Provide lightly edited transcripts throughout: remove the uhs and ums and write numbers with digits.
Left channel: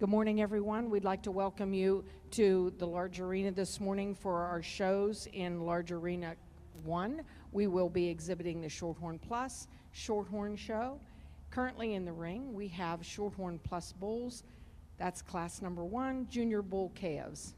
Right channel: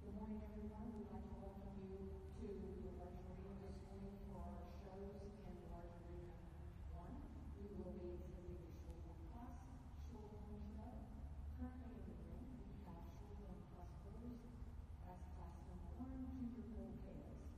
Good morning, everyone. We'd like to welcome you to the large arena this morning for our shows in Large Arena 1. We will be exhibiting the Shorthorn Plus Shorthorn Show. Currently in the ring, we have Shorthorn Plus bulls. That's class number 1, Junior Bull calves.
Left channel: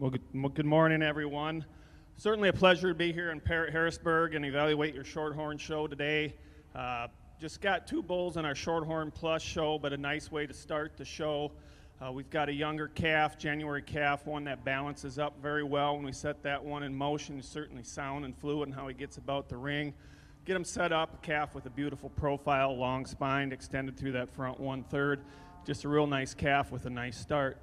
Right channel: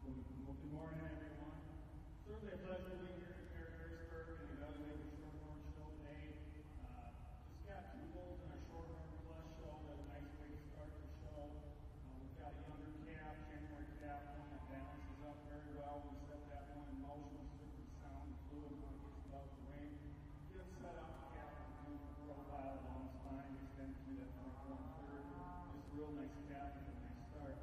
Well, good morning, everyone. Certainly a pleasure to be here in Harrisburg and evaluate your Shorthorn show today. Just got 2 bulls in our Shorthorn Plus show, but a nice way to start the show. We've got a younger calf, January calf, one that balances up very well. When we set that one in motion, he's certainly sound and fluid in how he gets about the ring. Get him set up, a calf with a beautiful profile, long spine, extended through that front 1/3. Just a real nice calf with a nice start.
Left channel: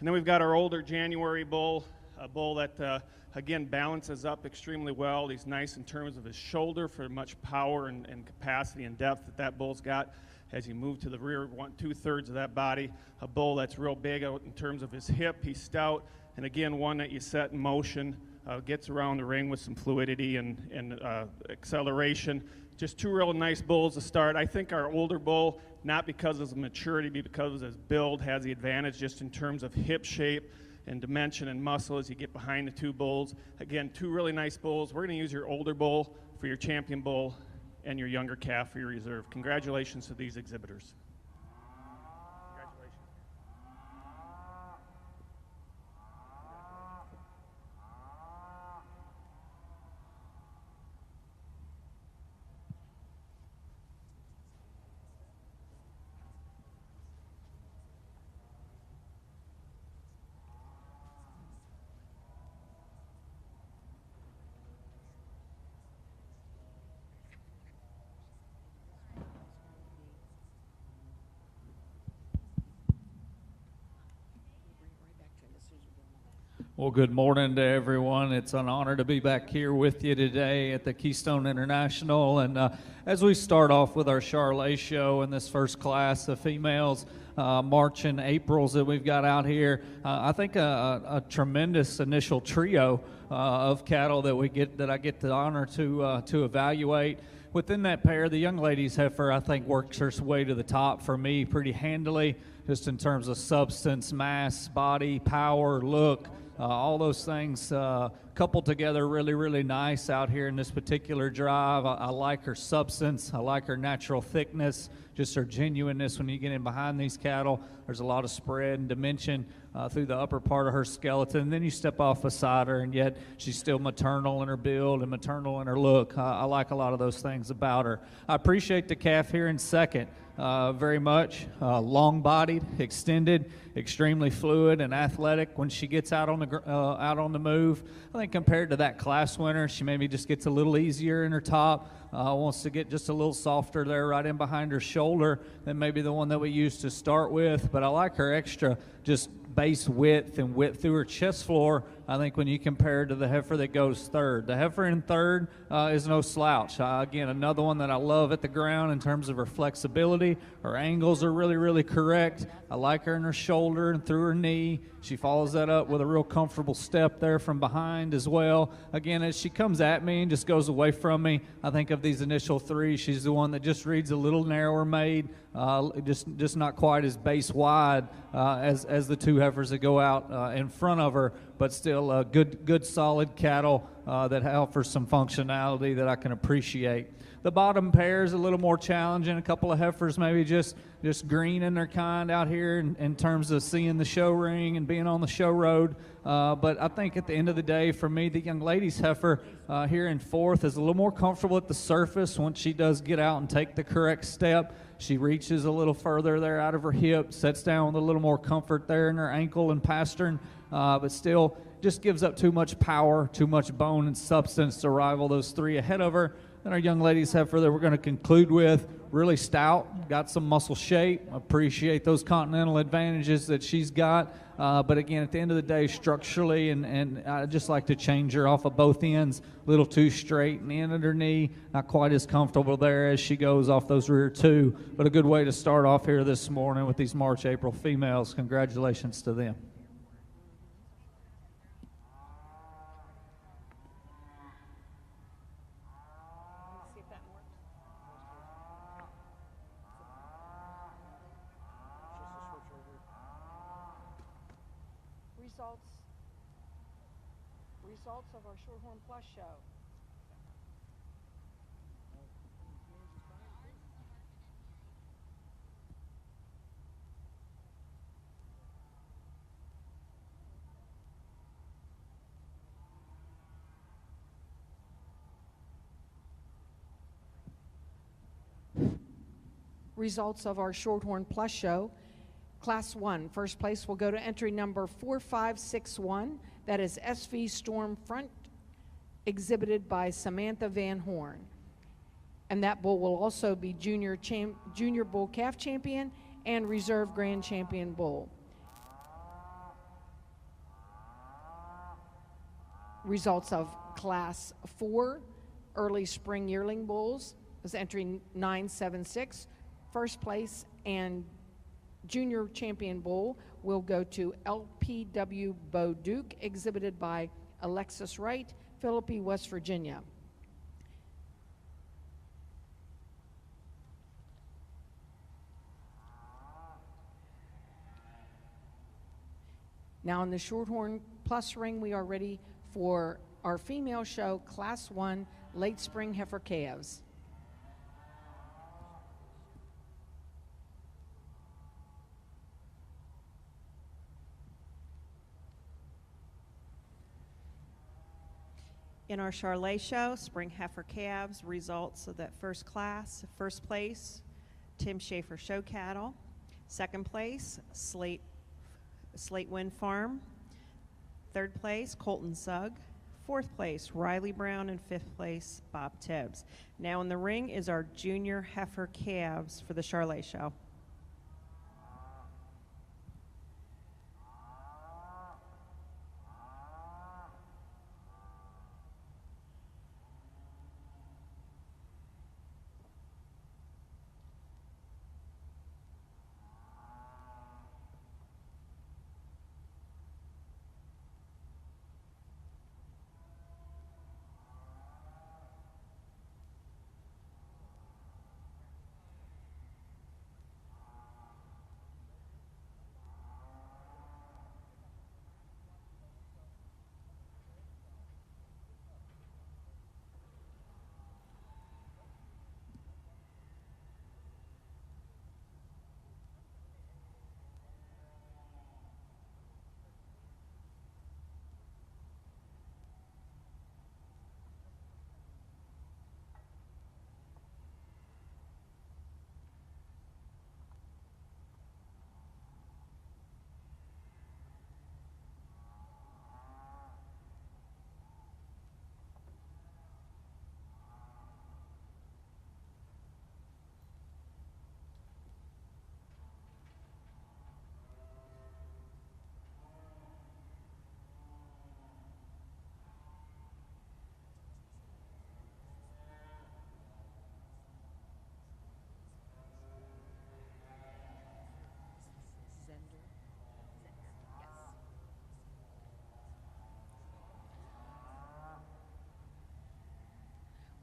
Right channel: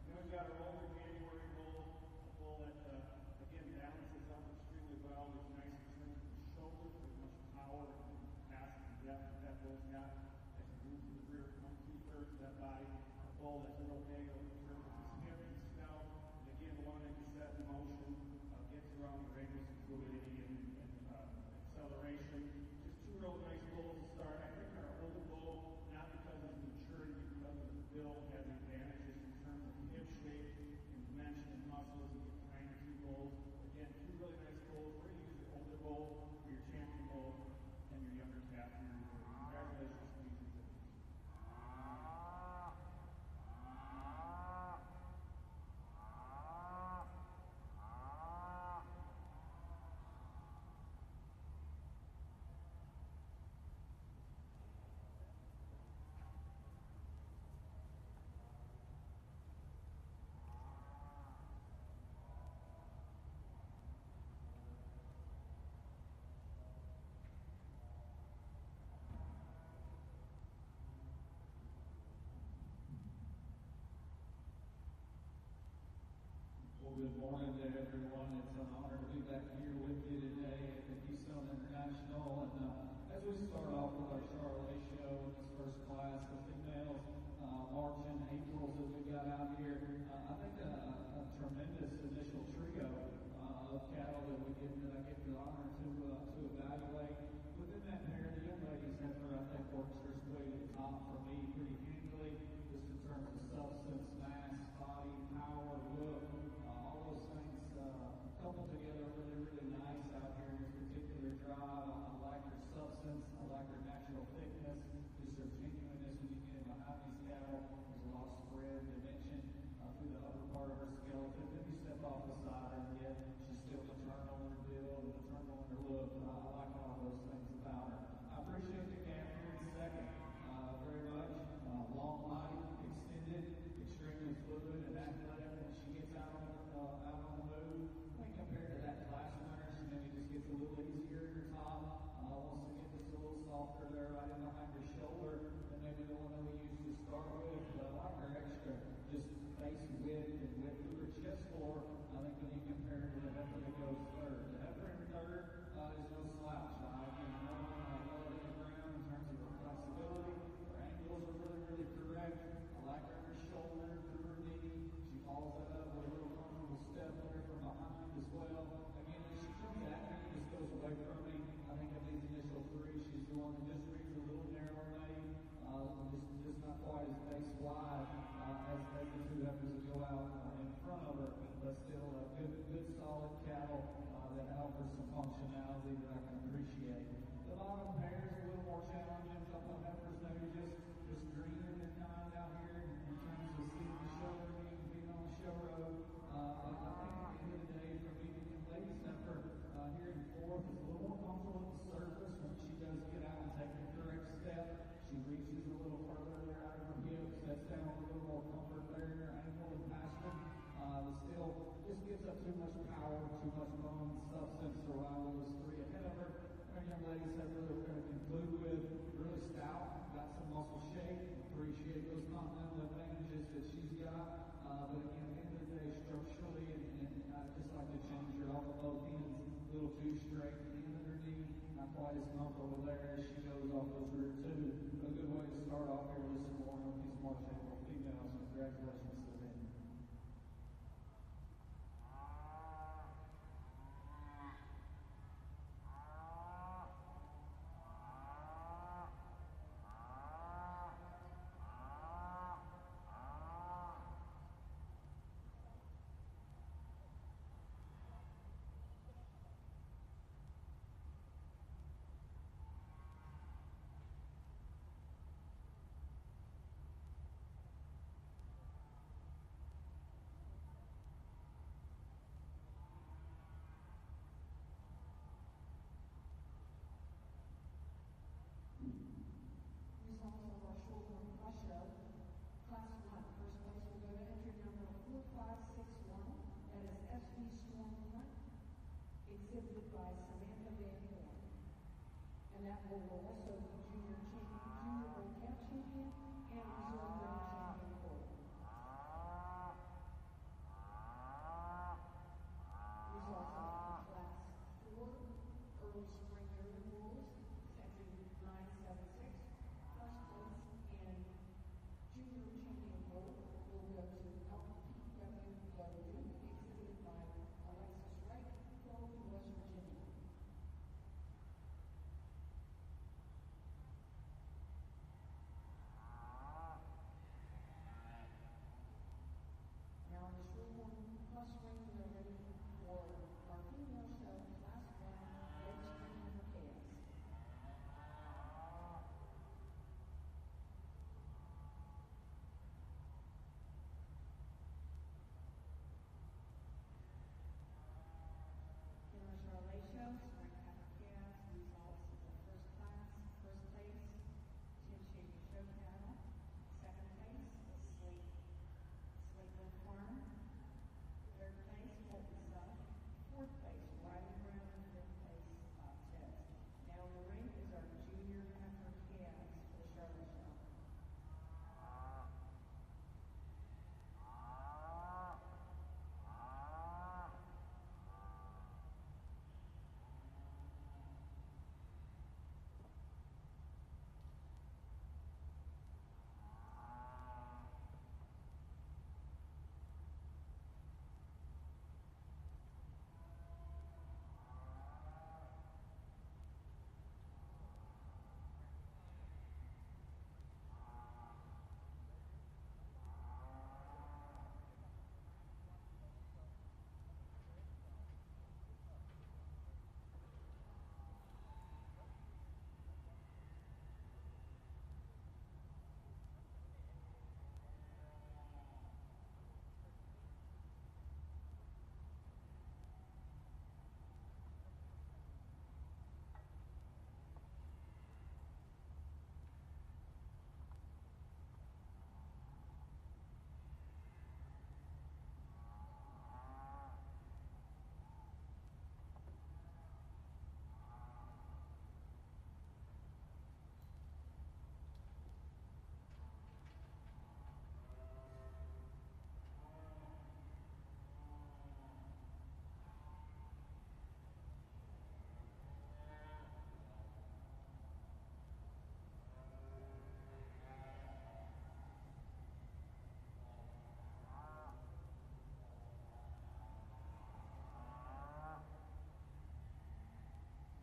And then we've got our older January bull, a bull that, again, balances up extremely well. He's nice in terms of his shoulder for much power and capacity and depth that bull's got as he moves to the rear 2/3 of that body. A bull that's real big out in terms of his hip. He's stout, and again, one that you set in motion, gets around the ring with some fluidity and acceleration. Just 2 real nice bulls to start. I think our older bull, not because of his maturity, but because of his build, has the advantage just in terms of hip shape and dimension and muscle as you get behind the 2 bulls. Again, 2 really nice bulls. We're going to use your older bull for your champion bull and your younger calf for your reserve. Congratulations to these exhibitors. Well, good morning to everyone. It's an honor to be back here with you today at the Keystone International. And as we start off with our Charolais show in this first class of females, March and Aprils that we've got out here, I think a tremendous initial trio of cattle that I get the honor to evaluate. Within that pair, the young lady's heifer, I think, works her way to the top for me pretty handily, just in terms of substance, mass, body, power, look. All those things coupled together really, really nice out here in this particular drive. I like her substance. I like her natural thickness, just her genuineness when you get in behind these cattle. There's a lot of spread and dimension through the upper part of her skeleton. And then you step off beside her, and yet she's still maternal in her build and maternal in her look. I like a lot of those things about her. I appreciate the calf here in second very much. Long-bodied, extended, extremely fluid and athletic when she gets out on the move. I think compared to that class winner, she maybe just gets a little easier in her top. Wants to get just a little softer there right in behind her shoulder than maybe the one that we used to start with. But I like her extra just base width and width through her chest floor. I think when you compare her to the heifer that goes third. The heifer in third is no slouch. Again, another one that I love at the ground in terms of her flexibility. Her angles are really, really correct. I like her in her shoulder and through her knee. She follows that up with a real comfortable step there from behind as well. Again, as she comes at me and just goes away from me, I think of these initial three, she's the one that just reads a little narrower made, just not quite as base wide as the two heifers that go out in front of her, but still good solid cattle that offers some functionality that I can appreciate. The bottom pair is a little more challenging. A couple of heifers maybe just green in their kind out here in terms of seeing the show ring and being on the show road. But I think at the end of the day, for me, the young lady's heifer here in fourth is a little more comfortable at the surface once she does get out and take the correct step. She reaches a little further there out of her hip, sets down with a little more comfort there in her ankle and pastern, but still just gives up too much power, too much bone and substance to rival those three ahead of her. And our young lady's heifer that we're going to conclude with, really stout, got some muscle shape. Appreciate those continental advantages that she's got. But again, at the end of the day, structurally, and I just like to change her off of both ends, a little too straight, and the end of her knee, not quite as comfortable there as she goes off those rear two. But a good way to start off here this morning with these March, April females. Congratulations to them. Results of our Shorthorn Plus show. Results of our Shorthorn Plus show. Class 1, first place will go to entry number 4561. That is SV Storm Front, exhibited by Samantha Van Horn. And that bull will also be junior bull calf champion and reserve grand champion bull. Results of Class 4, early spring yearling bulls, is entry 976. First place and junior champion bull will go to LPW Bo Duke, exhibited by Alexis Wright, Philippi, West Virginia. Now in the Shorthorn Plus ring, we are ready for our female show, Class 1, late spring heifer calves. In our Charolais show, spring heifer calves, results of that first class. First place, Tim Schaefer Show Cattle. Second place, Slate Wind Farm. Third place, Colton Sugg. Fourth place, Riley Brown. And fifth place, Bob Tibbs. Now in the ring is our junior heifer calves for the Charolais show.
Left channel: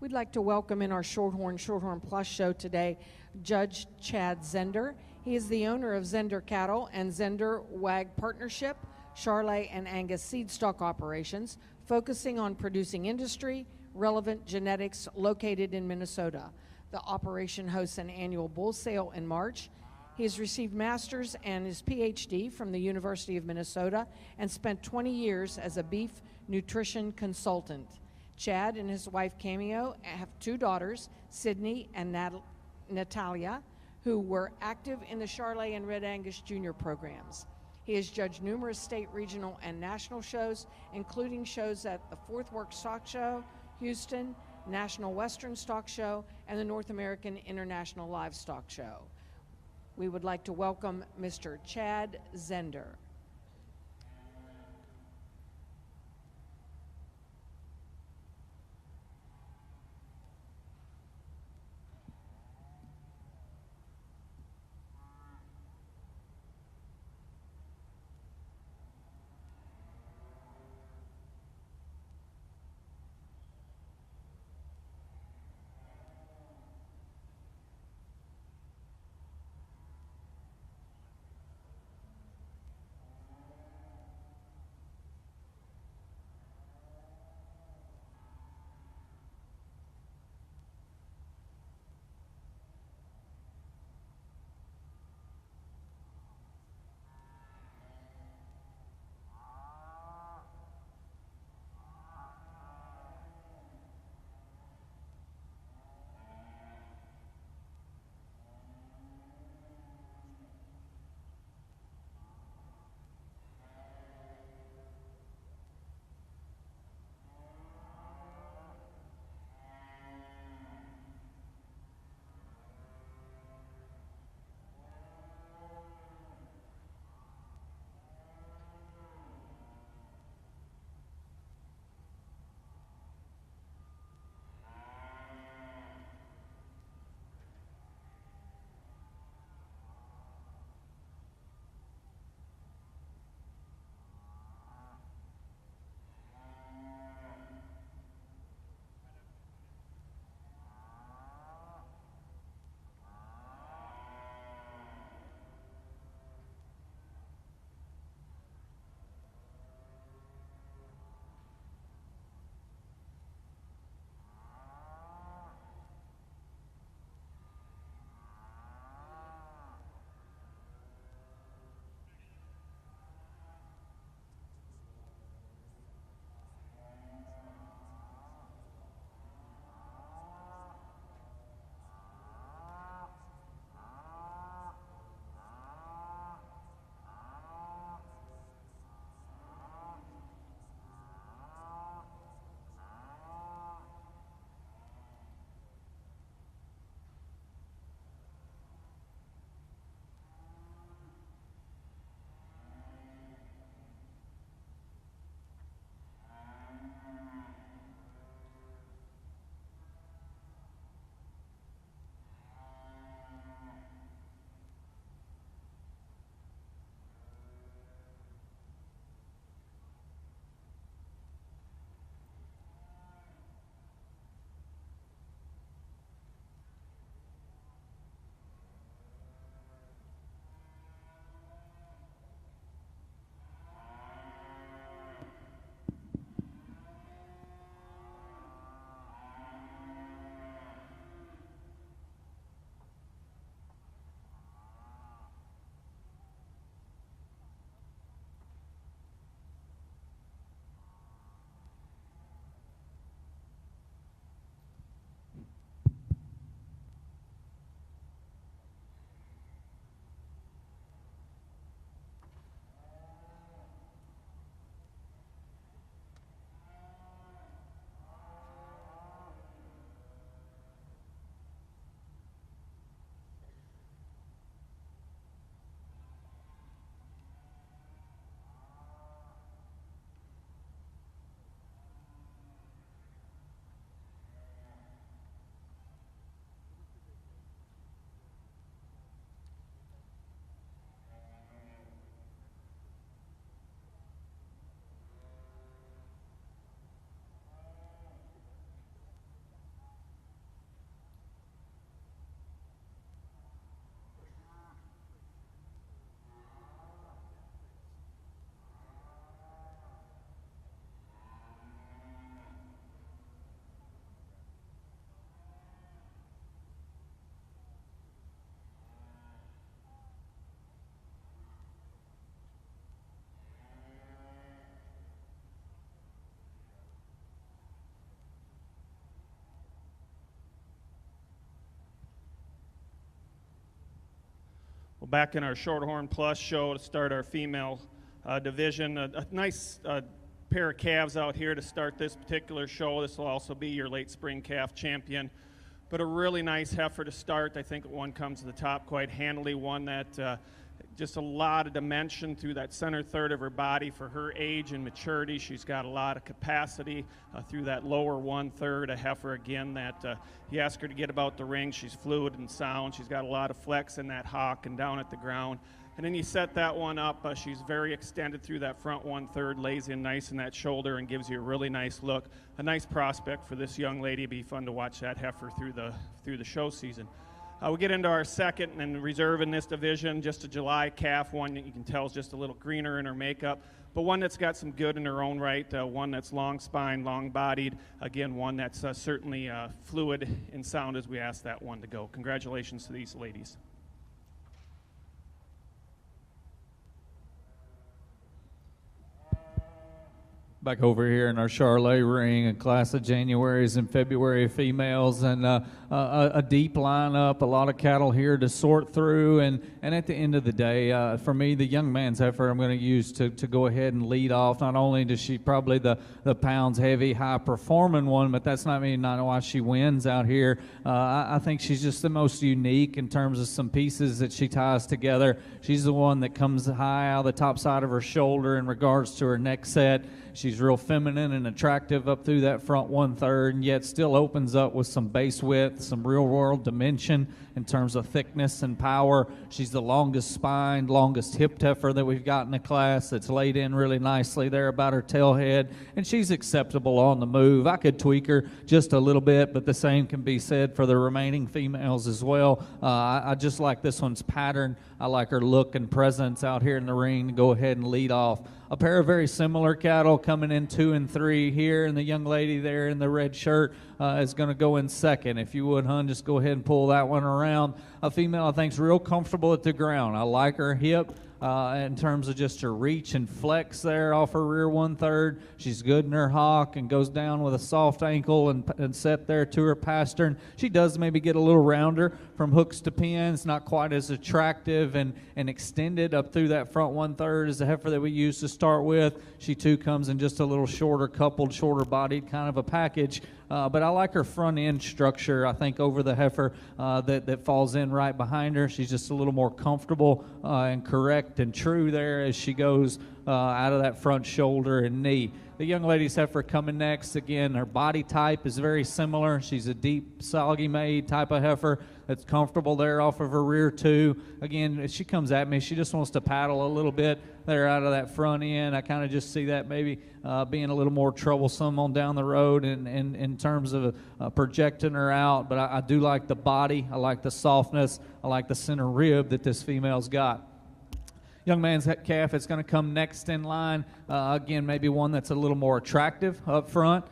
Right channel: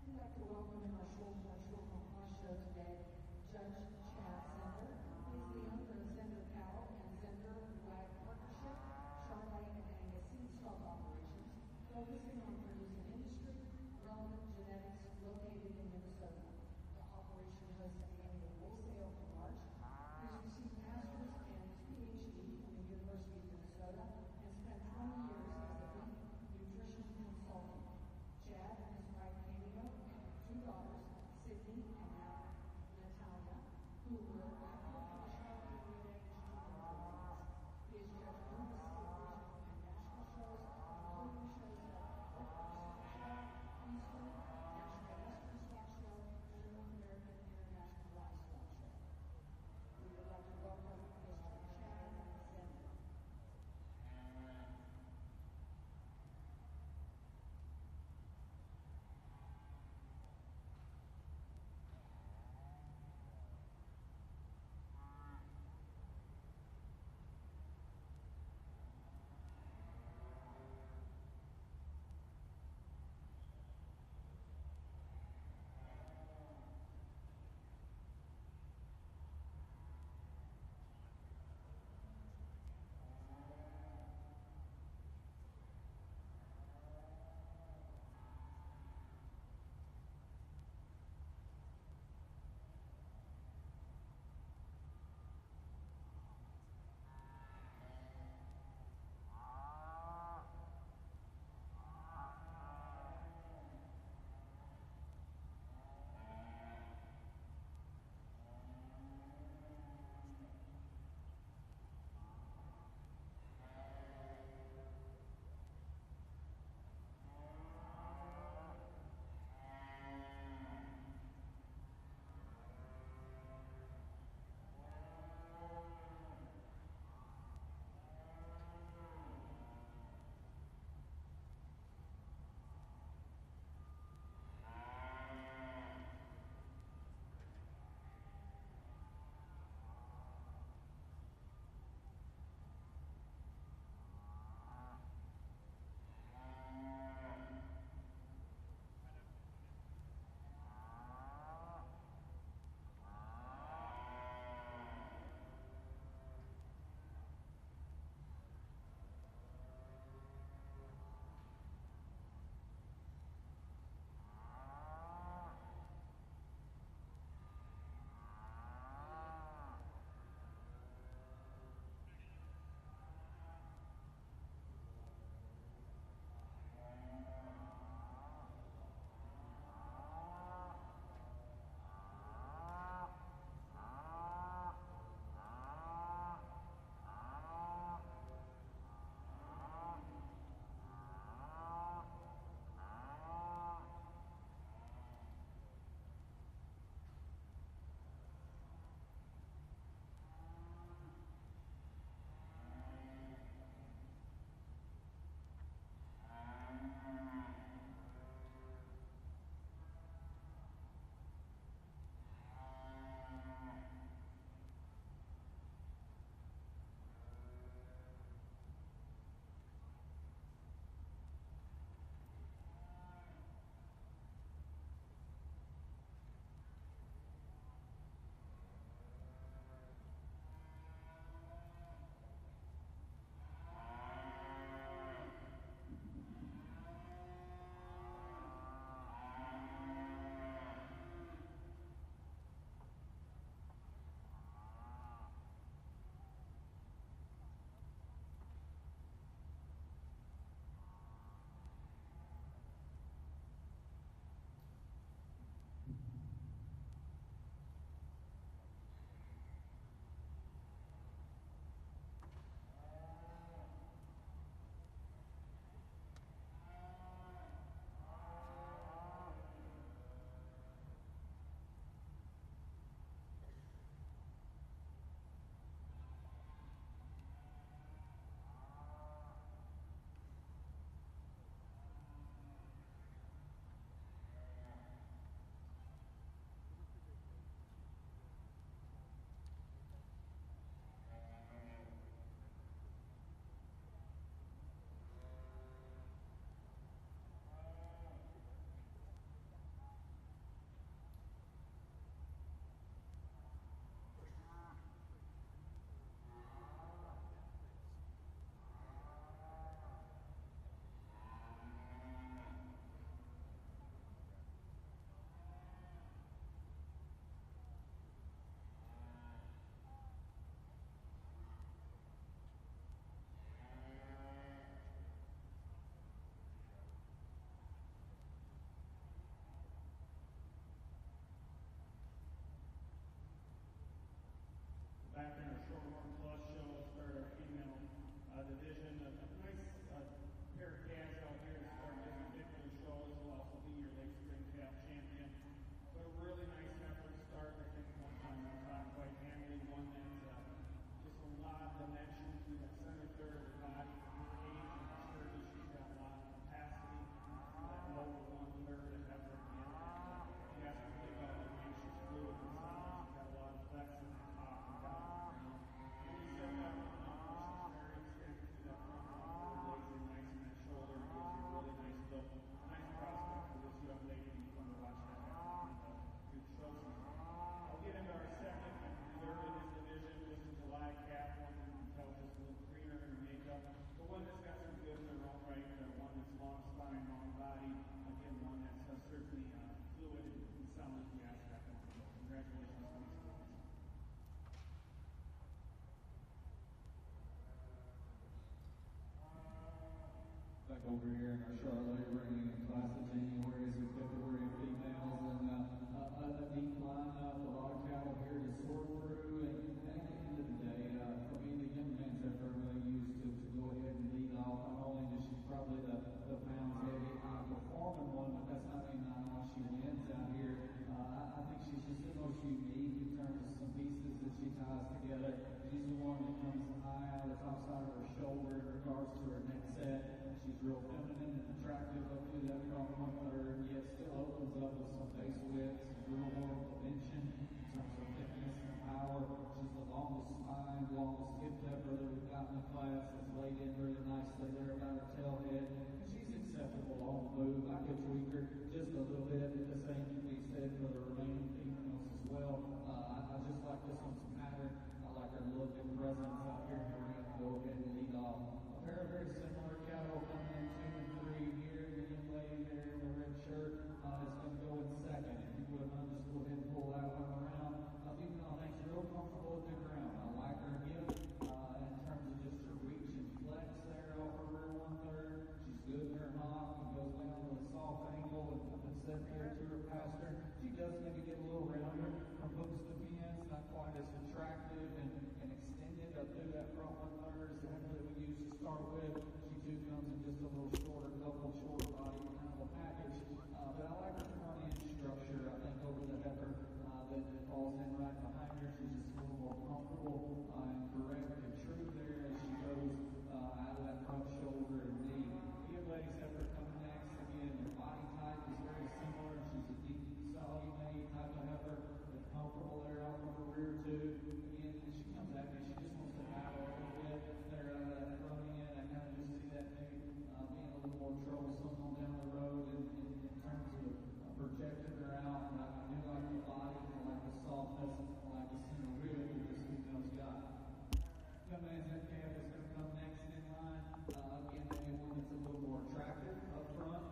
We'd like to welcome in our Shorthorn Plus show today, Judge Chad Zender. He is the owner of Zender Cattle and Zender Wag Partnership, Charolais and Angus seed stock operations, focusing on producing industry relevant genetics located in Minnesota. The operation hosts an annual bull sale in March. He has received master's and his PhD from the University of Minnesota and spent 20 years as a beef nutrition consultant. Chad and his wife Cameo have 2 daughters, Sydney and Natalia, who were active in the Charolais and Red Angus Junior programs. He has judged numerous state, regional, and national shows, including shows at the Fourth Work Stock Show, Houston, National Western Stock Show, and the North American International Livestock Show. We would like to welcome Mr. Chad Zender. back in our Shorthorn Plus show to start our female division. A nice pair of calves out here to start this particular show. This will also be your late spring calf champion. But a really nice heifer to start. I think one comes to the top quite handily, one that just a lot of dimension through that center third of her body for her age and maturity. She's got a lot of capacity through that lower 1/3. A heifer, again, that you ask her to get about the ring. She's fluid and sound. She's got a lot of flex in that hock and down at the ground. And then you set that one up. She's very extended through that front 1/3, lays in nice in that shoulder and gives you a really nice look. A nice prospect for this young lady. It'd be fun to watch that heifer through the show season. We get into our second and reserve in this division, just a July calf, one that you can tell is just a little greener in her makeup, but one that's got some good in her own right, one that's long spine, long bodied, again, one that's certainly fluid and sound as we ask that one to go. Congratulations to these ladies. Back over here in our Charolais ring, a class of Januaries and February females, and a deep lineup, a lot of cattle here to sort through, and at the end of the day, for me, the young man's heifer I'm going to use to go ahead and lead off. Not only does she probably the pounds heavy, high performing one, but that's not why she wins out here. I think she's just the most unique in terms of some pieces that she ties together. She's the one that comes high out of the top side of her shoulder in regards to her neck set. She's real feminine and attractive up through that front 1/3, and yet still opens up with some base width, some real world dimension in terms of thickness and power. She's the longest spined, longest hipped heifer that we've got in the class. That's laid in really nicely there about her tail head, and she's acceptable on the move. I could tweak her just a little bit, but the same can be said for the remaining females as well. I just like this one's pattern. I like her look and presence out here in the ring to go ahead and lead off. A pair of very similar cattle coming in 2 and 3 here, and the young lady there in the red shirt is going to go in second. If you would, hun, just go ahead and pull that one around. A female I think is real comfortable at the ground. I like her hip in terms of just her reach and flex there off her rear 1/3. She's good in her hock and goes down with a soft ankle and set there to her pastern. She does maybe get a little rounder from hooks to pins, not quite as attractive and extended up through that front 1/3 as the heifer that we used to start with. She too comes in just a little shorter coupled, shorter bodied kind of a package. But I like her front end structure, I think, over the heifer that falls in right behind her. She's just a little more comfortable and correct and true there as she goes out of that front shoulder and knee. The young lady's heifer coming next. Again, her body type is very similar. She's a deep, soggy made type of heifer that's comfortable there off of her rear too. Again, as she comes at me, she just wants to paddle a little bit there out of that front end. I kind of just see that maybe being a little more troublesome on down the road in terms of projecting her out. But I do like the body. I like the softness. I like the center rib that this female's got. Young man's calf is going to come next in line. Again, maybe one that's a little more attractive up front.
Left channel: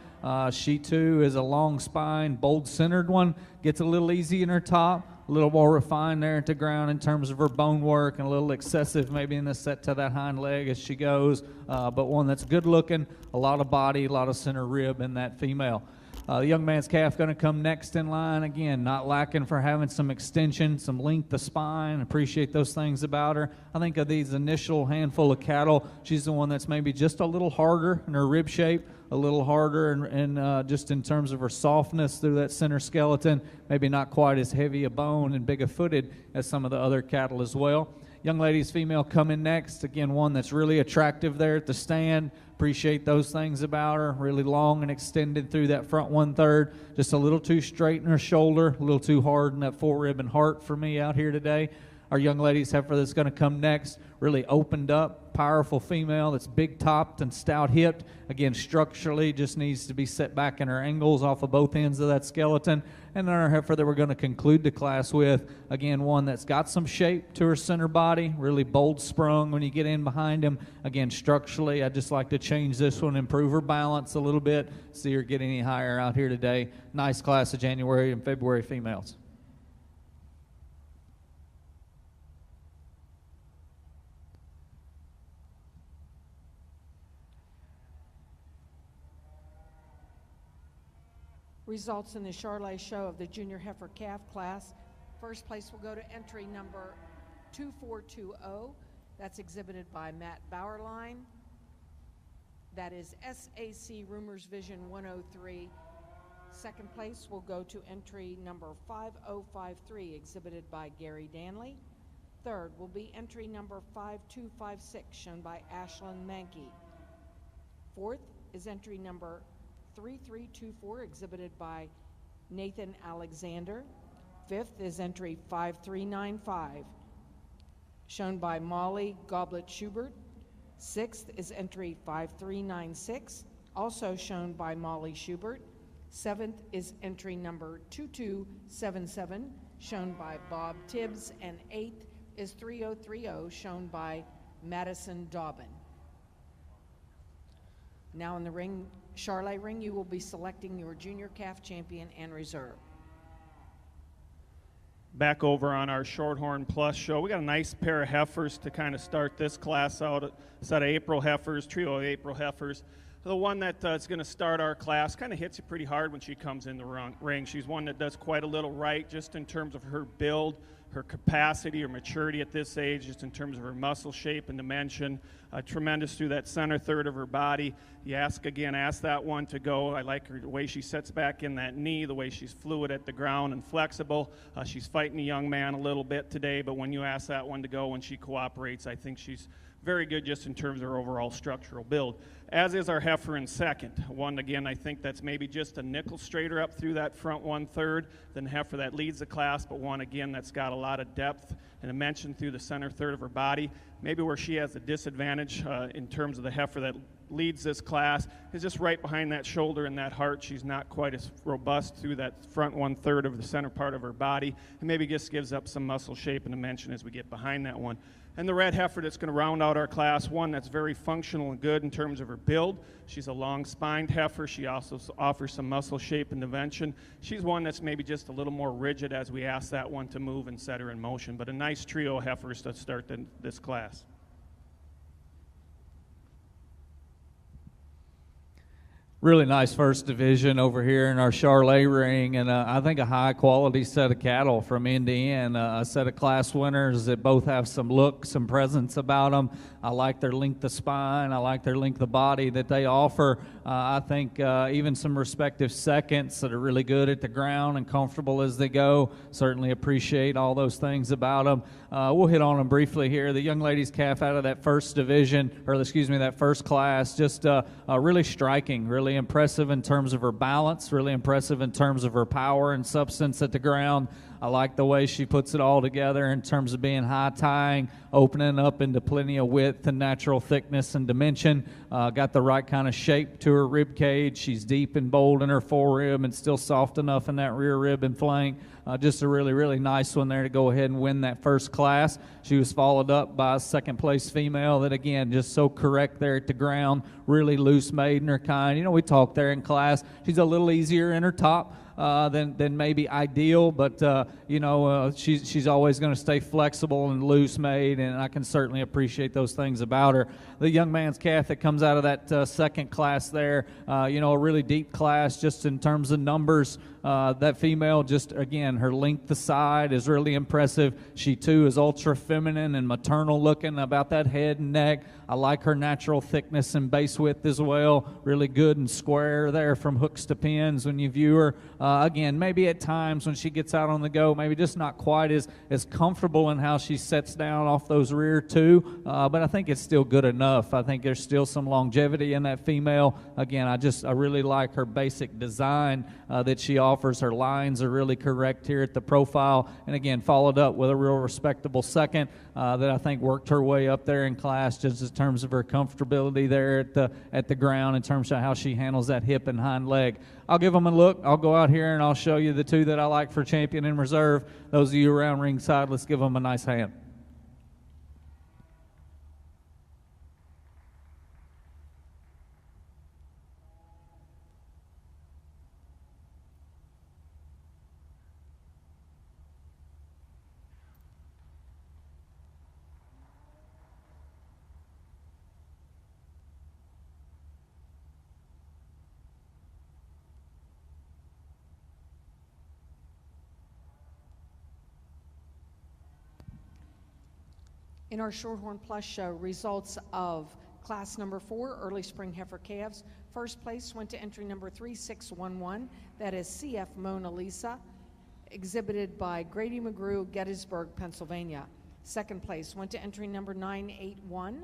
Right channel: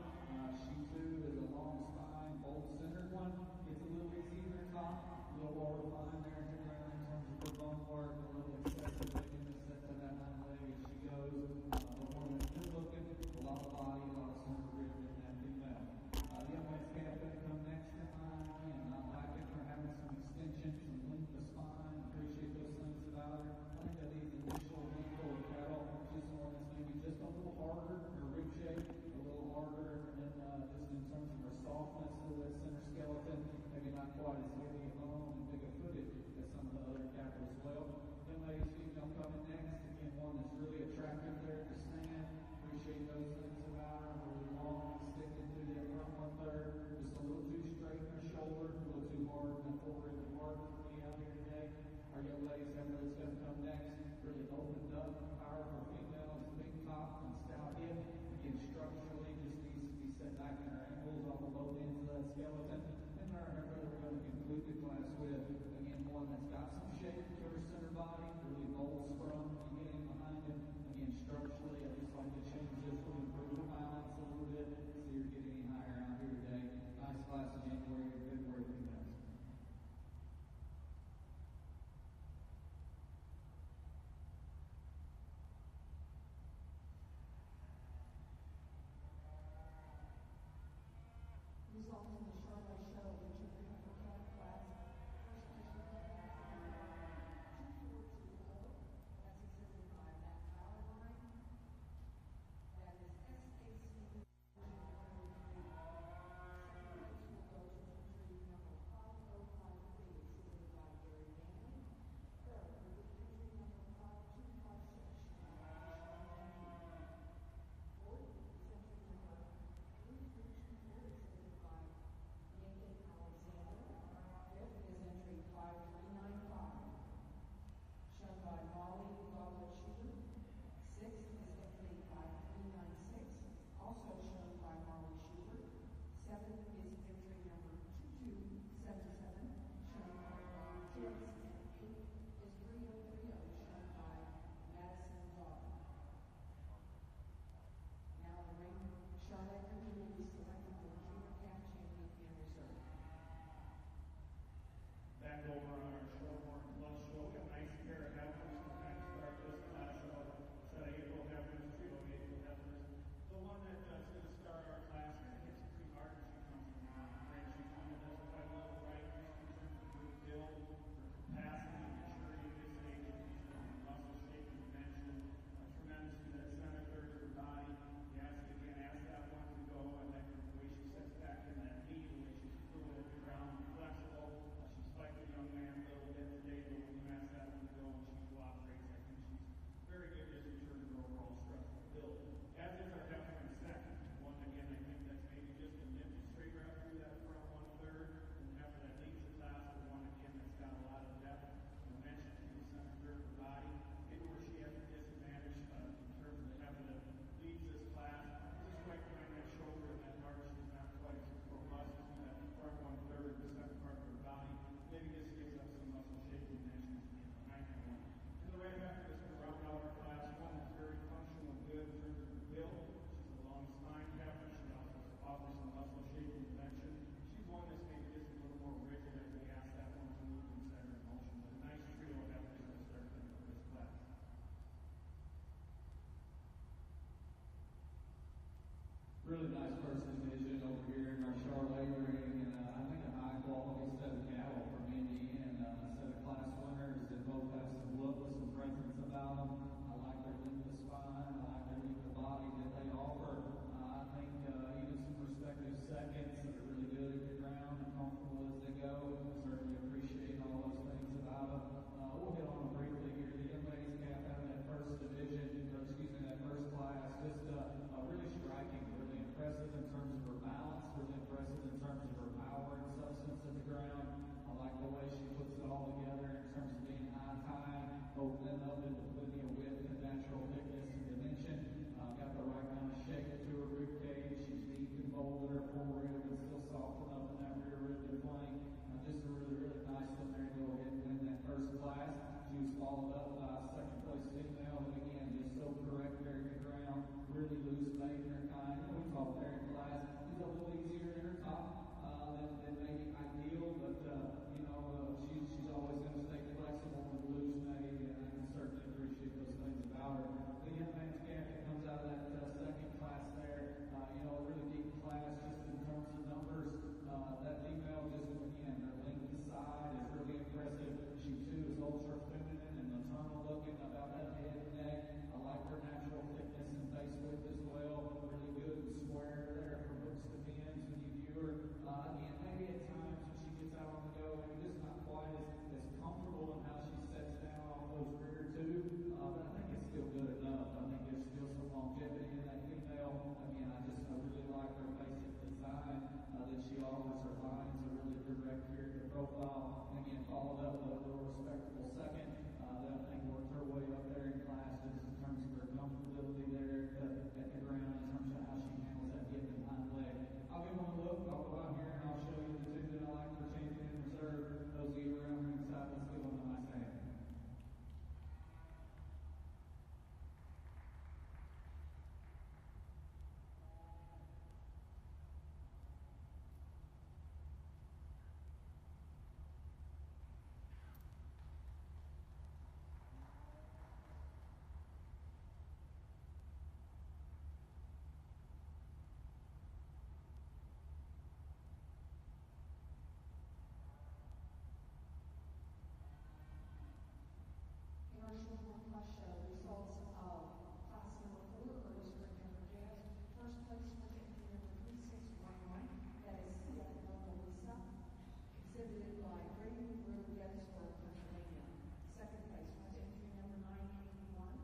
She too is a long spine, bold centered one. Gets a little easy in her top, a little more refined there at the ground in terms of her bone work, and a little excessive maybe in the set to that hind leg as she goes. But one that's good looking, a lot of body, a lot of center rib in that female. The young man's calf going to come next in line. Again, not lacking for having some extension, some length of spine. Appreciate those things about her. I think of these initial handful of cattle, she's the one that's maybe just a little harder in her rib shape, a little harder and just in terms of her softness through that center skeleton, maybe not quite as heavy a bone and big a footed as some of the other cattle as well. Young lady's female coming next. Again, one that's really attractive there at the stand. Appreciate those things about her. Really long and extended through that front 1/3. Just a little too straight in her shoulder, a little too hard in that forerib and heart for me out here today. Our young lady's heifer that's going to come next, really opened up, powerful female that's big topped and stout hipped. Again, structurally just needs to be set back in her angles off of both ends of that skeleton. And then our heifer that we're going to conclude the class with, again, one that's got some shape to her center body, really bold sprung when you get in behind him. Again, structurally, I just like to change this one, improve her balance a little bit, see her get any higher out here today. Nice class of January and February females. Results in the Charolais show of the junior heifer calf class. First place will go to entry number 2420. That's exhibited by Matt Bauerlein. That is SAC Rumors Vision 103. Second place will go to entry number 5053, exhibited by Gary Danley. Third will be entry number 5256, shown by Ashlyn Mankey. Fourth is entry number 3324, exhibited by Nathan Alexander. Fifth is entry 5395, shown by Molly Goblet-Schubert. Sixth is entry 5396, also shown by Molly Schubert. Seventh is entry number 2277, shown by Bob Tibbs. And eighth is 3030, shown by Madison Dobbin. Now in the ring, Charolais ring, you will be selecting your junior calf champion and reserve. Back over on our Shorthorn Plus show, we got a nice pair of heifers to kind of start this class out. A set of April heifers, trio of April heifers. The one that is going to start our class kind of hits you pretty hard when she comes in the ring. She's one that does quite a little right, just in terms of her build, her capacity, her maturity at this age, just in terms of her muscle shape and dimension. Tremendous through that center third of her body. You ask that one to go. I like her, the way she sets back in that knee, the way she's fluid at the ground and flexible. She's fighting a young man a little bit today, but when you ask that one to go, when she cooperates, I think she's very good just in terms of her overall structural build. As is our heifer in second. One, again, I think that's maybe just a nickel straighter up through that front 1/3 than the heifer that leads the class, but one, again, that's got a lot of depth and dimension through the center third of her body. Maybe where she has a disadvantage in terms of the heifer that leads this class is just right behind that shoulder and that heart. She's not quite as robust through that front 1/3 of the center part of her body, and maybe just gives up some muscle shape and dimension as we get behind that one. And the red heifer that's going to round out our class, one that's very functional and good in terms of her build. She's a long-spined heifer. She also offers some muscle shape and dimension. She's one that's maybe just a little more rigid as we ask that one to move and set her in motion. But a nice trio of heifers to start this class. Really nice first division over here in our Charolais ring, and I think a high-quality set of cattle from end to end. A set of class winners that both have some look, some presence about them. I like their length of spine. I like their length of body that they offer. I think even some respective seconds that are really good at the ground and comfortable as they go. Certainly appreciate all those things about them. We'll hit on them briefly here. The young lady's calf out of that first division, or excuse me, that first class, just really striking, really impressive in terms of her balance, really impressive in terms of her power and substance at the ground. I like the way she puts it all together in terms of being high tying, opening up into plenty of width and natural thickness and dimension. Got the right kind of shape to her rib cage. She's deep and bold in her forerib and still soft enough in that rear rib and flank. Just a really, really nice one there to go ahead and win that first class. She was followed up by a second place female that, again, just so correct there at the ground, really loose made in her kind. You know, we talked there in class. She's a little easier in her top than maybe ideal, but she's always going to stay flexible and loose made, and I can certainly appreciate those things about her. The young man's calf that comes out of that second class there, a really deep class just in terms of numbers. That female, just again, her length aside is really impressive. She too is ultra feminine and maternal looking about that head and neck. I like her natural thickness and base width as well. Really good and square there from hooks to pins when you view her. Again, maybe at times when she gets out on the go, maybe just not quite as comfortable in how she sets down off those rear two, but I think it's still good enough. I think there's still some longevity in that female. Again, I really like her basic design that she offers. Her lines are really correct here at the profile, and again, followed up with a real respectable second that I think worked her way up there in class just in terms of her comfortability there at the ground, in terms of how she handles that hip and hind leg. I'll give them a look. I'll go out here and I'll show you the two that I like for champion and reserve. Those of you around ringside, let's give them a nice hand. In our Shorthorn Plus show, results of class number 4, early spring heifer calves. First place went to entry number 3611, that is CF Mona Lisa, exhibited by Grady McGrew, Gettysburg, Pennsylvania. Second place went to entry number 981,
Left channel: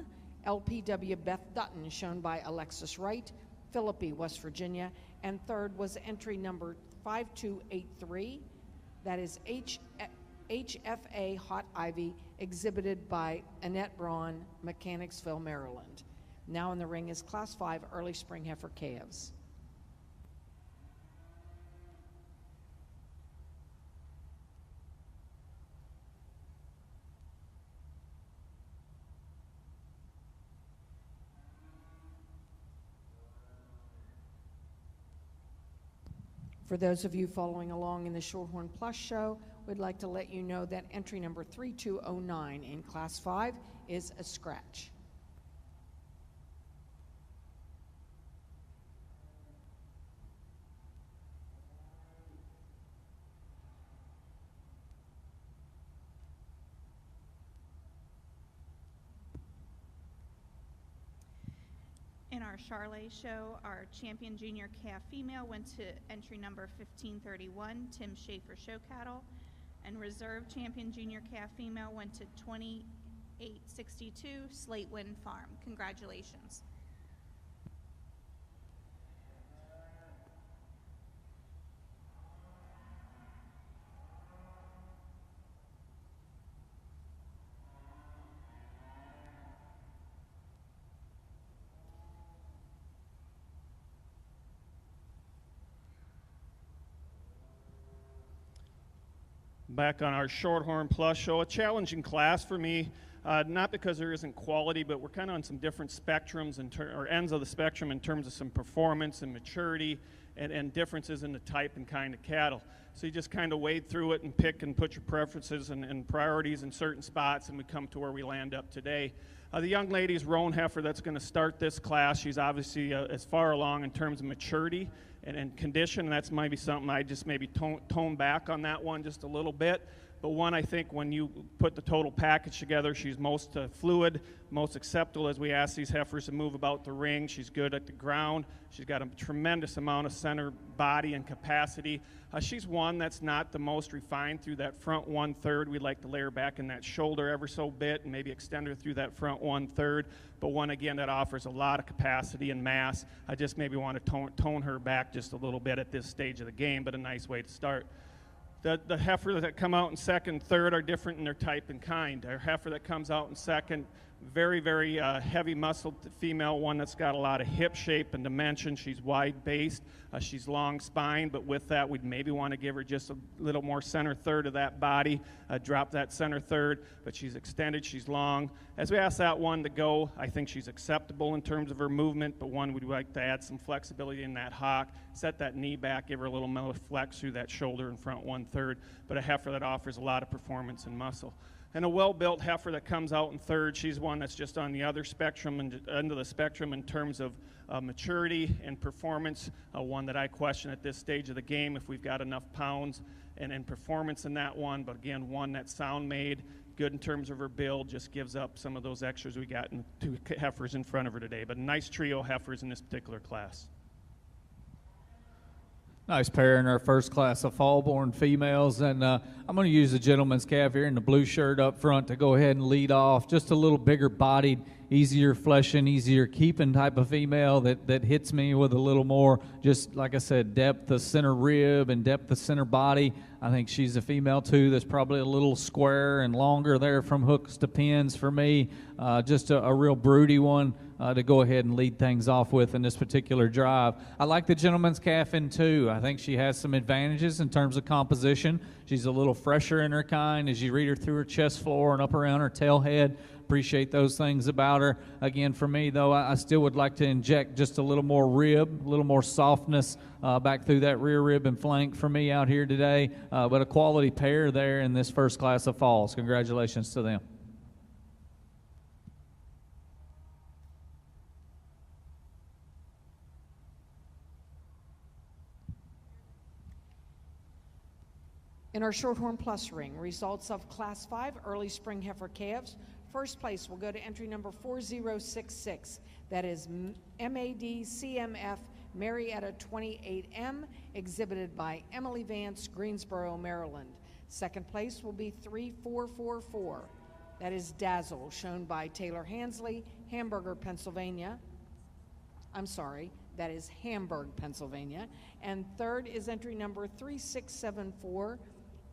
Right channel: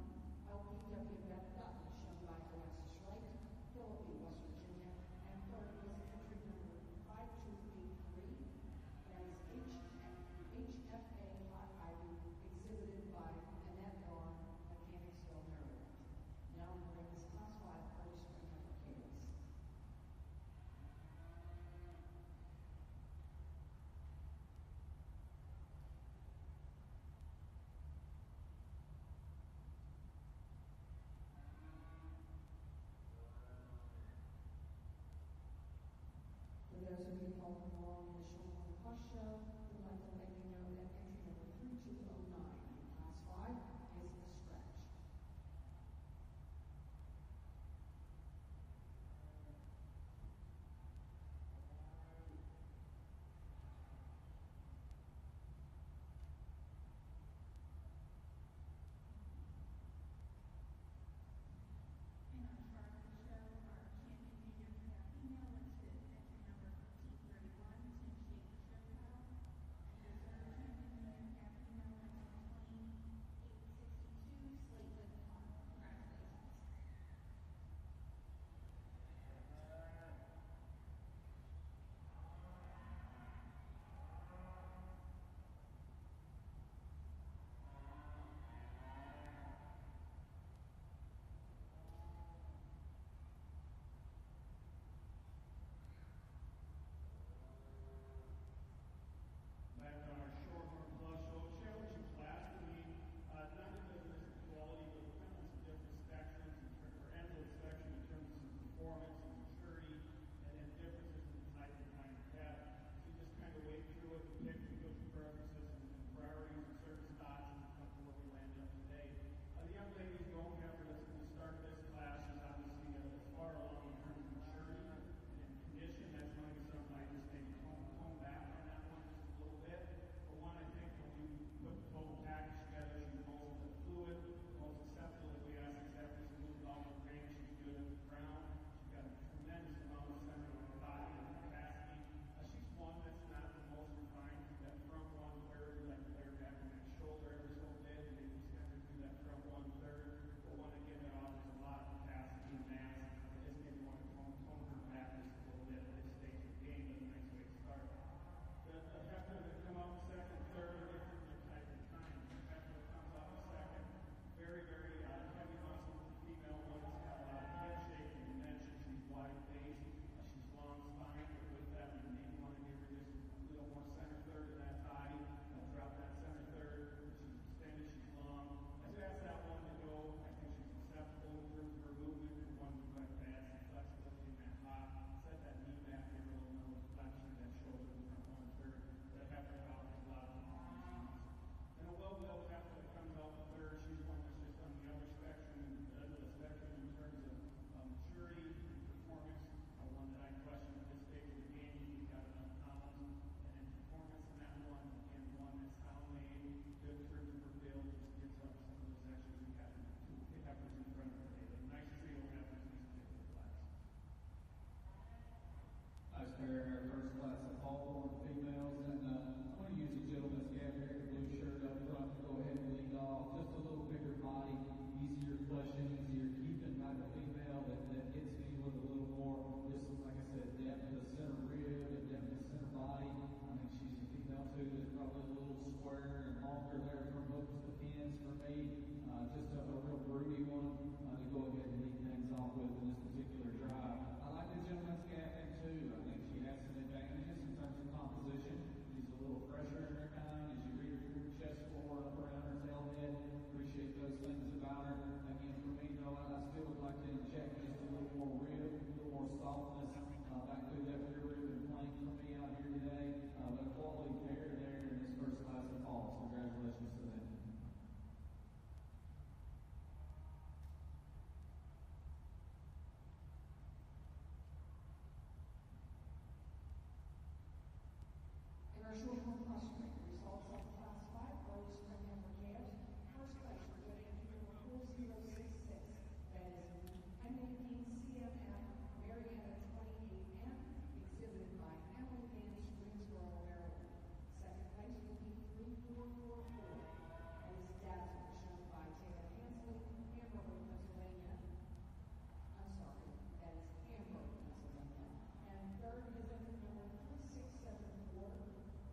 LPW Beth Dutton, shown by Alexis Wright, Philippi, West Virginia. And third was entry number 5283, that is HFA Hot Ivy, exhibited by Annette Braun, Mechanicsville, Maryland. Now in the ring is Class 5 early spring heifer calves. For those of you following along in the Shorthorn Plus show, we'd like to let you know that entry number 3209 in Class 5 is a scratch. In our Charolais show, our champion junior calf female went to entry number 1531, Tim Schaefer Show Cattle, and reserve champion junior calf female went to 2862, Slate Wind Farm. Congratulations. Back on our Shorthorn Plus show, a challenging class for me, not because there isn't quality, but we're kind of on some different spectrums or ends of the spectrum in terms of some performance and maturity and differences in the type and kind of cattle. So you just kind of wade through it and pick and put your preferences and priorities in certain spots, and we come to where we land up today. The young lady's roan heifer that's going to start this class, she's obviously as far along in terms of maturity and condition, and that's maybe something I just maybe tone back on that one just a little bit. But one, I think when you put the total package together, she's most fluid, most acceptable as we ask these heifers to move about the ring. She's good at the ground. She's got a tremendous amount of center body and capacity. She's one that's not the most refined through that front 1/3. We'd like to lay her back in that shoulder ever so bit and maybe extend her through that front 1/3. But one, again, that offers a lot of capacity and mass. I just maybe want to tone her back just a little bit at this stage of the game, but a nice way to start. The heifer that come out in second, third are different in their type and kind. Our heifer that comes out in second, very, very heavy muscled female, one that's got a lot of hip shape and dimension. She's wide based. She's long spine, but with that, we'd maybe want to give her just a little more center third of that body, drop that center third, but she's extended, she's long. As we ask that one to go, I think she's acceptable in terms of her movement, but one, we'd like to add some flexibility in that hock, set that knee back, give her a little more flex through that shoulder and front 1/3, but a heifer that offers a lot of performance and muscle. And a well-built heifer that comes out in third, she's one that's just on the other spectrum, and end of the spectrum in terms of maturity and performance, one that I question at this stage of the game if we've got enough pounds and performance in that one, but again, one that's sound made, good in terms of her build, just gives up some of those extras we got in two heifers in front of her today, but a nice trio of heifers in this particular class. Nice pair in our first class of fall-born females, and I'm going to use the gentleman's calf here in the blue shirt up front to go ahead and lead off. Just a little bigger-bodied, easier fleshing, easier keeping type of female that hits me with a little more, just like I said, depth of center rib and depth of center body. I think she's a female too that's probably a little square and longer there from hooks to pins for me. Just a real broody one to go ahead and lead things off with in this particular drive. I like the gentleman's calf in too. I think she has some advantages in terms of composition. She's a little fresher in her kind as you read her through her chest floor and up around her tail head. Appreciate those things about her. Again, for me though, I still would like to inject just a little more rib, a little more softness back through that rear rib and flank for me out here today. But a quality pair there in this first class of falls. Congratulations to them. In our Shorthorn Plus ring, results of Class 5 early spring heifer calves. First place will go to entry number 4066. That is MAD-CMF Marietta 28M, exhibited by Emily Vance, Greensboro, Maryland. Second place will be 3444. That is Dazzle, shown by Taylor Hansley, Hamburger, Pennsylvania. I'm sorry, that is Hamburg, Pennsylvania. And third is entry number 3674,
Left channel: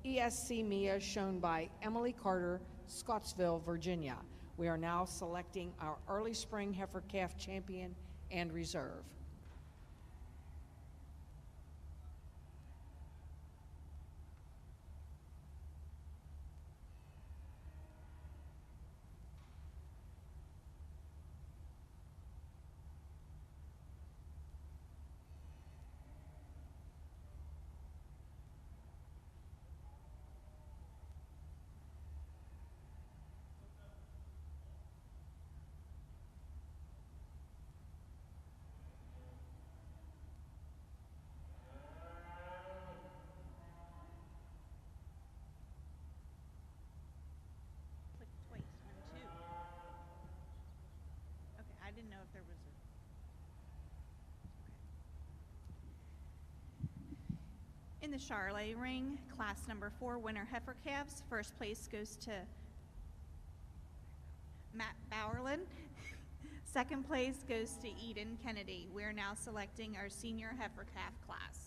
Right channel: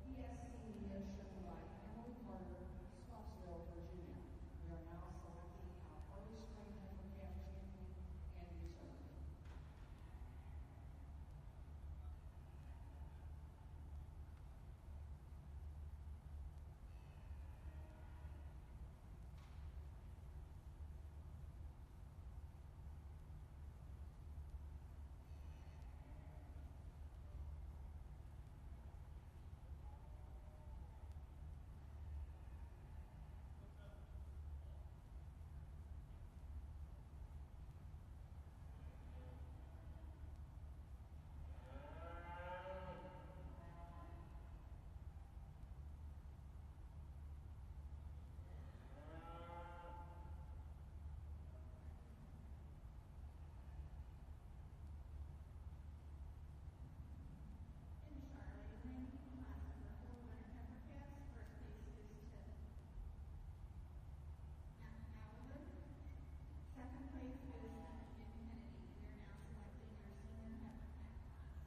ESC Mia, shown by Emily Carter, Scottsville, Virginia. We are now selecting our early spring heifer calf champion and reserve. Okay, I didn't know if there was a... In the Charolais ring, class number 4 winner heifer calves, first place goes to Matt Bowerlin. Second place goes to Eden Kennedy. We're now selecting our senior heifer calf class.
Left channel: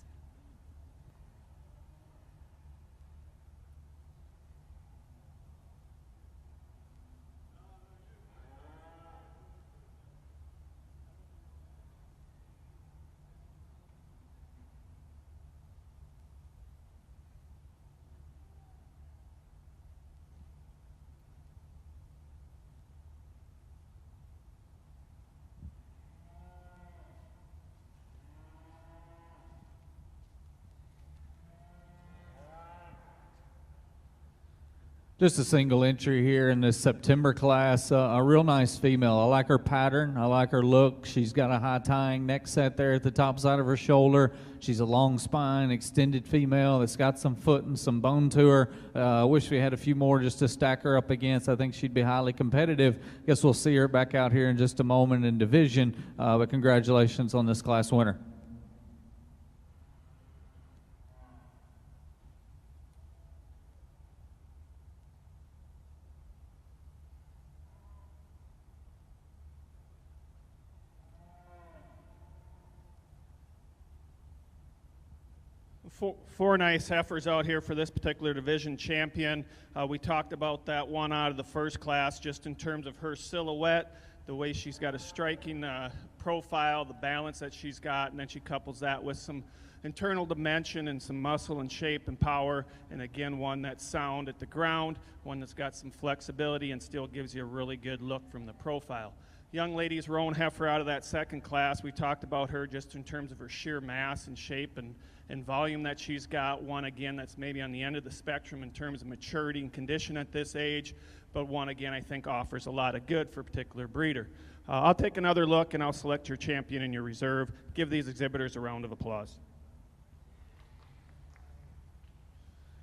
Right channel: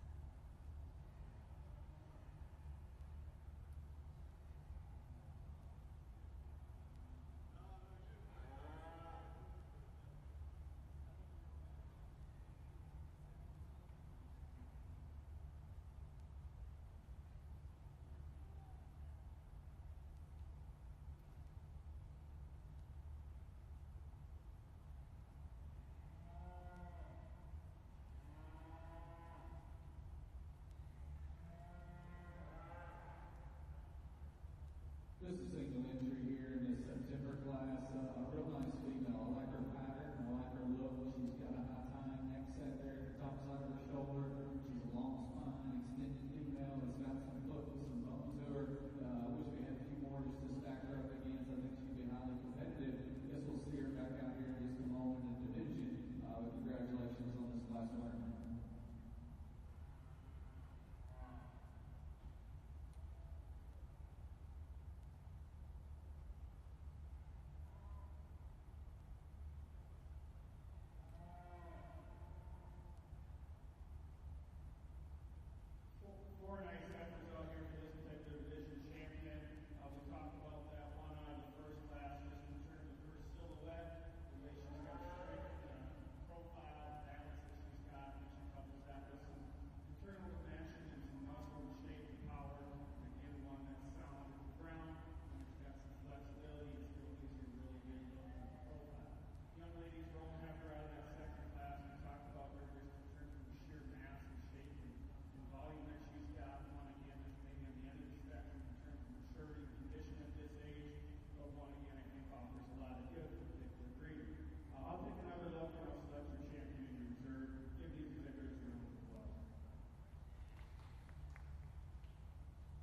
Just a single entry here in this September class. A real nice female. I like her pattern. I like her look. She's got a high tying neck set there at the top side of her shoulder. She's a long spine, extended female that's got some foot and some bone to her. I wish we had a few more just to stack her up against. I think she'd be highly competitive. Guess we'll see her back out here in just a moment in division. But congratulations on this class winner. Four nice heifers out here for this particular division champion. We talked about that one out of the first class just in terms of her silhouette, the way she's got a striking profile, the balance that she's got, and then she couples that with some internal dimension and some muscle and shape and power, and again, one that's sound at the ground, one that's got some flexibility and still gives you a really good look from the profile. Young lady's roan heifer out of that second class. We talked about her just in terms of her sheer mass and shape and volume that she's got. One, again, that's maybe on the end of the spectrum in terms of maturity and condition at this age, but one, again, I think offers a lot of good for a particular breeder. I'll take another look and I'll select your champion and your reserve. Give these exhibitors a round of applause.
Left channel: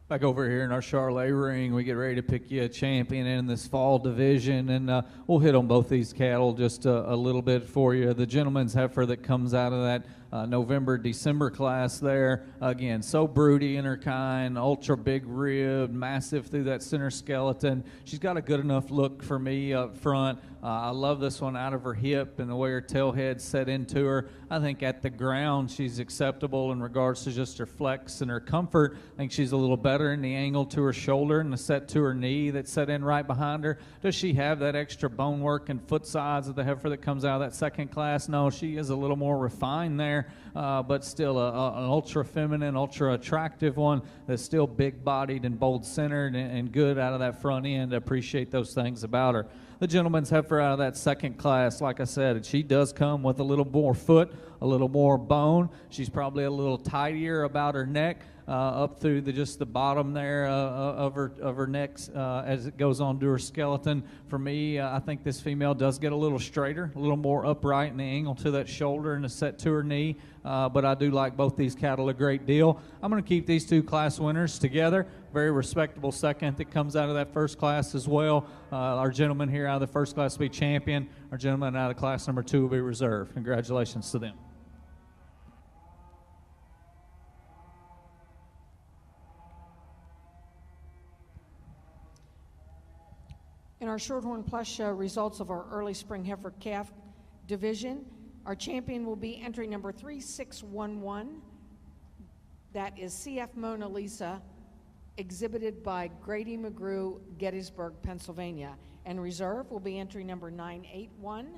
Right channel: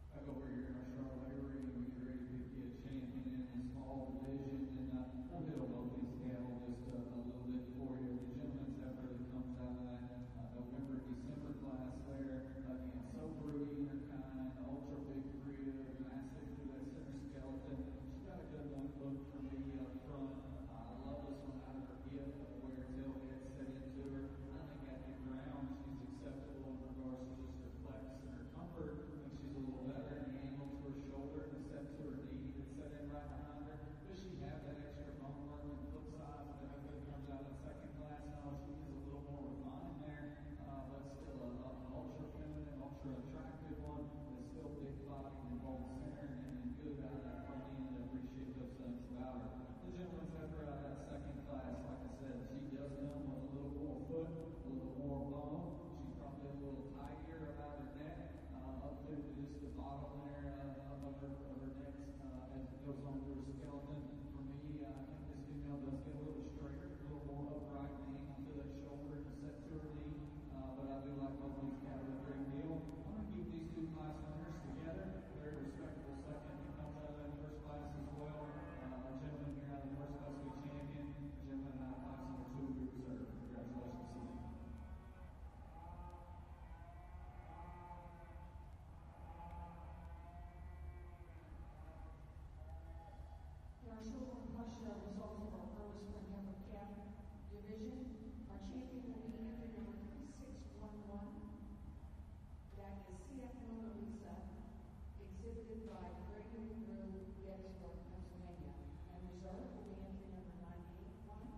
Back over here in our Charolais ring, we get ready to pick you a champion in this fall division, and we'll hit on both these cattle just a little bit for you. The gentleman's heifer that comes out of that November-December class there, again, so broody in her kind, ultra big rib, massive through that center skeleton. She's got a good enough look for me up front. I love this one out of her hip and the way her tail head's set into her. I think at the ground she's acceptable in regards to just her flex and her comfort. I think she's a little better in the angle to her shoulder and the set to her knee that's set in right behind her. Does she have that extra bone work and foot size of the heifer that comes out of that second class? No, she is a little more refined there, but still an ultra feminine, ultra attractive one that's still big bodied and bold centered and good out of that front end. I appreciate those things about her. The gentleman's heifer out of that second class, like I said, she does come with a little more foot, a little more bone. She's probably a little tidier about her neck, up through just the bottom there of her neck as it goes on to her skeleton. For me, I think this female does get a little straighter, a little more upright in the angle to that shoulder and a set to her knee. But I do like both these cattle a great deal. I'm going to keep these two class winners together. Very respectable second that comes out of that first class as well. Our gentleman here out of the first class will be champion. Our gentleman out of class number 2 will be reserve. Congratulations to them. In our Shorthorn Plus show results of our early spring heifer calf division, our champion will be entry number 3611. That is CF Mona Lisa, exhibited by Grady McGrew, Gettysburg, Pennsylvania. And reserve will be entry number 981.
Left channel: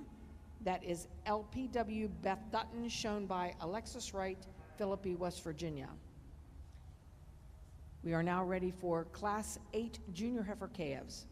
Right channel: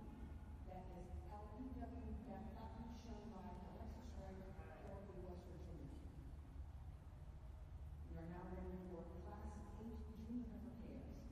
That is LPW Beth Dutton, shown by Alexis Wright, Philippi, West Virginia. We are now ready for Class 8 junior heifer calves.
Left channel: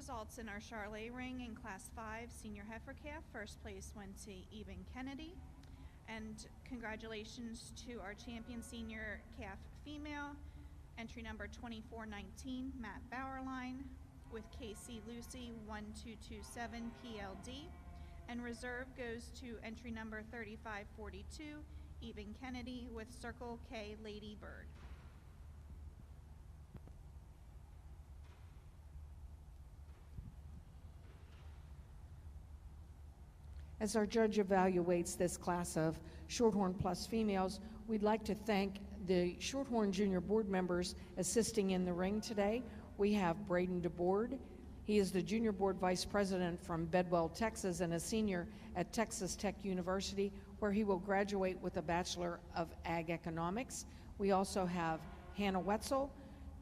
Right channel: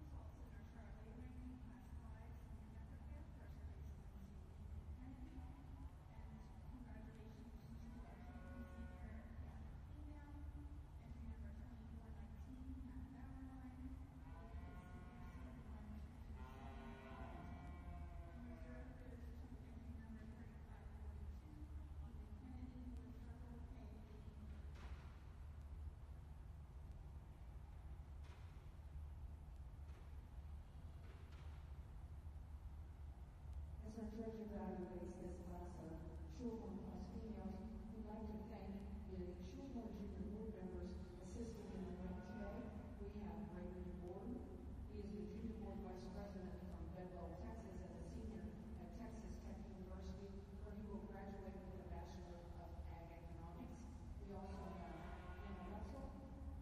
Results in our Charolais ring in Class 5 senior heifer calf. First place went to Eben Kennedy. And congratulations to our champion senior calf female, entry number 2419, Matt Bauerlein, with KC Lucy 1227 PLD. And reserve goes to entry number 3542, Eben Kennedy, with Circle K Lady Bird. As our judge evaluates this class of Shorthorn Plus females, we'd like to thank the Shorthorn Junior Board members assisting in the ring today. We have Braden DeBoard. He is the Junior Board Vice President from Bedwell, Texas, and a senior at Texas Tech University, where he will graduate with a Bachelor of Ag Economics. We also have Hannah Wetzel,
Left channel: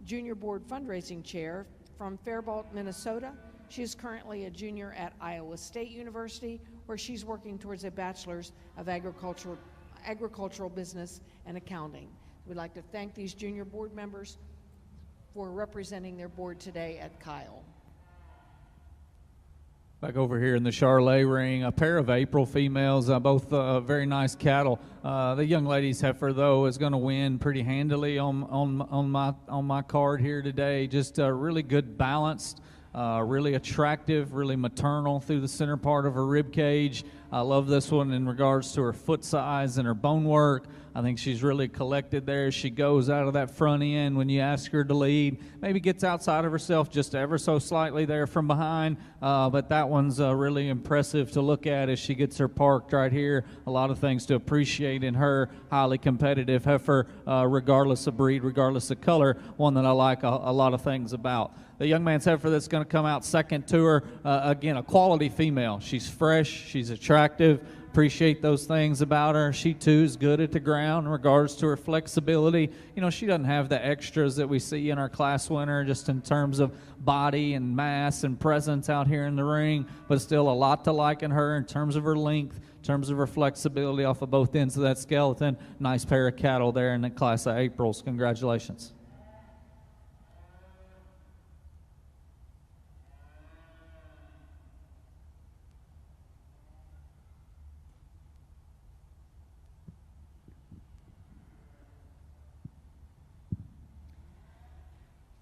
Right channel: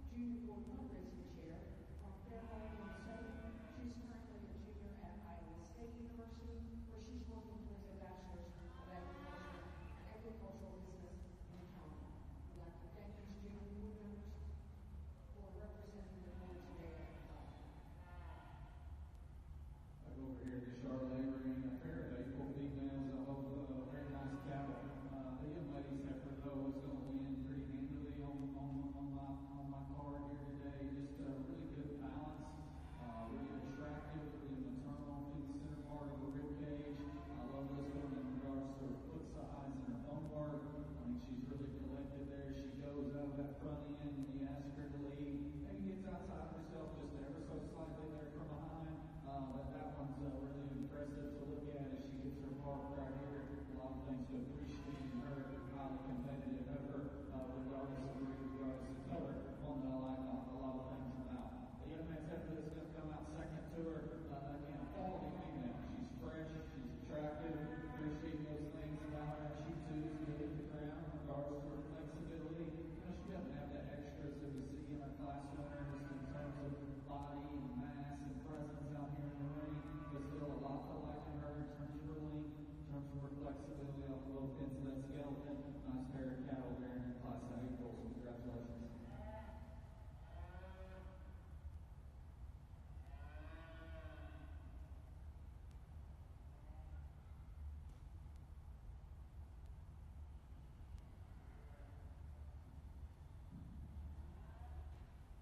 Junior Board Fundraising Chair from Faribault, Minnesota. She is currently a junior at Iowa State University, where she's working towards a Bachelor's of Agricultural Business and Accounting. We'd like to thank these junior board members for representing their board today at Kyle. Back over here in the Charolais ring, a pair of April females, both very nice cattle. The young lady's heifer, though, is going to win pretty handily on my card here today. Just really good balanced. Really attractive, really maternal through the center part of her rib cage. I love this one in regards to her foot size and her bone work. I think she's really collected there as she goes out of that front end when you ask her to lead. Maybe gets outside of herself just ever so slightly there from behind, but that one's really impressive to look at as she gets her parked right here. A lot of things to appreciate in her highly competitive heifer, regardless of breed, regardless of color, one that I like a lot of things about. The young man's heifer that's going to come out second to her, again, a quality female. She's fresh, she's attractive, appreciate those things about her. She, too, is good at the ground in regards to her flexibility. You know, she doesn't have the extras that we see in our class winner just in terms of body and mass and presence out here in the ring, but still a lot to like in her in terms of her length, in terms of her flexibility off of both ends of that skeleton. Nice pair of cattle there in the class of Aprils. Congratulations.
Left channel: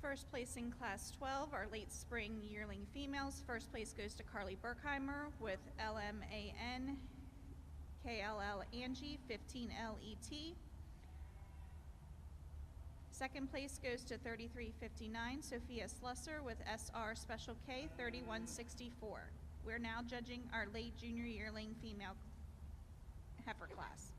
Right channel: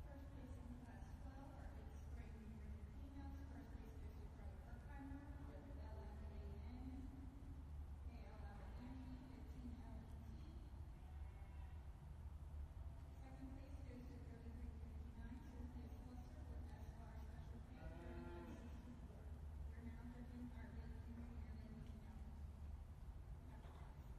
First place in Class 12, our late spring yearling females. First place goes to Carly Berkheimer with LMAN KLL Angie 15LET. Second place goes to 3359 Sophia Slusser with SR Special K 3164. We're now judging our late junior yearling female heifer class.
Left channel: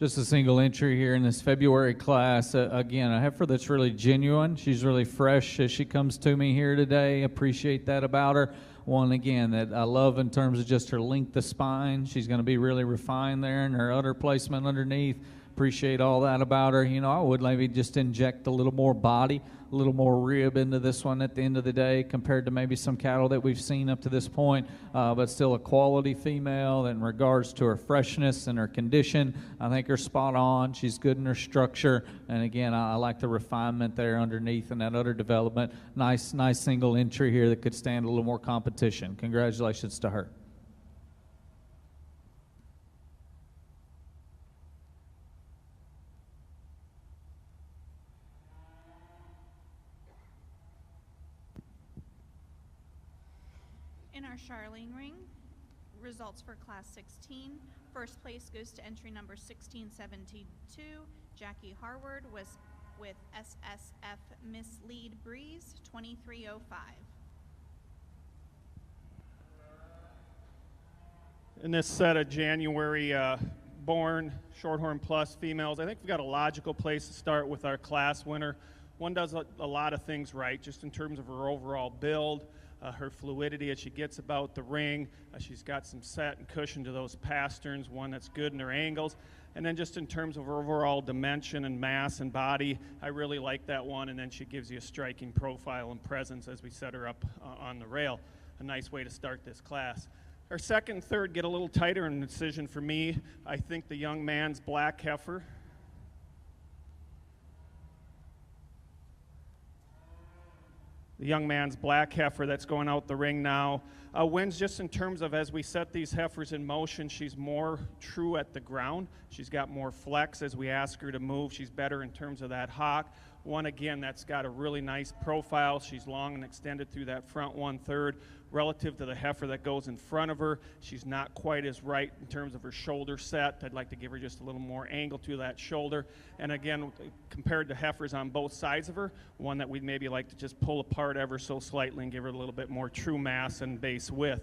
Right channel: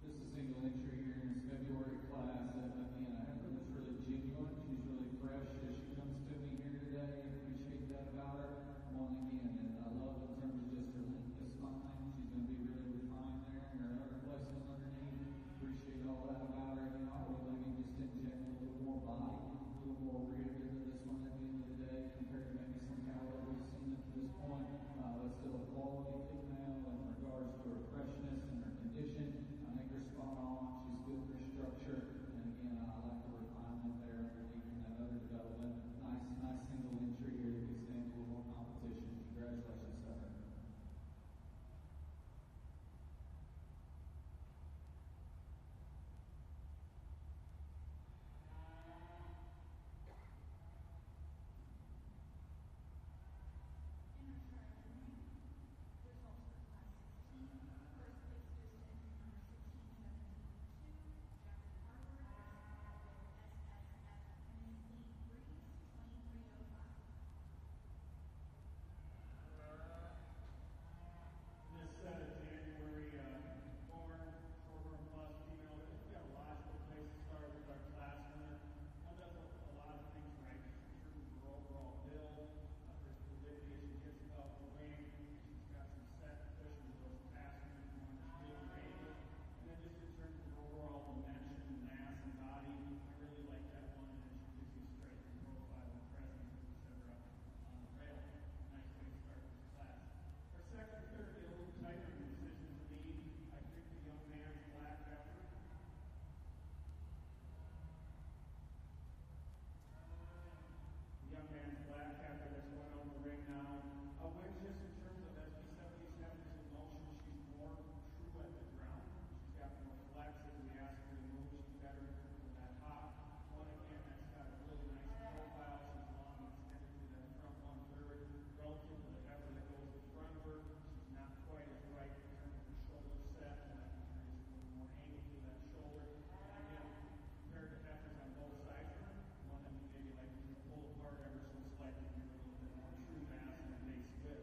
Just a single entry here in this February class. Again, a heifer that's really genuine. She's really fresh as she comes to me here today. Appreciate that about her. One, again, that I love in terms of just her length of spine. She's going to be really refined there in her udder placement underneath. Appreciate all that about her. You know, I would maybe just inject a little more body, a little more rib into this one at the end of the day compared to maybe some cattle that we've seen up to this point, but still a quality female in regards to her freshness and her condition. I think her spot on. She's good in her structure, and again, I like the refinement there underneath and that udder development. Nice single entry here that could stand a little more competition. Congratulations to her. In our Charlene ring, results for class 16. First place goes to entry number 1672, Jackie Harward was with SSF Miss Lead Breeze 2305. In this set of January born Shorthorn Plus females, I think we've got a logical place to start with our class winner. One does a lot of things right, just in terms of her overall build, her fluidity as she gets about the ring. She's got some set and cushion to those pasterns, one that's good in her angles. And then just in terms of her overall dimension and mass and body, I really like that one. And then she gives you a striking profile and presence as we set her up on the rail. A nice way to start this class. Our second and third get a little tighter in the decision for me. I think the young man's black heifer. The young man's black heifer that's going out the ring now wins just in terms of as we set these heifers in motion, she's more true at the ground. She's got more flex as we ask her to move. She's better in terms of that hock. One, again, that's got a really nice profile. She's long and extended through that front 1/3. Relative to the heifer that goes in front of her, she's not quite as right in terms of her shoulder set. I'd like to give her just a little more angle to that shoulder. And again, compared to heifers on both sides of her, one that we'd maybe like to just pull apart ever so slightly and give her a little bit more true mass and base width.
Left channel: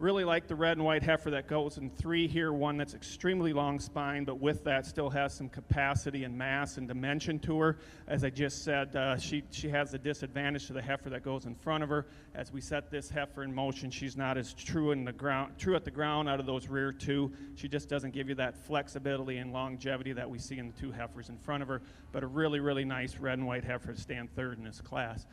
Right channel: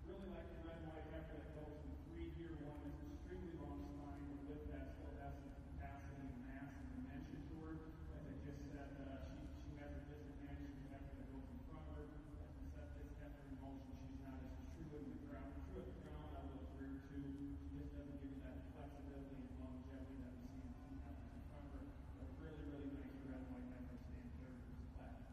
Really like the red and white heifer that goes in 3 here, one that's extremely long spine, but with that still has some capacity and mass and dimension to her. As I just said, she has the disadvantage to the heifer that goes in front of her. As we set this heifer in motion, she's not as true at the ground out of those rear 2. She just doesn't give you that flexibility and longevity that we see in the 2 heifers in front of her, but a really, really nice red and white heifer to stand third in this class.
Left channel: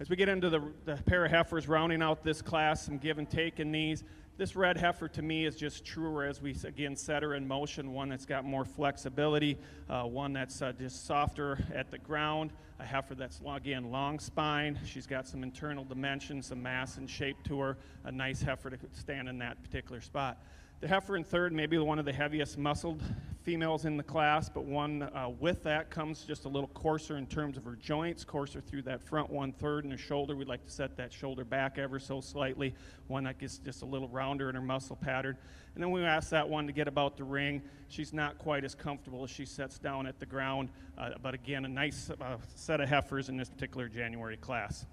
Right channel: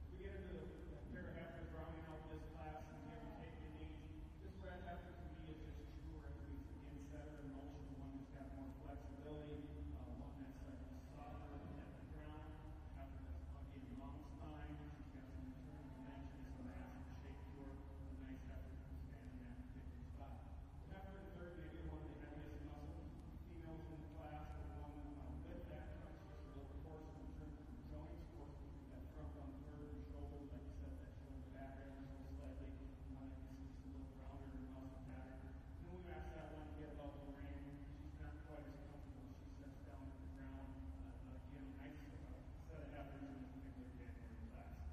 As we get into the pair of heifers rounding out this class, some give and take in these, this red heifer to me is just truer as we, again, set her in motion, one that's got more flexibility, one that's just softer at the ground, a heifer that's, again, long spine. She's got some internal dimension, some mass and shape to her, a nice heifer to stand in that particular spot. The heifer in third, maybe one of the heaviest muscled females in the class, but one with that comes just a little coarser in terms of her joints, coarser through that front 1/3 and her shoulder. We'd like to set that shoulder back ever so slightly, one that gets just a little rounder in her muscle pattern. And then we ask that one to get about the ring. She's not quite as comfortable as she sets down at the ground, but again, a nice set of heifers in this particular January class.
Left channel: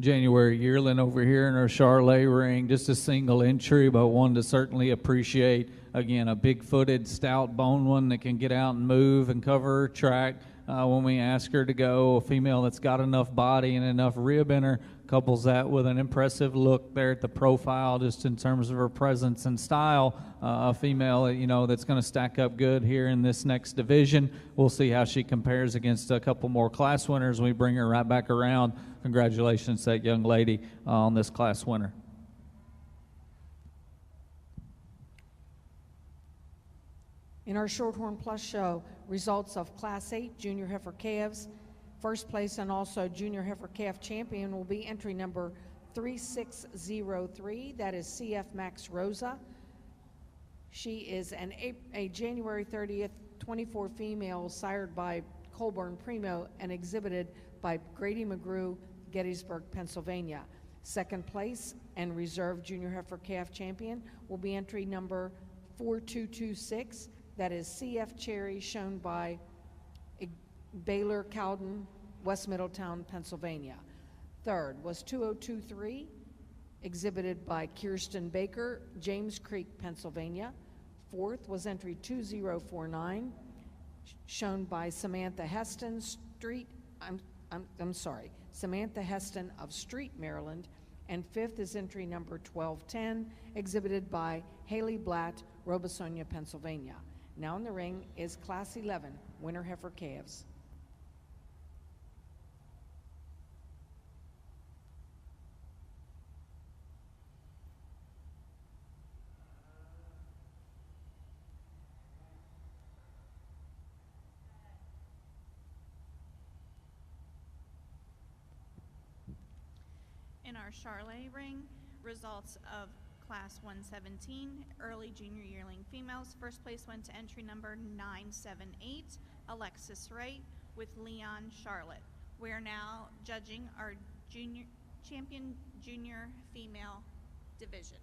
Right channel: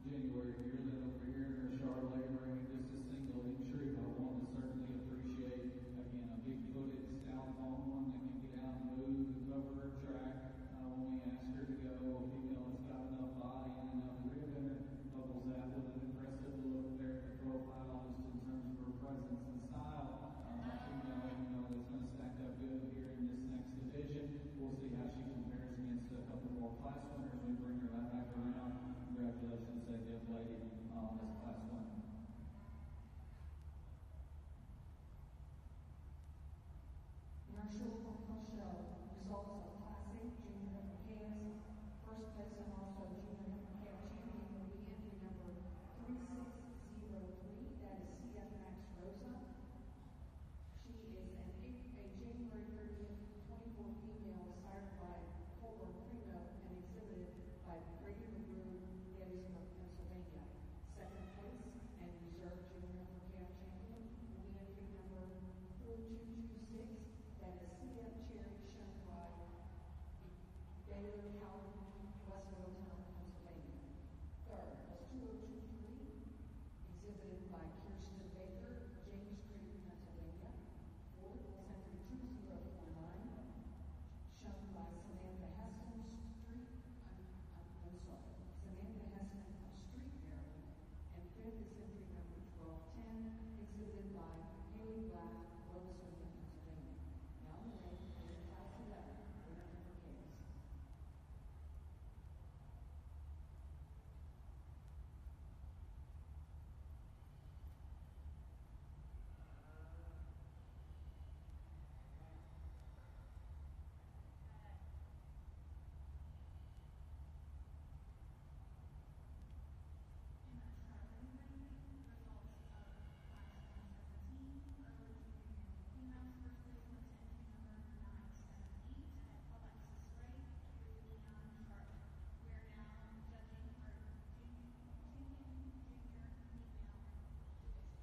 January yearling over here in our Charolais ring, just a single entry, but one to certainly appreciate. Again, a big-footed, stout bone one that can get out and move and cover her track when we ask her to go. A female that's got enough body and enough rib in her, couples that with an impressive look there at the profile, just in terms of her presence and style. A female, that's going to stack up good here in this next division. We'll see how she compares against a couple more class winners. We bring her right back around. Congratulations to that young lady on this class winner. In our Shorthorn Plus show, results of Class 8 Junior Heifer Calves, first place and also Junior Heifer Calf Champion will be entry number 3603. That is CF Max Rosa. She is a January 30th 24 female sired by Colburn Primo and exhibited by Grady McGrew, Gettysburg, Pennsylvania. Second place and reserve Junior Heifer Calf Champion will be entry number 4226. That is CF Cherry, shown by Baylor Cowden, West Middletown, Pennsylvania. Third was 2023, exhibited by Kirsten Baker, James Creek, Pennsylvania. Fourth was entry 2049, shown by Samantha Heston, Samantha Heston of Street, Maryland. And fifth is entry number 1210, exhibited by Haley Blatt, Robesonia, Pennsylvania. Now in the ring is Class 11, Winter Heifer Calves. In our Charolais ring, results of Class 117, early junior yearling females. First place went to entry number 978, Alexis Wright with Leon Charlotte. We are now judging our champion junior female division.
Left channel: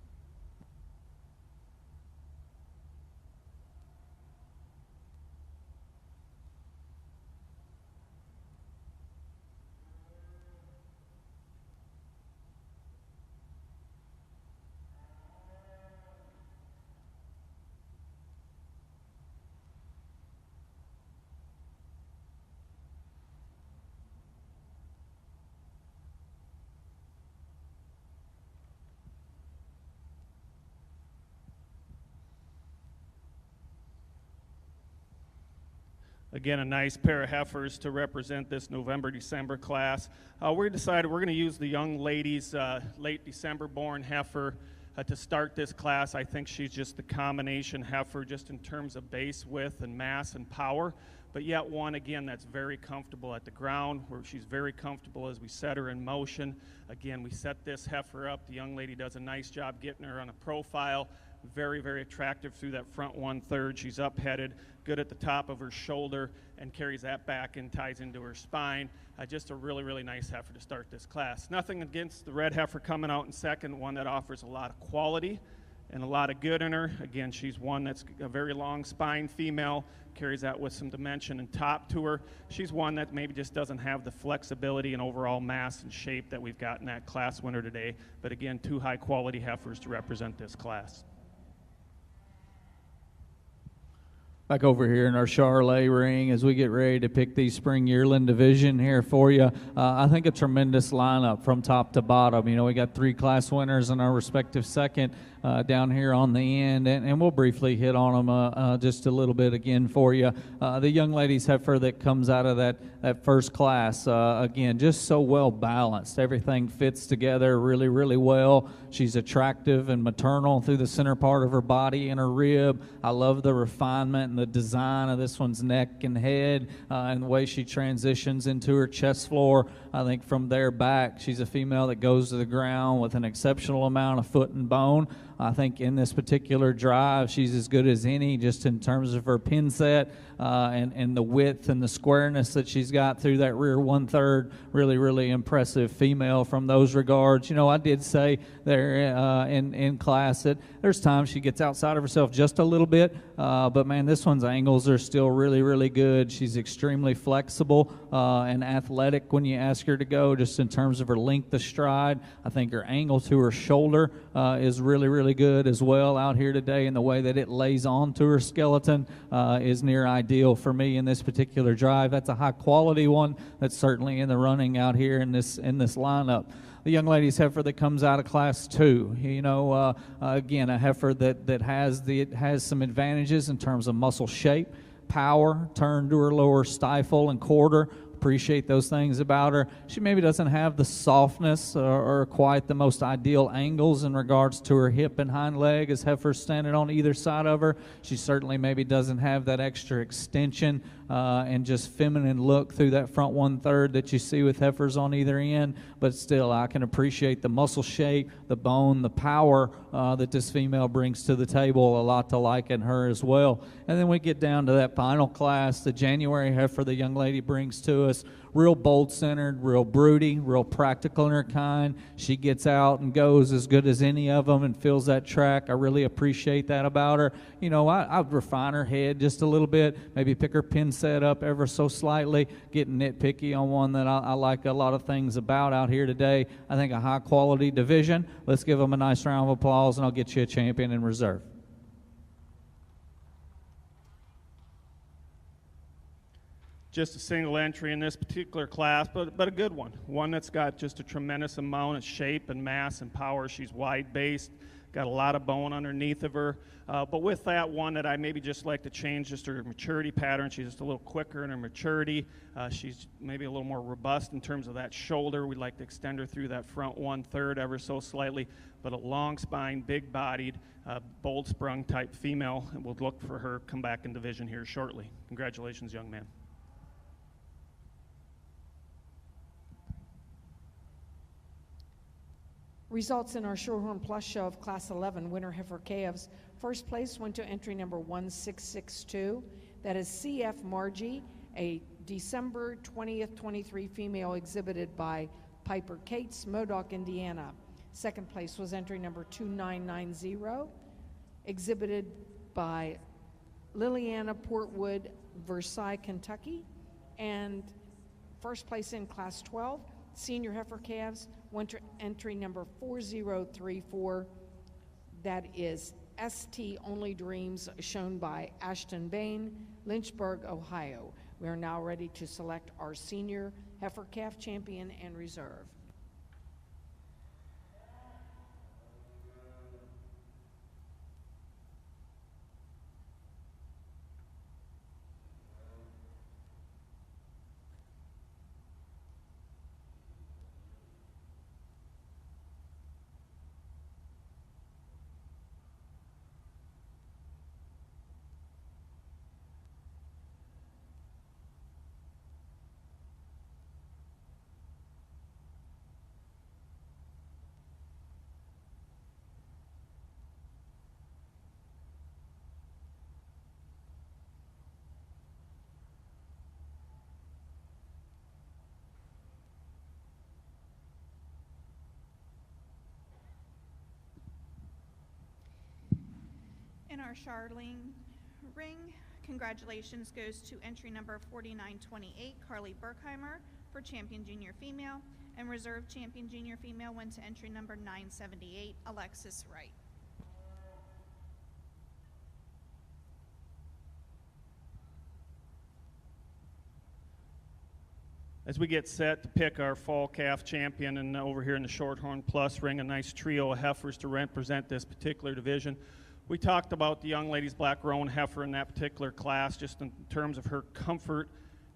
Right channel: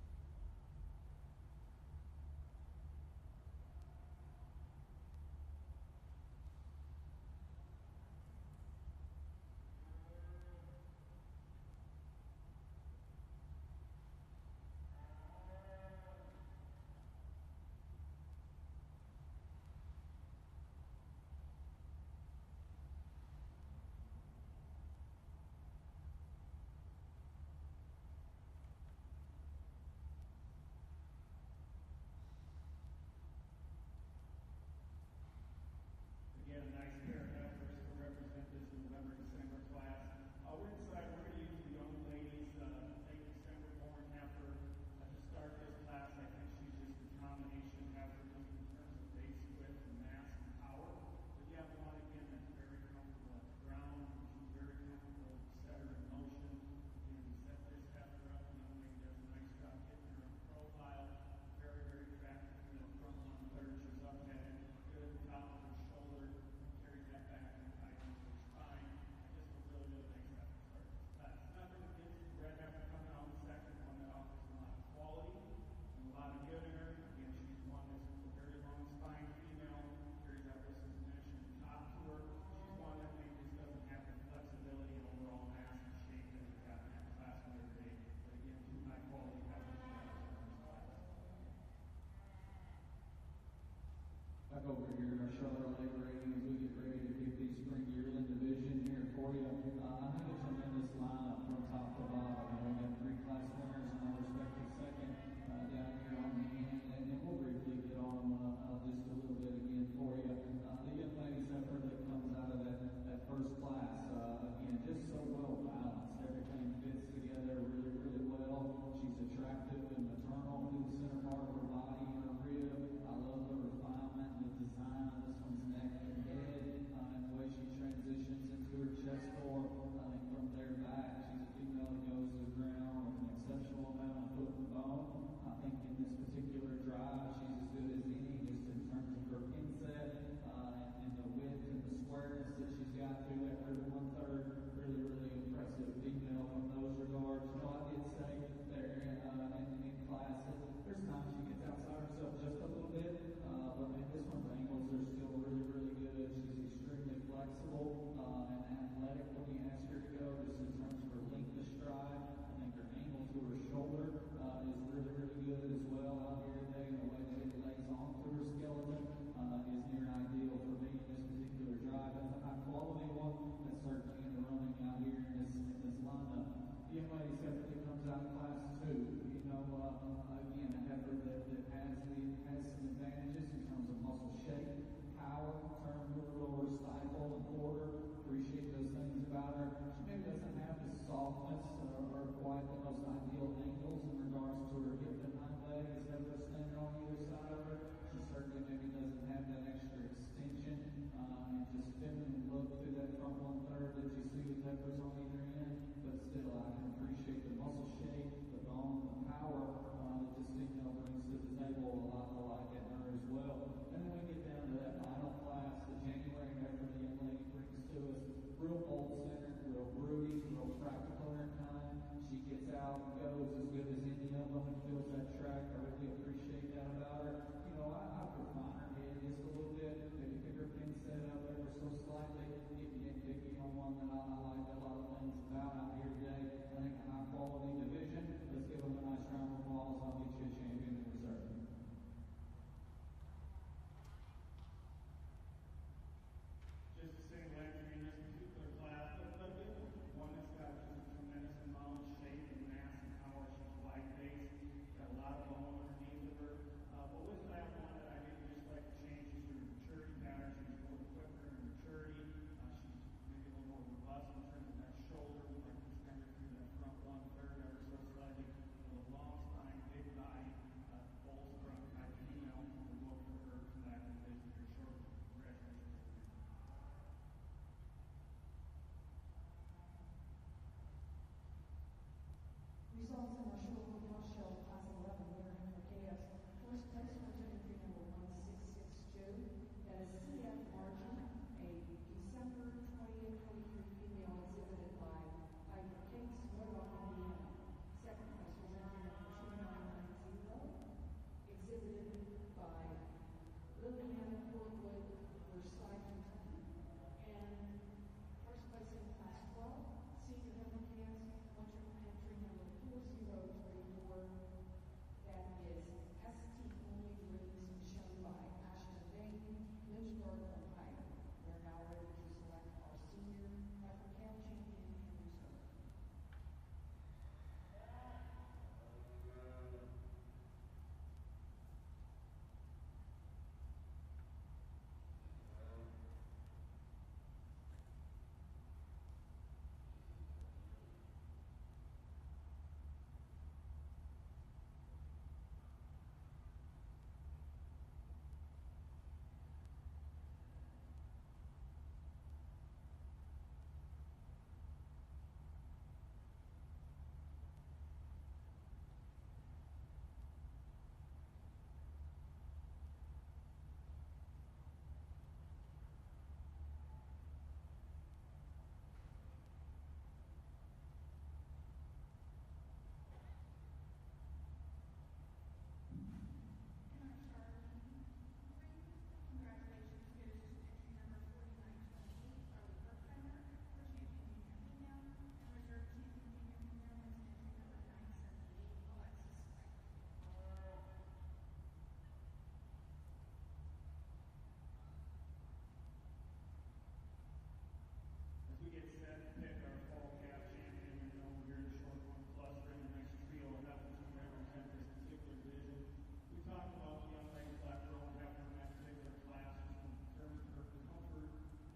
Again, a nice pair of heifers to represent this November-December class. We decided we're going to use the young lady's late December-born heifer to start this class. I think she's just the combination heifer just in terms of base width and mass and power, but yet one, again, that's very comfortable at the ground, where she's very comfortable as we set her in motion. Again, we set this heifer up. The young lady does a nice job getting her on a profile. Very, very attractive through that front 1/3. She's up-headed, good at the top of her shoulder, and carries that back and ties into her spine. Just a really, really nice heifer to start this class. Nothing against the red heifer coming out in second, one that offers a lot of quality and a lot of good in her. Again, she's one that's a very long spine female, carries that with some dimension and top to her. She's one that maybe just doesn't have the flexibility and overall mass and shape that we've got in that class winner today. But again, two high-quality heifers to represent this class. Back over here in our Charolais ring as we get ready to pick the spring yearling division here for you. I think a tremendous lineup from top to bottom. We got three class winners in our respective second down here on the end, and we'll briefly hit on them just a little bit again for you. The young lady's heifer that comes out of that first class, again, just so well balanced. Everything fits together really, really well. She's attractive and maternal through the center part of her body and her rib. I love the refinement and the design of this one's neck and head, and the way she transitions into her chest floor. I think from there back, she's a female that goes to the ground with an exceptional amount of foot and bone. I think in this particular drive, she's as good as any, just in terms of her pin set and the width and the squareness that she's got through that rear 1/3. Really, really impressive female from those regards. I did say there in class that there's times she gets outside of herself just a little bit, but man, this one's angles are still really, really good. She's extremely flexible and athletic when you ask her to go, just in terms of her length of stride. I think her angle to her shoulder is really, really good as well out here today, and the way that it lays onto her skeleton is near ideal for me in this particular drive. That's a high quality one that's certainly in the running out here in this lineup. the young lady's heifer that comes out of Class 2. You know, again, a heifer that has some advantages in terms of muscle shape, power, turn to her lower stifle and quarter. Appreciate those things about her. She maybe doesn't have the softness or quite the most ideal angles in regards to her hip and hind leg as heifers standing on either side of her. She certainly maybe doesn't have that extra extension and just feminine look through that front 1/3 that you see with heifers on either end. But still, I can appreciate the muscle shape, the bone, the power that this female brings to the table. A lot to like in her as well. And then we get down to that final class, the January heifer the young lady brings to us. Real bold-centered, real broody, real practical in her kind. She gets out and goes as good as any of them and fills that track. I really appreciate that about her. You know, I'd refine her head just a little bit, maybe pick her pin set up ever so slightly, getting nitpicky on one that I like a lot of things about out here today. I think a high-quality division. Let's give them a nice round of applause, and I'll get you a champion in reserve. Just a single entry in this particular class, but a good one. One that's got just a tremendous amount of shape and mass and power. She's wide-based, got a lot of bone underneath of her. But with that one that I maybe just like to change just her maturity pattern. She's just a little quicker in her maturity. She's maybe a little more robust in terms of that shoulder. We'd like to extend her through that front 1/3 ever so slightly, but a long spine, big-bodied, bold-sprung type female. And we'll look for her come back in division here shortly. Congratulations, young man. Results in our Shorthorn Plus show of Class 11 winner heifer calves. First place went to entry number 1662. That is CF Margie, a December 20th, 23 female exhibited by Piper Cates, Modoc, Indiana. Second place was entry number 2990, exhibited by Liliana Portwood, Versailles, Kentucky. And first place in Class 12, senior heifer calves, went to entry number 4034. That is ST Only Dreams, shown by Ashton Bain, Lynchburg, Ohio. We are now ready to select our senior heifer calf champion and reserve. Our Charolais ring, congratulations goes to entry number 4928, Carly Berkheimer, for champion junior female, and reserve champion junior female went to entry number 978, Alexis Wright. As we get set to pick our fall calf champion, and over here in the Shorthorn Plus ring, a nice trio of heifers to represent this particular division. We talked about the young lady's black roan heifer in that particular class, just in terms of her comfort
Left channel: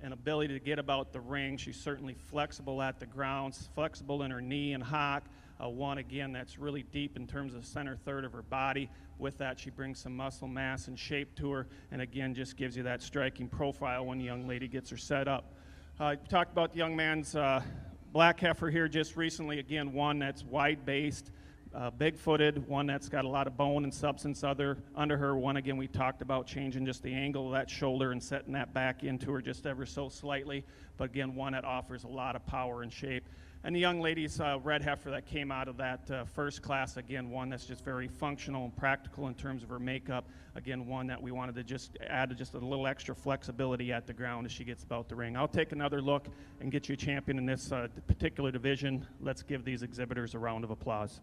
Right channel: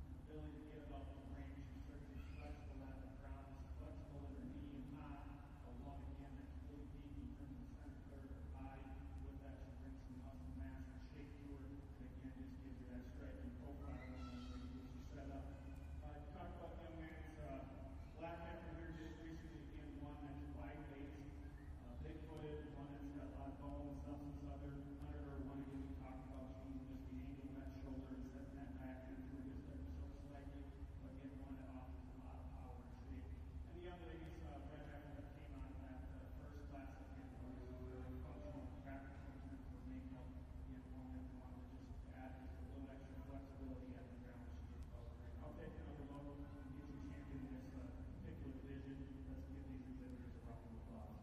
and ability to get about the ring. She's certainly flexible at the ground, flexible in her knee and hock. One, again, that's really deep in terms of the center third of her body. With that, she brings some muscle mass and shape to her, and again, just gives you that striking profile when the young lady gets her set up. Talked about the young man's black heifer here just recently. Again, one that's wide-based, big-footed, one that's got a lot of bone and substance under her. One, again, we talked about changing just the angle of that shoulder and setting that back into her just ever so slightly. But again, one that offers a lot of power and shape. And the young lady's red heifer that came out of that first class, again, one that's just very functional and practical in terms of her makeup. Again, one that we wanted to just add just a little extra flexibility at the ground as she gets about the ring. I'll take another look and get you a champion in this particular division. Let's give these exhibitors a round of applause.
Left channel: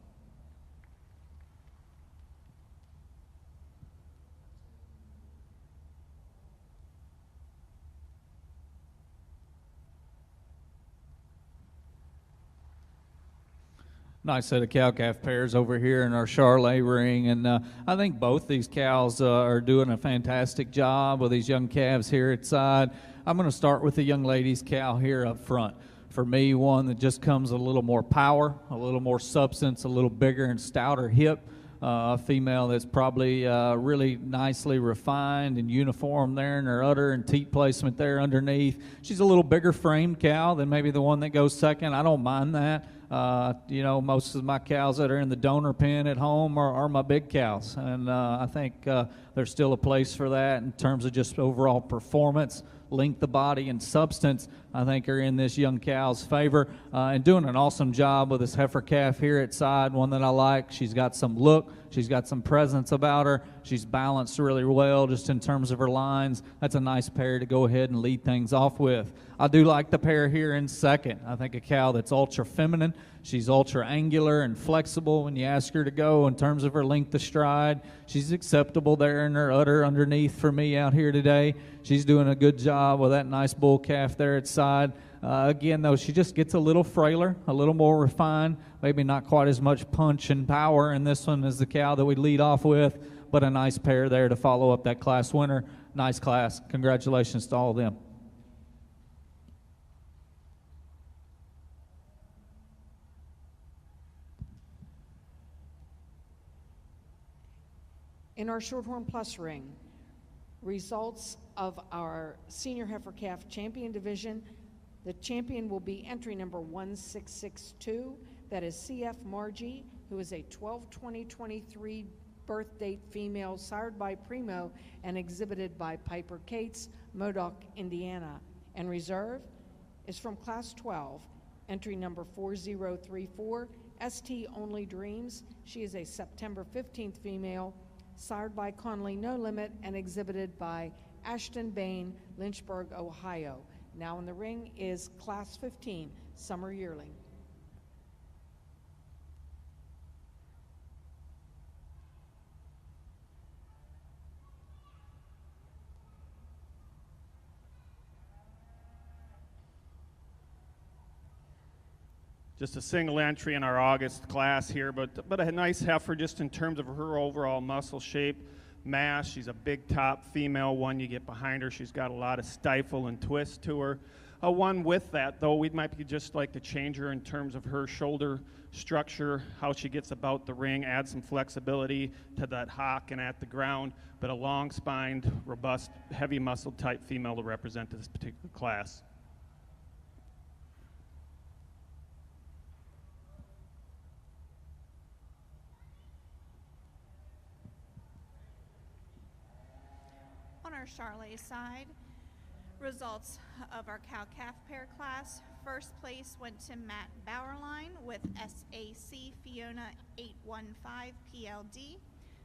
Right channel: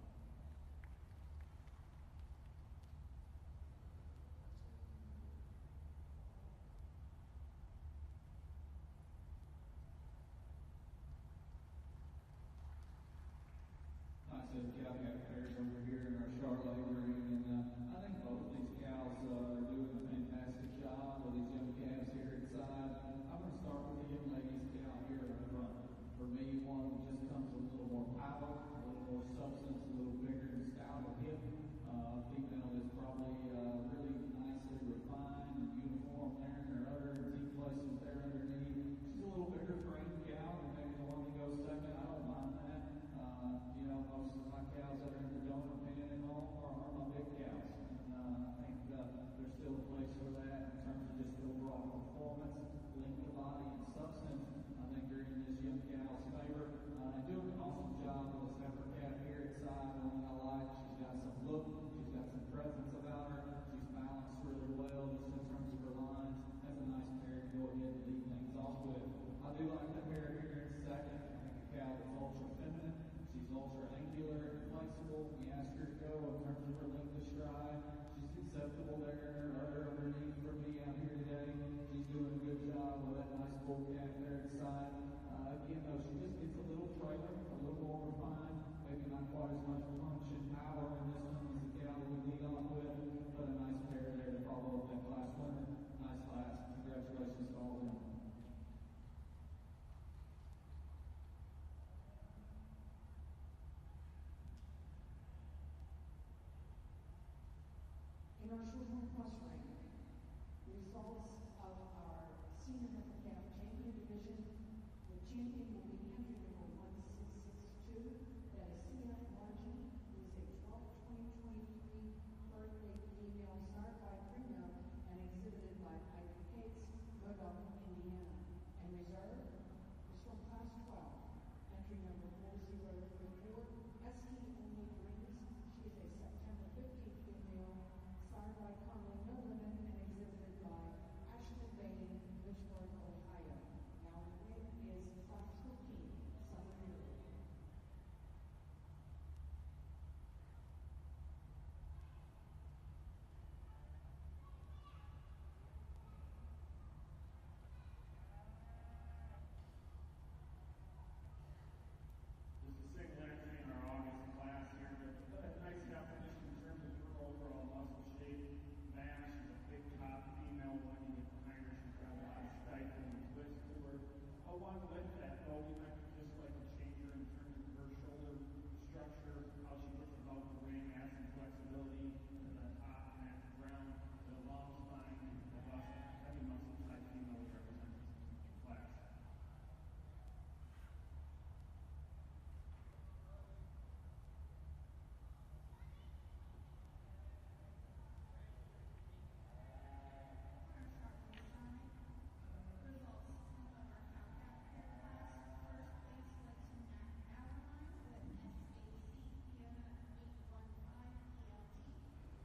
nice set of cow-calf pairs over here in our Charolais ring, and I think both these cows are doing a fantastic job with these young calves here at side. I'm going to start with the young lady's cow here up front. For me, one that just comes a little more power, a little more substance, a little bigger and stouter hip. A female that's probably really nicely refined and uniform there in her udder and teat placement there underneath. She's a little bigger framed cow than maybe the one that goes second. I don't mind that. Most of my cows that are in the donor pen at home are my big cows, and I think there's still a place for that in terms of just overall performance, length of body, and substance. I think are in this young cow's favor, and doing an awesome job with this heifer calf here at side, one that I like. She's got some look, she's got some presence about her, she's balanced really well just in terms of her lines. That's a nice pair to go ahead and lead things off with. I do like the pair here in second. I think a cow that's ultra feminine. She's ultra angular and flexible when you ask her to go in terms of her length of stride. She's acceptable there in her udder underneath for me out here today. She's doing a good job with that nice bull calf there at side. Again, though, she just gets a little frailer, a little more refined, maybe not quite as much punch and power in this one as the cow that we lead off with, but a nice pair there to follow up that class winner. Nice class. Congratulations to all of them. In our Shorthorn Plus ring, results of our Senior Heifer Calf Champion Division, the champion will be entry number 1662. That is CF Margie, who is a 12/20/23 birth date female, sired by Primo and exhibited by Piper Cates, Modoc, Indiana. And reserve is from Class 12, entry number 4034, ST Only Dreams. She is a September 15th female, sired by Conley No Limit and exhibited by Ashton Bain, Lynchburg, Ohio. Now in the ring is Class 15, Summer Yearling. Just a single entry in our August class here, but a nice heifer just in terms of her overall muscle shape, mass. She's a big top female. One you get behind her, she's got a lot of stifle and twist to her. One with that, though, we might just like to change her in terms of her shoulder structure, how she gets about the ring, add some flexibility to that hock and at the ground, but a long-spined, robust, heavy muscle type female to represent this particular class. Charolais side, results of our cow-calf pair class. First place went to Matt Bauerlein with SAC Fiona 815 PLD.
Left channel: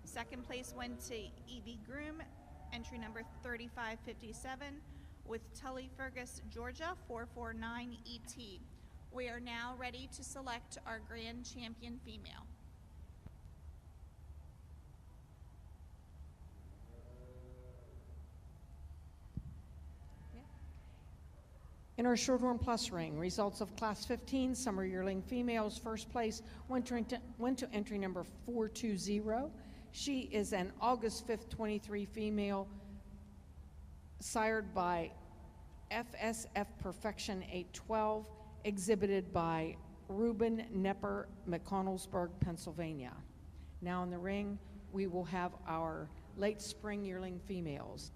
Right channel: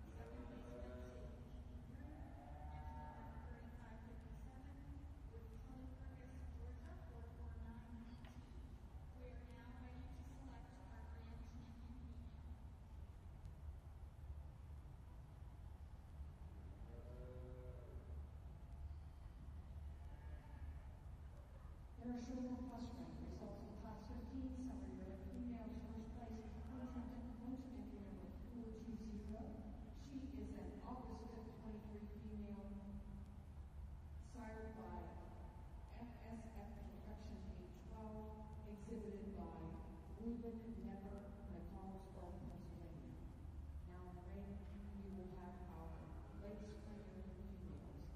Second place went to Evie Groom, entry number 3557, with Tully Fergus, Georgia 449 ET. We are now ready to select our grand champion female. In our Shorthorn Plus ring, results of Class 15 Summer Yearling females. First place went to entry number 420. She is an August 5th 23 female, sired by FSF Perfection 812, exhibited by Ruben Nepper, McConnellsburg, Pennsylvania. Now in the ring, we will have our late spring yearling females.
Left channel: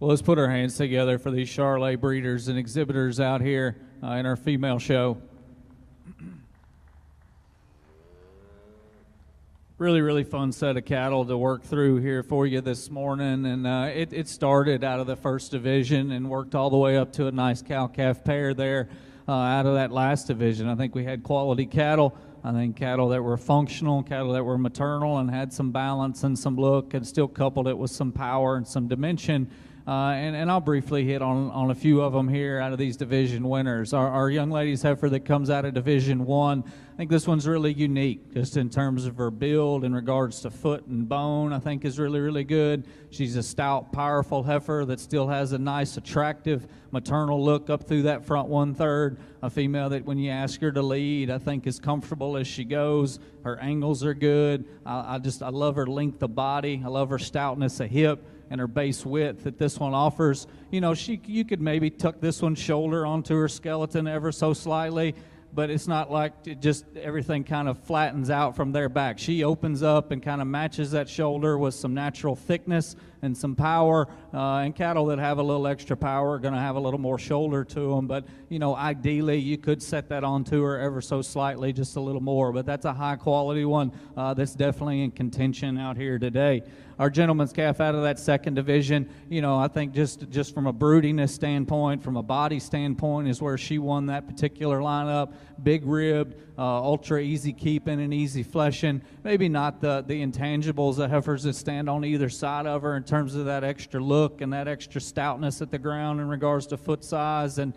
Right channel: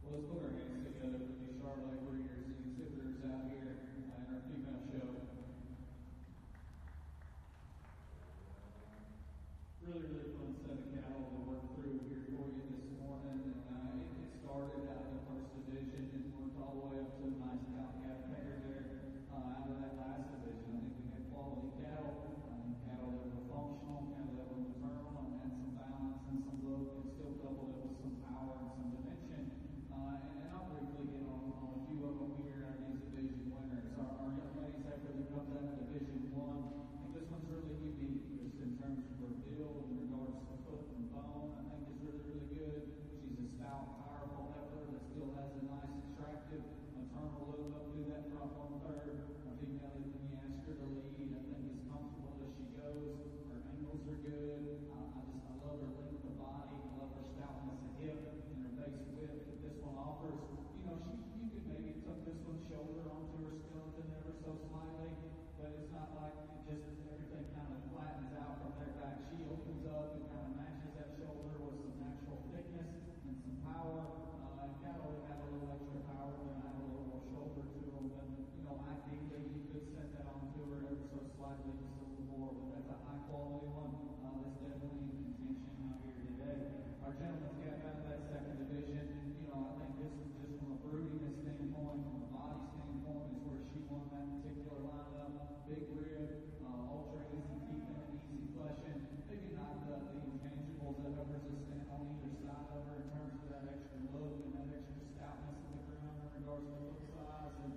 Well, let's put our hands together for these Charolais breeders and exhibitors out here in our female show. Really, really fun set of cattle to work through here for you this morning. And it started out of the first division and worked all the way up to a nice cow-calf pair there out of that last division. I think we had quality cattle. I think cattle that were functional, cattle that were maternal and had some balance and some look, and still coupled it with some power and some dimension. And I'll briefly hit on a few of them here out of these division winners. Our young lady's heifer that comes out of Division 1, I think this one's really unique just in terms of her build in regards to foot and bone. I think is really, really good. She's a stout, powerful heifer that still has a nice, attractive maternal look up through that front 1/3. A female that when you ask her to lead, I think is comfortable as she goes. Her angles are good. I love her length of body. I love her stoutness of hip and her base width that this one offers. You know, you could maybe tuck this one's shoulder onto her skeleton ever so slightly, but it's not like it just everything kind of flattens out from there back. She opens up and kind of matches that shoulder with some natural thickness and some power, and cattle that have a little extra power are going to have a little more shoulder to them, but you know, ideally you could set that onto her ever so slightly, just a little more, but that's a high quality one that's definitely in contention out here today. Our gentleman's calf out of that second division, you know, I think just from a broodiness standpoint, from a body standpoint, is where she won that particular lineup. Big ribbed, ultra easy keeping and easy fleshing. Maybe not the intangibles, the heifers that stand on either side of her in terms of that extra look and that extra stoutness at the ground in regards to foot size and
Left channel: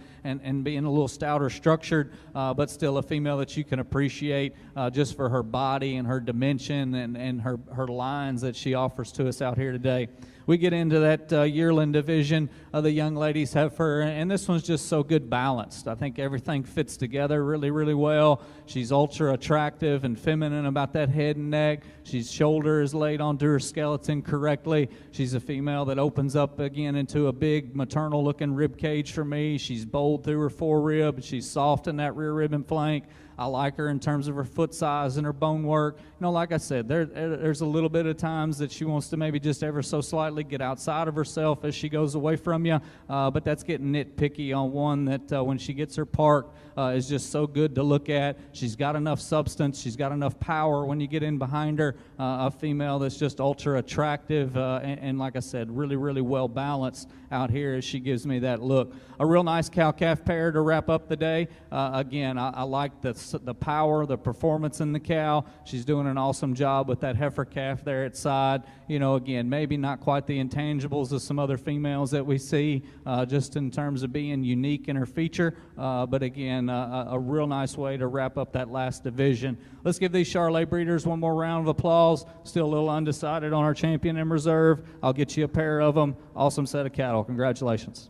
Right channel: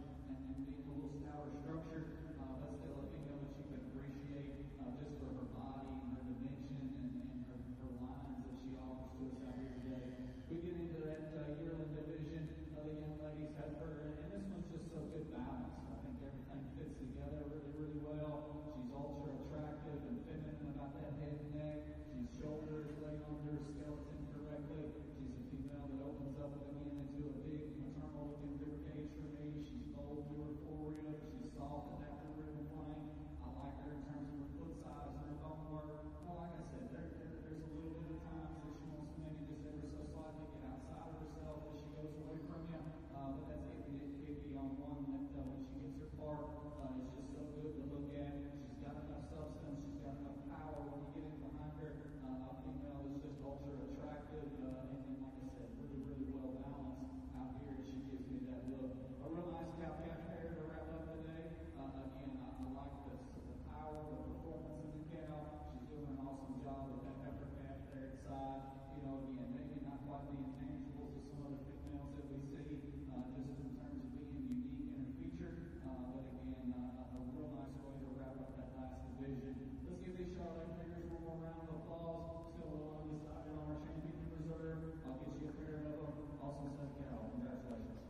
being a little stouter structured, but still a female that you can appreciate just for her body and her dimension and her lines that she offers to us out here today. We get into that yearling division of the young ladies heifer, and this one's just so good balanced. I think everything fits together really, really well. She's ultra attractive and feminine about that head and neck. She's shoulder is laid onto her skeleton correctly. She's a female that opens up again into a big maternal looking rib cage for me. She's bold through her forerib. She's soft in that rear rib and flank. I like her in terms of her foot size and her bone work. You know, like I said, there's a little bit of times that she wants to maybe just ever so slightly get outside of herself as she goes away from you, but that's getting nitpicky on one that when she gets her park is just so good to look at. She's got enough substance. She's got enough power when you get in behind her. A female that's just ultra attractive and like I said, really, really well balanced out here as she gives me that look. A real nice cow-calf pair to wrap up the day. Again, I like the power, the performance in the cow. She's doing an awesome job with that heifer calf there at side. You know, again, maybe not quite the intangibles of some other females that we see, just in terms of being unique in her feature, but again, a real nice way to wrap up that last division. Let's give these Charolais breeders one more round of applause. Still a little undecided on our champion in reserve. I'll get you a pair of them. Awesome set of cattle. Congratulations.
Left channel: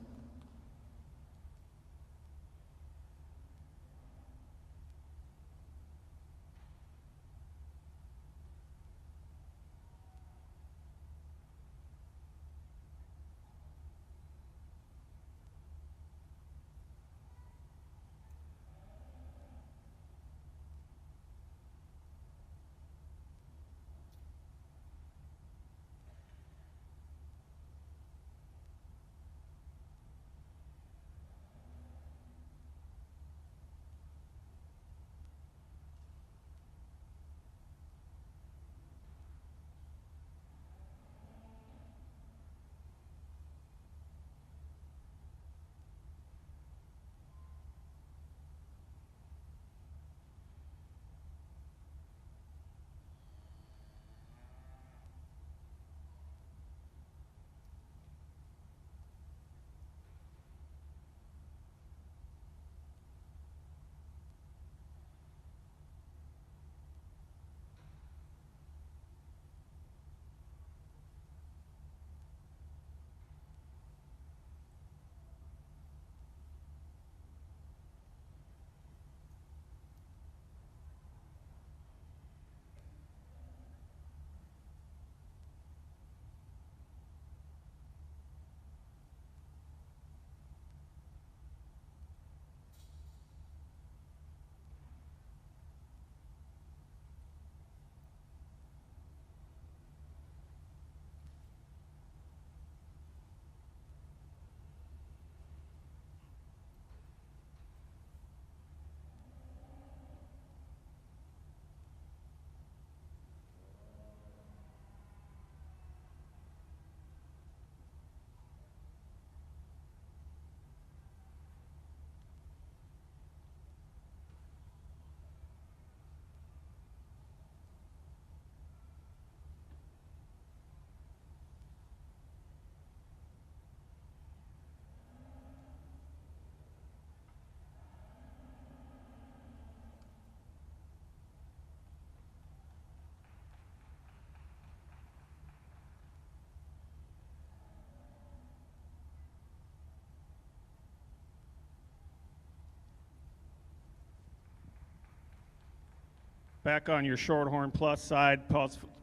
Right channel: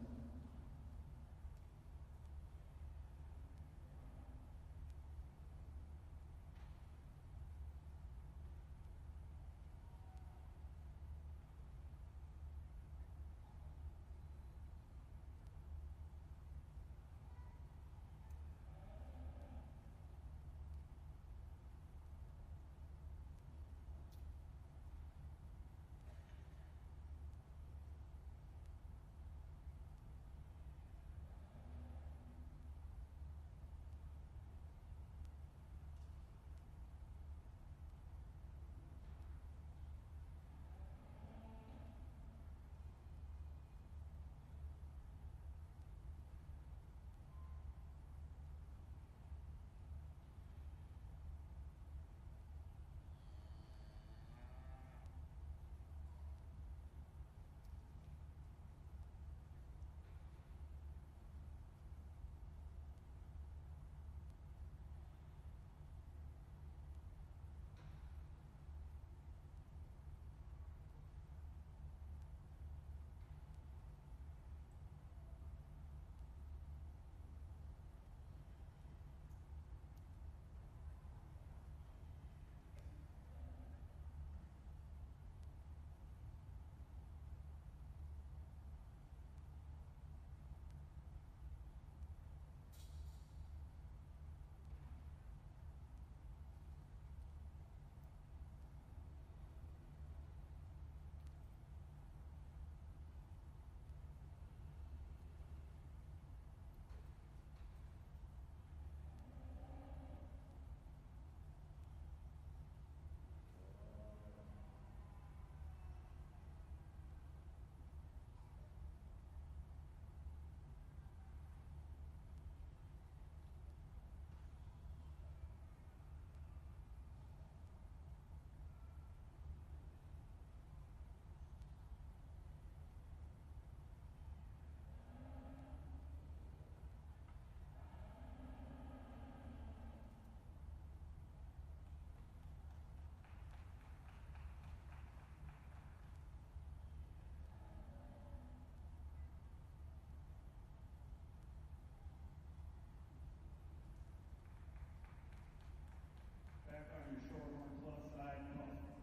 Back on your Shorthorn Plus side,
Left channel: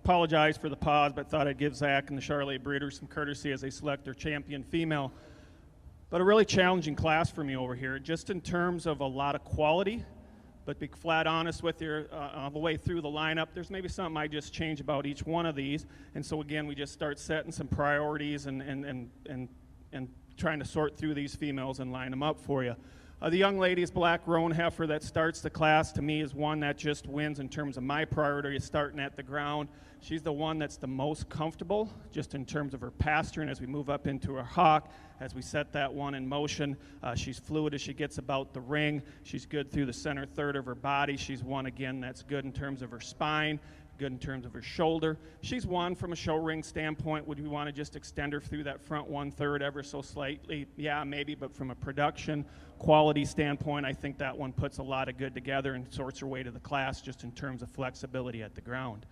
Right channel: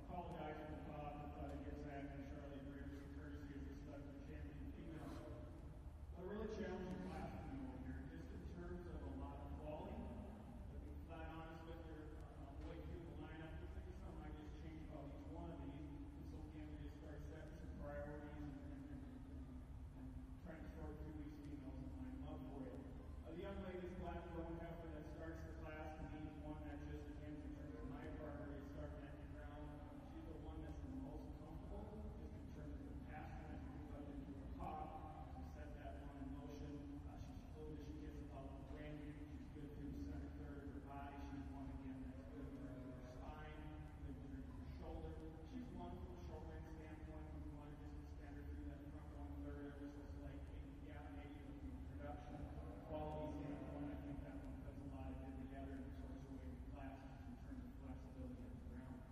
apologize for the pause, but thought I'd give Zach and the Charolais breeders some courtesy as they select their champion female. But a really challenging class for me over here, just in terms of a lot of quality, but be flat honest with you, all the way through the lineup, there's maybe something I just change about each one of these. And so again, we just start setting some priorities and trying to sort through these females and line them up for you. The young lady's black roan heifer that starts the class, to me, is one that just wins in terms of my priority, starting at the ground. She's the one that's the most comfortable, just in terms of her pasturing as we move up into her hock. As we set that one in motion, she's fluid as she gets about the ring. She's good through the center third of her body. She's one, again, that's good in terms of her spine, good in terms of her shoulder. She's one from a show ring standpoint. Would we want to just extend her through that front 1/3 ever so slightly? Yeah, maybe, but from a production quality standpoint, I think that one puts a lot of good together and sorts her way to the class just in terms of flexibility at the ground.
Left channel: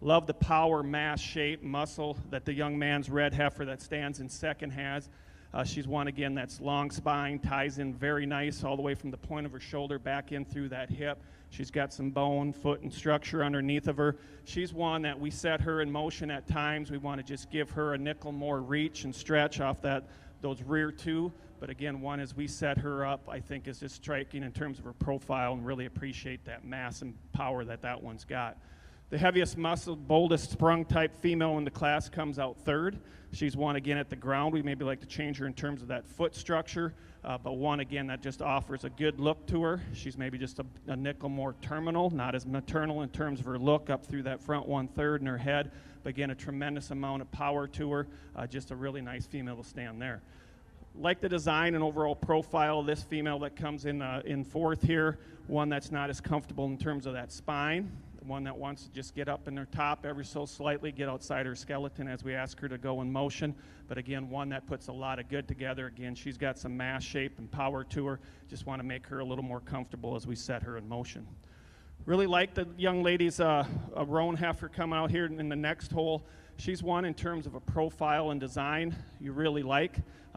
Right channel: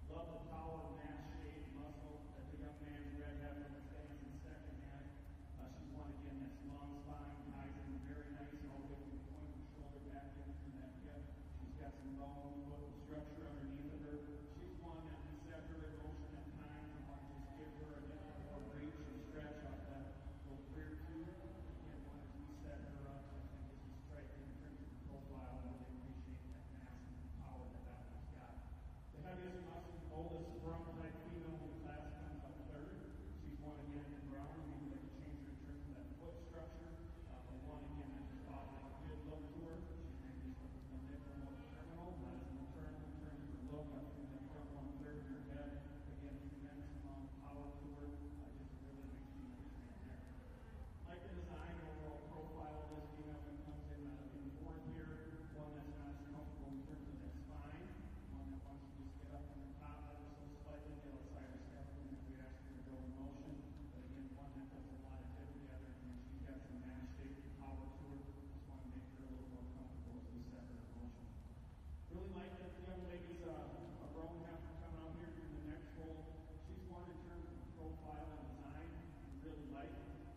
Love the power, mass, shape, muscle that the young man's red heifer that stands in second has. She's one, again, that's long spine, ties in very nice all the way from the point of her shoulder back in through that hip. She's got some bone, foot, and structure underneath of her. She's one that we set her in motion at times. We want to just give her a nickel more reach and stretch off those rear two. But again, one, as we set her up, I think is just striking in terms of her profile, and really appreciate that mass and power that one's got. The heaviest muscle, boldest sprung type female in the class comes out third. She's one, again, at the ground. We maybe like to change her in terms of that foot structure, but one, again, that just offers a good look to her. She's maybe just a nickel more terminal, not as maternal in terms of her look up through that front 1/3 in her head, but again, a tremendous amount of power to her. Just a really nice female to stand there. Like the design and overall profile of this female that comes in fourth here, one that's not as comfortable in terms of that spine, one that wants to just get up in her top ever so slightly, get outside her skeleton as we ask her to go in motion. But again, one that puts a lot of good together. Again, she's got some mass, shape, and power to her. Just want to make her a little more comfortable as we set her in motion. Really like the young lady's a roan heifer coming out here in the next hole. She's one in terms of a profile and design you really like.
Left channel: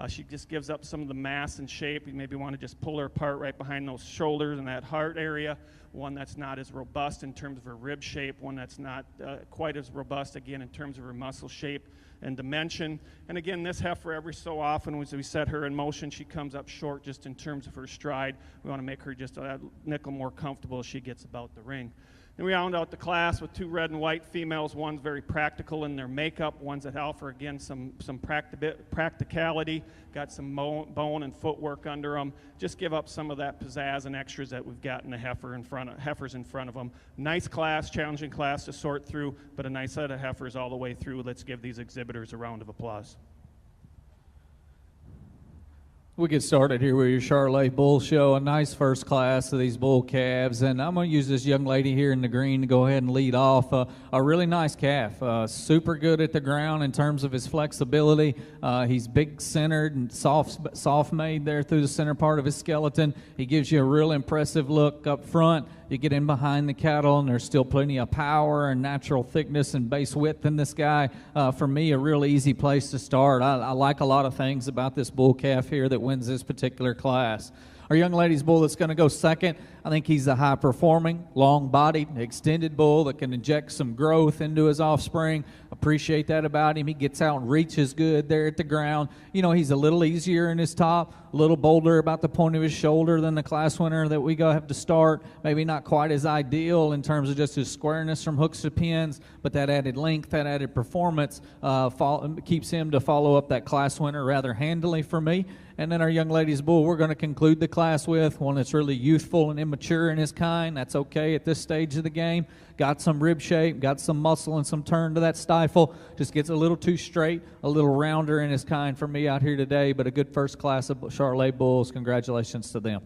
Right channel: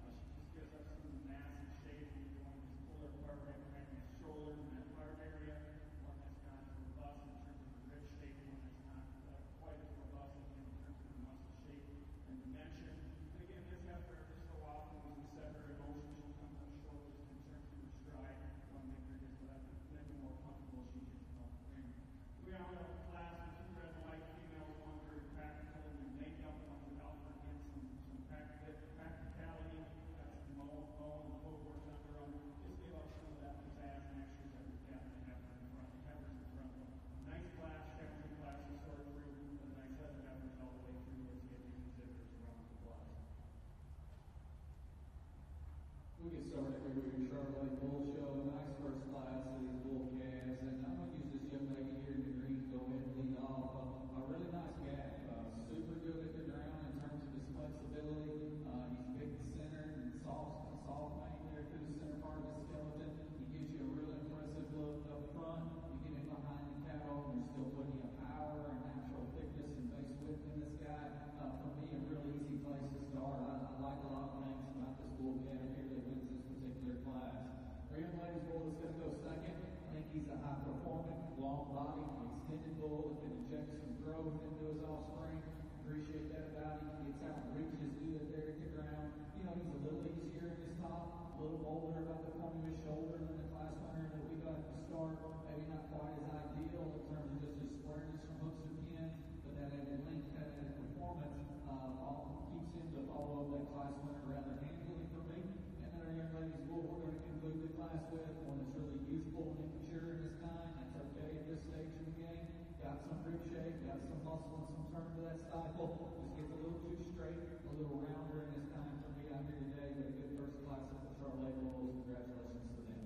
She just gives up some of the mass and shape. You maybe want to just pull her apart right behind those shoulders and that heart area. One that's not as robust in terms of her rib shape, one that's not quite as robust, again, in terms of her muscle shape and dimension. And again, this heifer, every so often, as we set her in motion, she comes up short just in terms of her stride. We want to make her just a nickel more comfortable as she gets about the ring. And we round out the class with two red and white females. One's very practical in their makeup. One's that offer, again, some practicality, got some bone and footwork under them. Just give up some of that pizzazz and extras that we've got in the heifers in front of them. Nice class, challenging class to sort through, but a nice set of heifers all the way through. Let's give these exhibitors a round of applause. We get started here with your Charolais Bull Show, a nice first class of these bull calves, and I'm going to use this young lady here in the green to go ahead and lead off. A really nice calf, super good at the ground in terms of his flexibility. He's big-centered and soft-made there through the center part of his skeleton. He gives you a real impressive look up front. You get in behind the cattle, and there's still plenty of power and natural thickness and base width in this guy. For me, a real easy place to start. I like a lot of things about this bull calf here that wins this particular class. Our young lady's bull that's going to go second, I think he's a high-performing, long-bodied, extended bull that can inject some growth into his offspring. Appreciate that about him. He gets out and reaches good there at the ground. You know, he's a little easier in his top, a little bolder about the point of his shoulder than the class winner that we have to start. Maybe not quite as ideal in terms of just his squareness from hooks to pins, but that added length, that added performance keeps him to follow up that class winner rather handily for me. And then our young lady's bull, we're going to conclude the class with one that's really youthful and immature in his kind. That's okay at this stage of the game. Got some rib shape, got some muscle and some turn to that stifle. Just gets a little too straight, a little rounder in his kind for me out here today, but a good first class of Charolais bulls. Congratulations to them.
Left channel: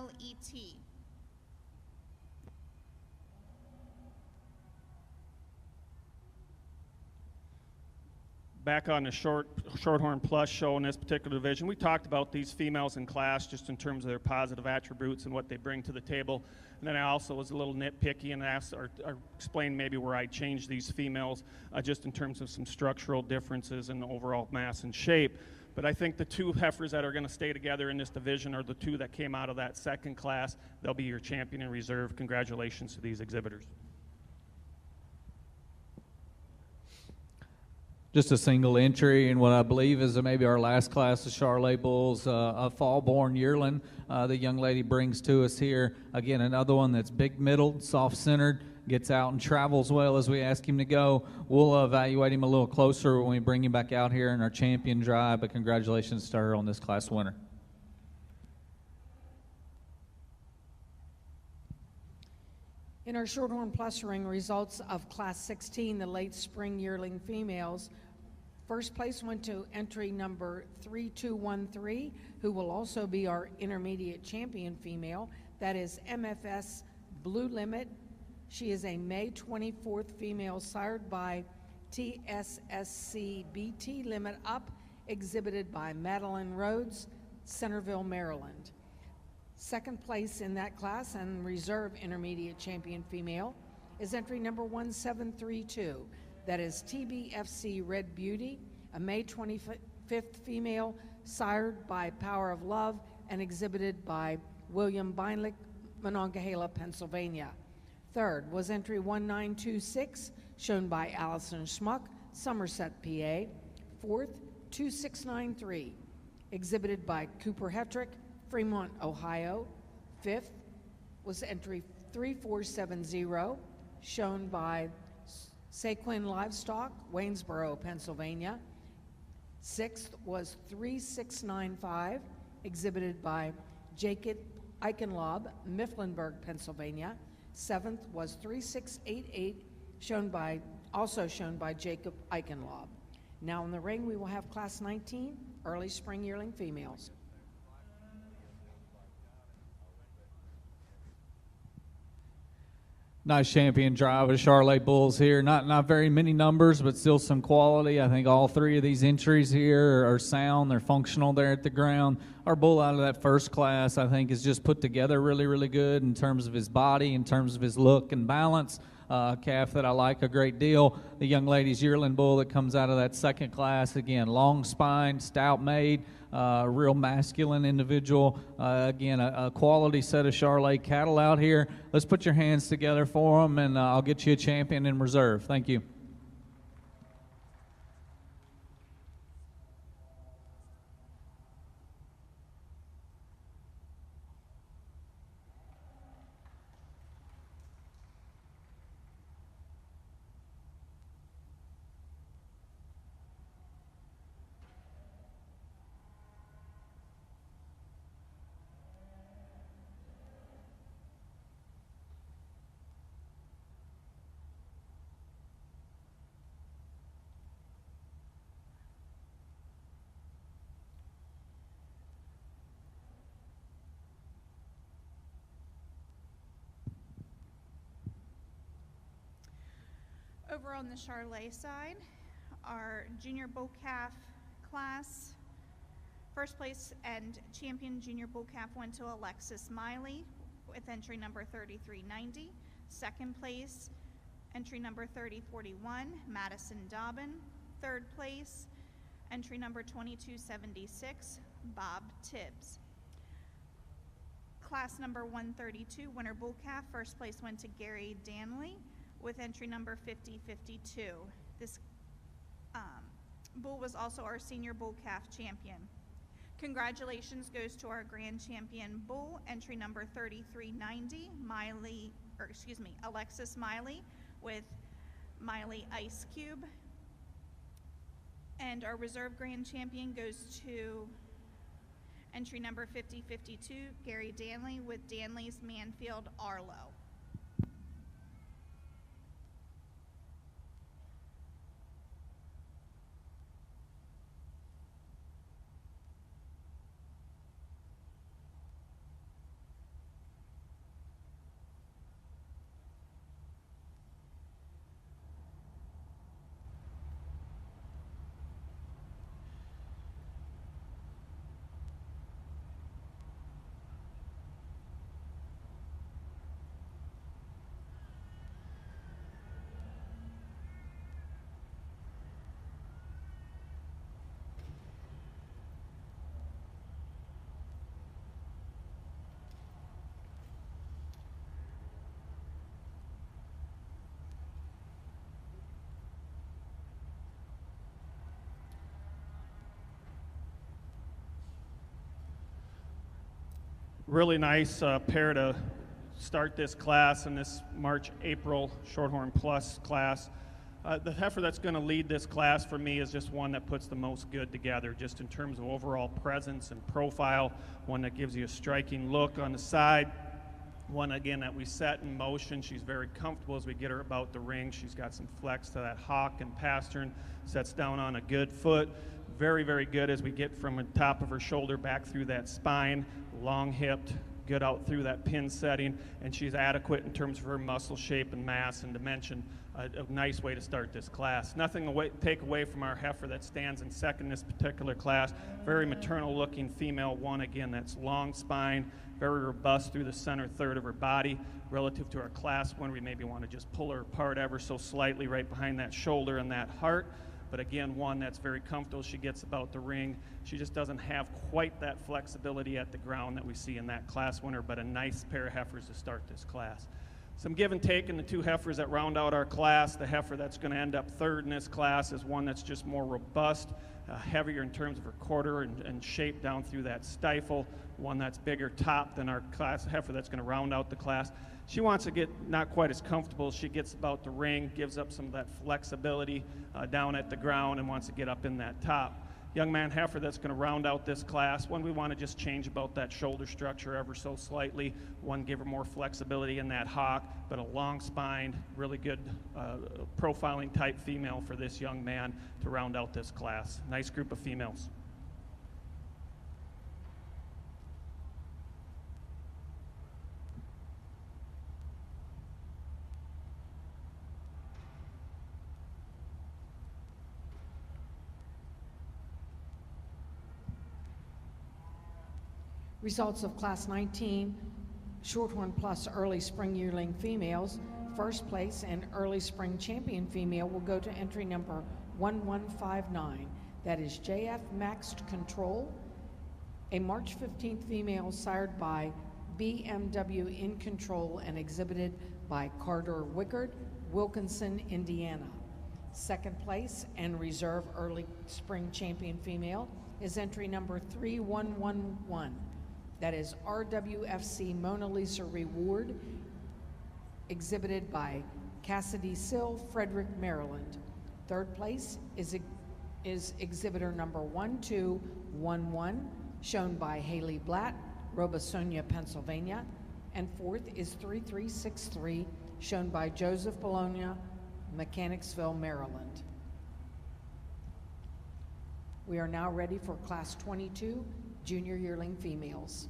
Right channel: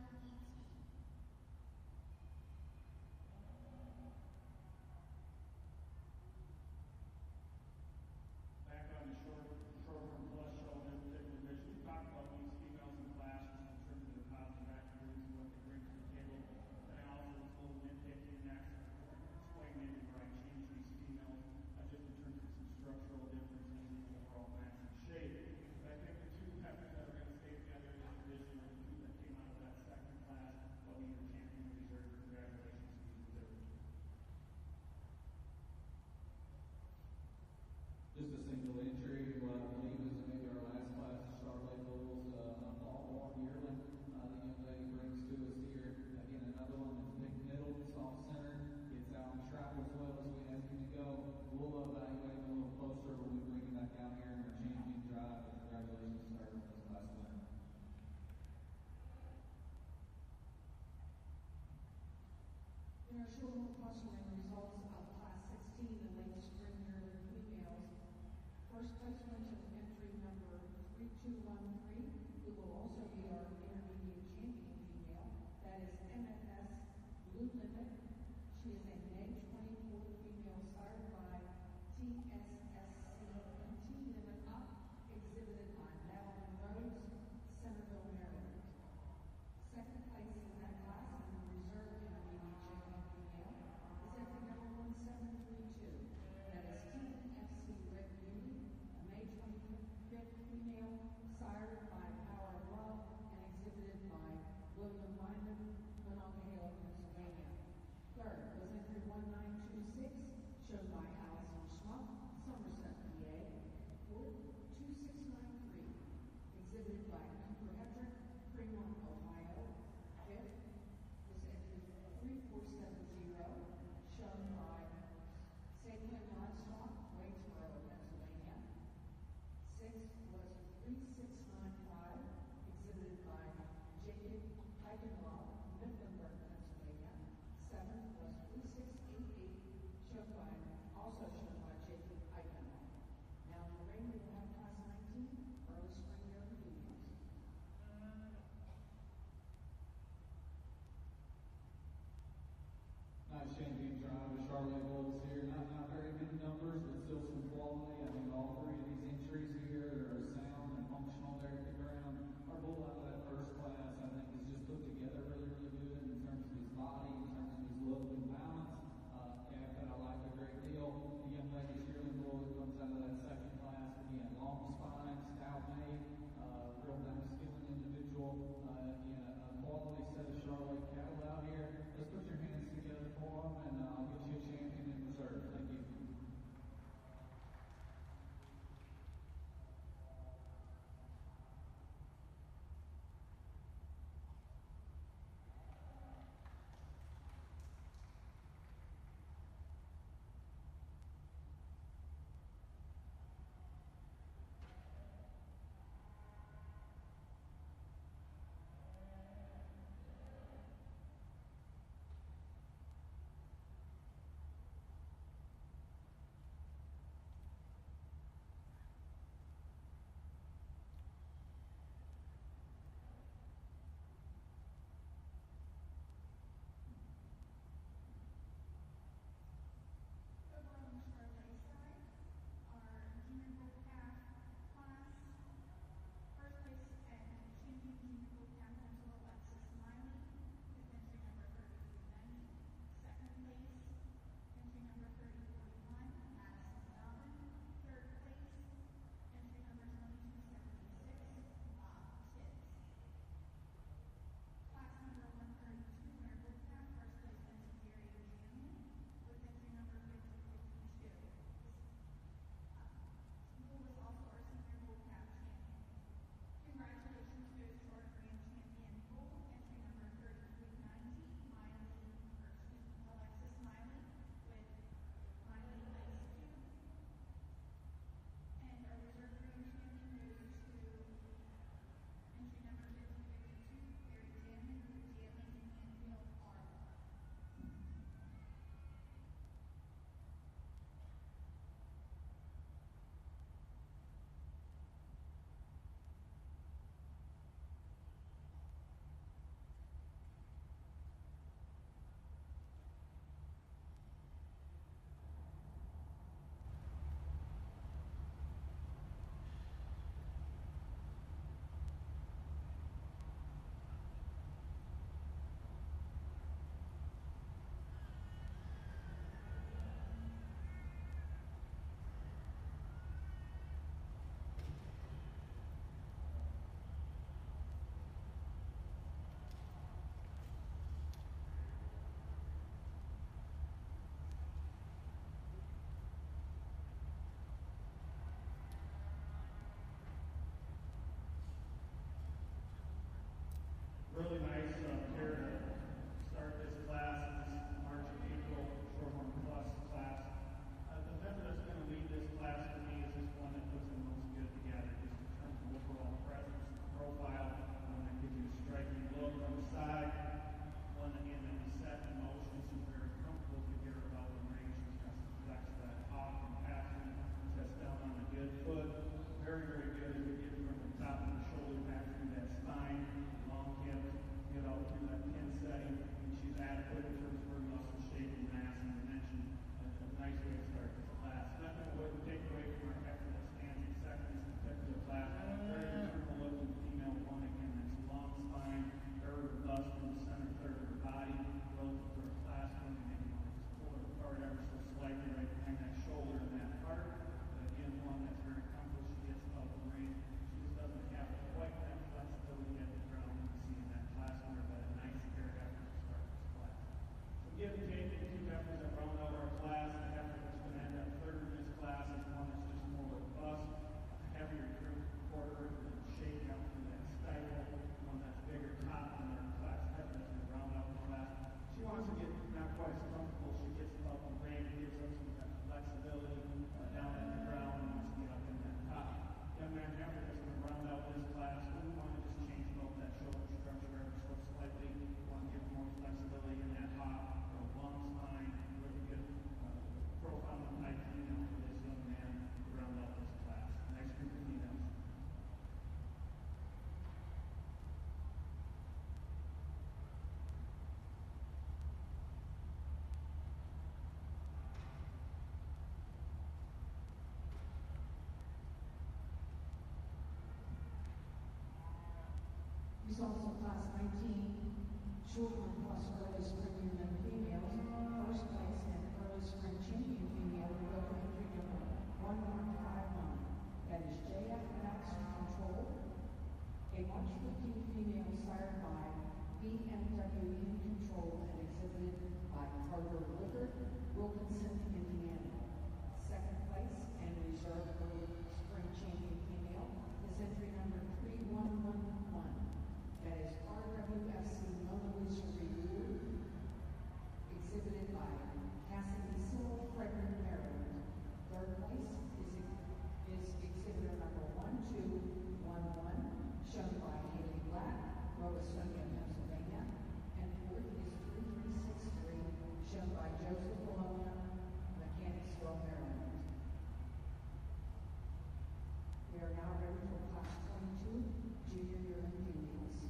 LET. back on the Shorthorn Plus show in this particular division. We talked about these females in class just in terms of their positive attributes and what they bring to the table. And then I also was a little nitpicky and asked or explained maybe where I changed these females just in terms of some structural differences in the overall mass and shape. But I think the two heifers that are going to stay together in this division are the two that came out of that second class. They'll be your champion in reserve. Congratulations to these exhibitors. Just a single entry in what I believe is maybe our last class of Charolais bulls, a fall-born yearling the young lady brings to us here. Again, another one that's big-middled, soft-centered, gets out and travels well as we ask him to go. We'll evaluate him a little closer when we bring him back out here in our champion drive, but congratulations to her on this class winner. In our Shorthorn Plus ring, results of Class 16, the late spring yearling females, first place went to entry number 3213, who will also be our intermediate champion female. That is MFS Blue Limit. She is a May 24th female sired by TSSC BT Limit Up, exhibited by Madeline Rhodes, Centerville, Maryland. Second place in that class and reserve intermediate champion female is entry number 1732. That is TBFC Red Beauty, a May 25th female sired by Power of Love and exhibited by William Beinlich, Monongahela, Pennsylvania. Third was entry 1926, shown by Allison Schmuck, Somerset, PA. Fourth, 2693, exhibited by Cooper Hetrick, Fremont, Ohio. Fifth was entry 3470, shown by Saquin Livestock, Waynesboro, Pennsylvania. Sixth was 3695, exhibited by Jacob Eichenlaub, Mifflinburg, Pennsylvania. Seventh was 3688, also shown by Jacob Eichenlaub. Now in the ring, we will have Class 19, early spring yearling females. Nice champion drive of Charolais bulls here. Not very many numbers, but still some quality. I think all three of these entries here are sound. They're functional there at the ground. Our bull out of that first class, I think, is just put together really, really good in terms of his body, in terms of his look and balance. A calf that I like a great deal. The young lady's yearling bull that comes out of that second class, again, long spine, stout made. Real masculine individual. Again, a quality set of Charolais cattle out here. Let's put your hands together for them, and I'll get you a champion in reserve. Thank you. Over on the Charolais side, our junior bull calf class, first place and champion junior bull calf went to Alexis Miley with entry number 3390. Second place, entry number 3041, Madison Dobbin. Third place, entry number 2276, Bob Tibbs. Class number 132, winner bull calf, first place went to Gary Danley with entry number 5052. This bull was also our senior bull calf champion. Congratulations goes to our grand champion bull, entry number 3390, Alexis Miley with Miley Ice Cube. And our reserve grand champion goes to entry number 5052, Gary Danley with Danley's Manfield Arlo. Really nice pair to start this class in this March-April Shorthorn Plus class. The heifer that's going to lead this class for me is just one that puts the most good together, just in terms of overall presence and profile, one that gives you a striking look on the side, one again that we set in motion. She's very comfortable as we get her about the ring. She's got some flex to that hock and pastern, sets down on a good foot. Very, very good as we get from the top of her shoulder back through that spine, long hipped, good out through that pin setting, and she's adequate in terms of her muscle shape and mass and dimension. A nice way to start this class. Nothing to take away from our heifer that stands in second in this particular class. Very maternal looking female one, again, that's long spine, very robust through the center third of her body. Relative to our class one, we maybe want to just pull her apart ever so slightly right behind that shoulder and that heart. But again, one that's very comfortable. She gets about the ring. She just doesn't have quite that flexibility at the ground that we see in that class winner, but a nice pair of heifers to start this class. Some give and take in the two heifers that round out our class. The heifer that's going to end up third in this class is one that's just more robust, heavier in terms of her quarter and shape down through that stifle, one that's bigger top than our class heifer that's going to round out the class. She wants to get not quite as comfortable. She gets about the ring, gives up some of that flexibility down at the ground, and wants to get up in that top. Young man heifer that's going to round out this class, one we want to just change about that shoulder structure ever so slightly. One, give her more flexibility in that hock, but a long spine, really good profiling type female for this young man to round out this class. Nice group of females. Results of Class 19 Shorthorn Plus Early Spring Yearling Females. First place and Early Spring Champion Female will go to entry number 1159. That is JF Maxed Control, a March 15th female sired by BMW In Control and exhibited by Carter Wickard, Wilkinson, Indiana. Second place and reserve Early Spring Champion Female is entry number 3111. That is RWFC Mona Lisa Reward, exhibited by Cassidy Sill, Frederick, Maryland. Third place is exhibitor number 1211, shown by Haley Blatt, Robisonia, Pennsylvania. And fourth is 3363, shown by Joseph Bologna, Mechanicsville, Maryland. We are now ready for Class 22 Junior Yearling Females.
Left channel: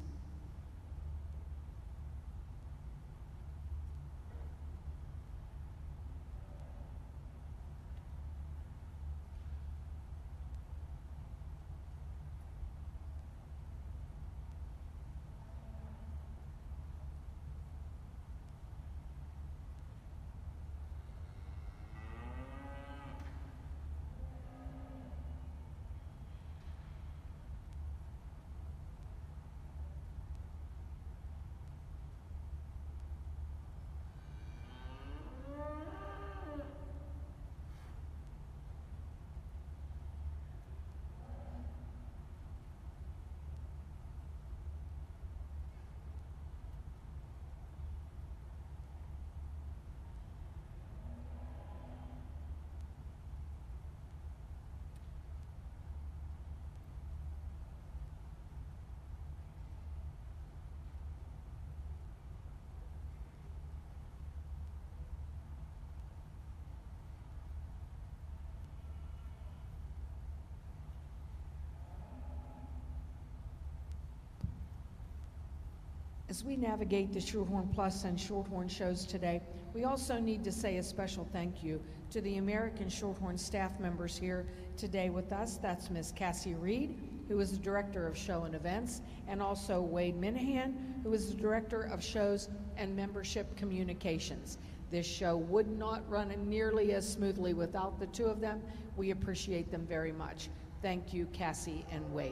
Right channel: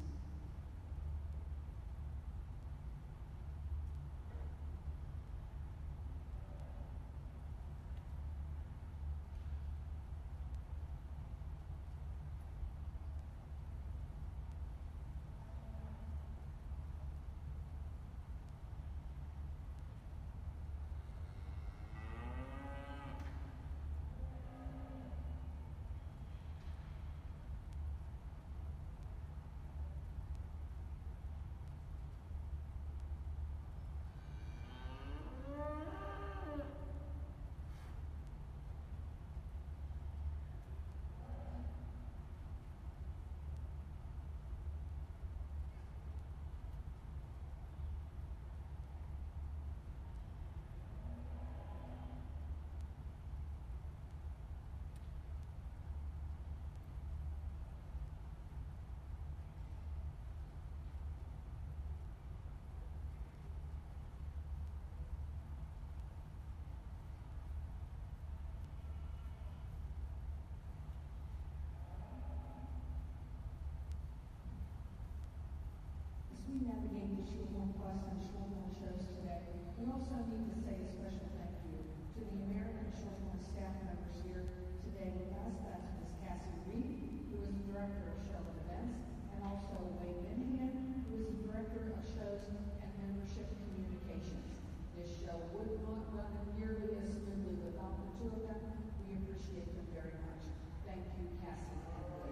As we navigate the Shorthorn Plus and Shorthorn shows today, we also need to say a special thank you to the American Shorthorn staff members here today with us. That's Miss Cassie Reed, who is the Director of Show and Events, and also Wade Minahan, who is the Director of Shows and Membership Communications. This show would not run nearly as smoothly without the two of them. We appreciate them very much. Thank you, Cassie and Wade.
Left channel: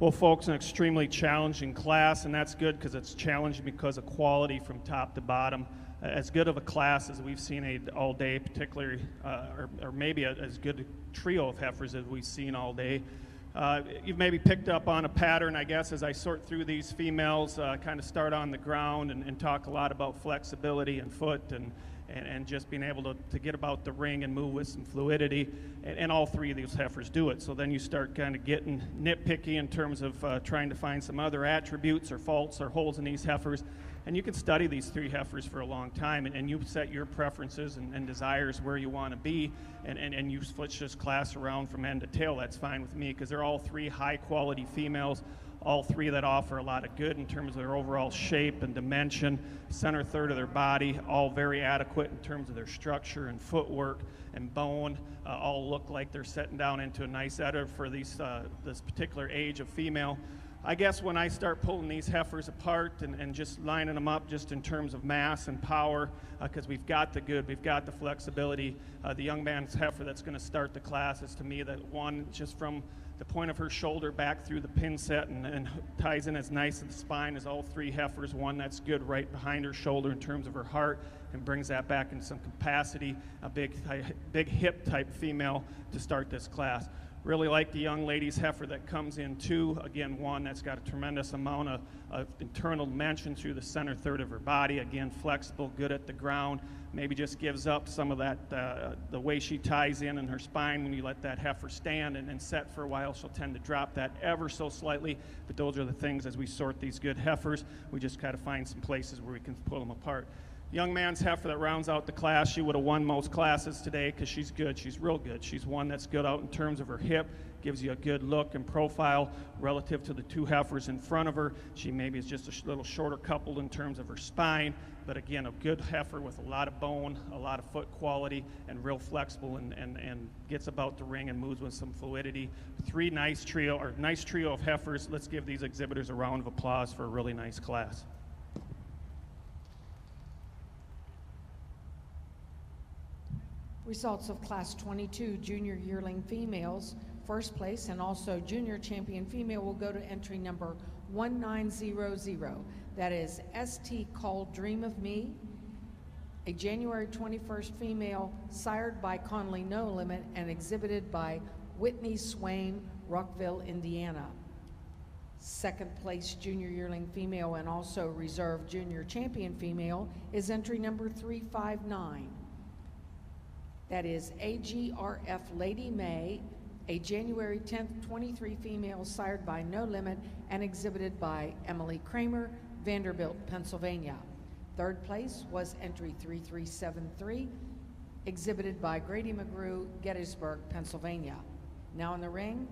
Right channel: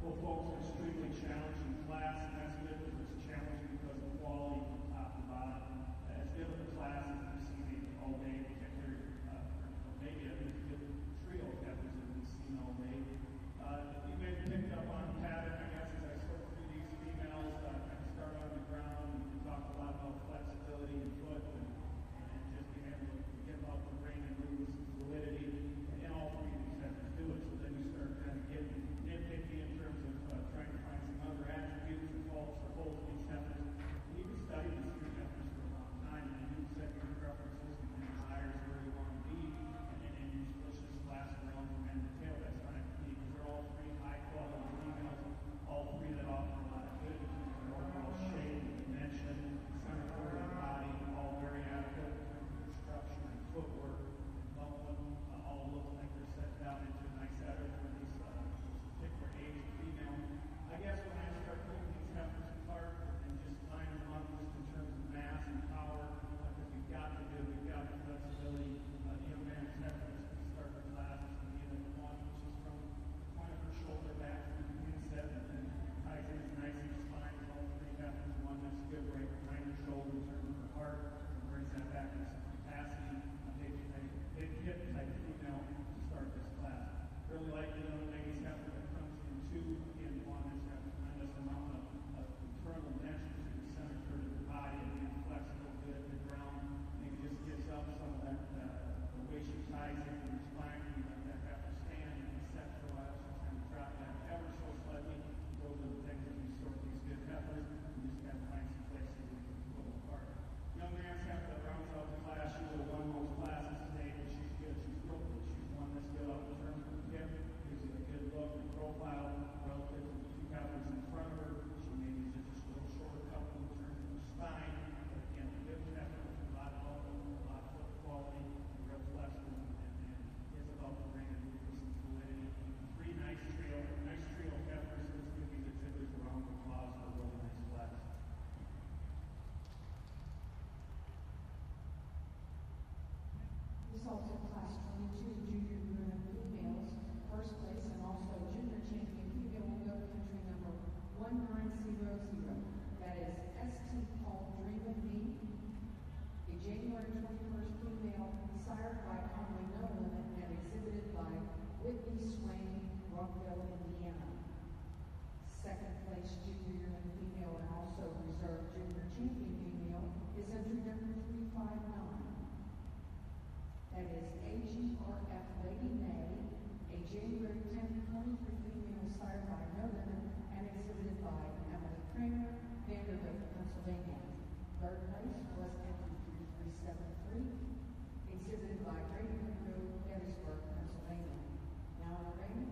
Well, folks, an extremely challenging class, and that's good because it's challenged because of quality from top to bottom. As good of a class as we've seen all day, particularly, or maybe as good a trio of heifers as we've seen all day. You've maybe picked up on a pattern, I guess, as I sort through these females, kind of start on the ground and talk a lot about flexibility and foot and just being able to get about the ring and move with some fluidity, and all three of these heifers do it. So then you start kind of getting nitpicky in terms of trying to find some other attributes or faults or holes in these heifers, and you can study these three heifers for a long time, and you set your preferences and desires where you want to be, and you switch this class around from end to tail. That's fine with me because they're all three high quality females, all three that offer a lot of good in terms of their overall shape and dimension, center third of their body, all very adequate in terms of their structure and footwork and bone, all look like they're setting down into a nice udder for this particular age of female. I guess when I start pulling these heifers apart and just lining them up just in terms of mass and power, because we've got the good, we've got the flexibility, the young man's heifer that's going to start the class is to me that one, just from the point of her shoulder back through the pin set and ties in as nice in spine as all three heifers. One that's good right behind her shoulder in terms of her heart and brings that back in some capacity. A big hip type female to start this class. Really like the young lady's heifer that comes in too. Again, one that's got a tremendous amount of internal dimension through the center third of her body. Again, flexible, good at the ground. Maybe just gives up some of that, the way she ties in her spine. When you let that heifer stand and set for a while, she'll tend to drop that ever so slightly. But those are the things as we sort these good heifers, we just kind of find some places where we can pull them apart. Young man's heifer that rounds out the class, she would have won most classes today because she's good. She's real good. She's one that's good out in terms of her hip, gives you a good look and profile relative to the two heifers in front of her. She maybe is just a little shorter coupled in terms of her spine, but again, a good heifer with a lot of bone, a lot of foot quality, and real flexible and gets about the ring and moves with some fluidity. Nice trio of heifers. Let's give these exhibitors a round of applause for a really nice class. Results of Class 22 Junior Yearling Females. First place and also Junior Champion Female will go to entry number 1900. That is ST Called Dream of Me, a January 21st female sired by Conley No Limit and exhibited by Whitney Swain, Rockville, Indiana. Second place Junior Yearling Female and also Reserve Junior Champion Female is entry number 359. That is AGRF Lady May, a January 10th, 23 female sired by No Limit and exhibited by Emily Kramer, Vanderbilt, Pennsylvania. Third place was entry 3373, exhibited by Grady McGrew, Gettysburg, Pennsylvania. Now in the ring,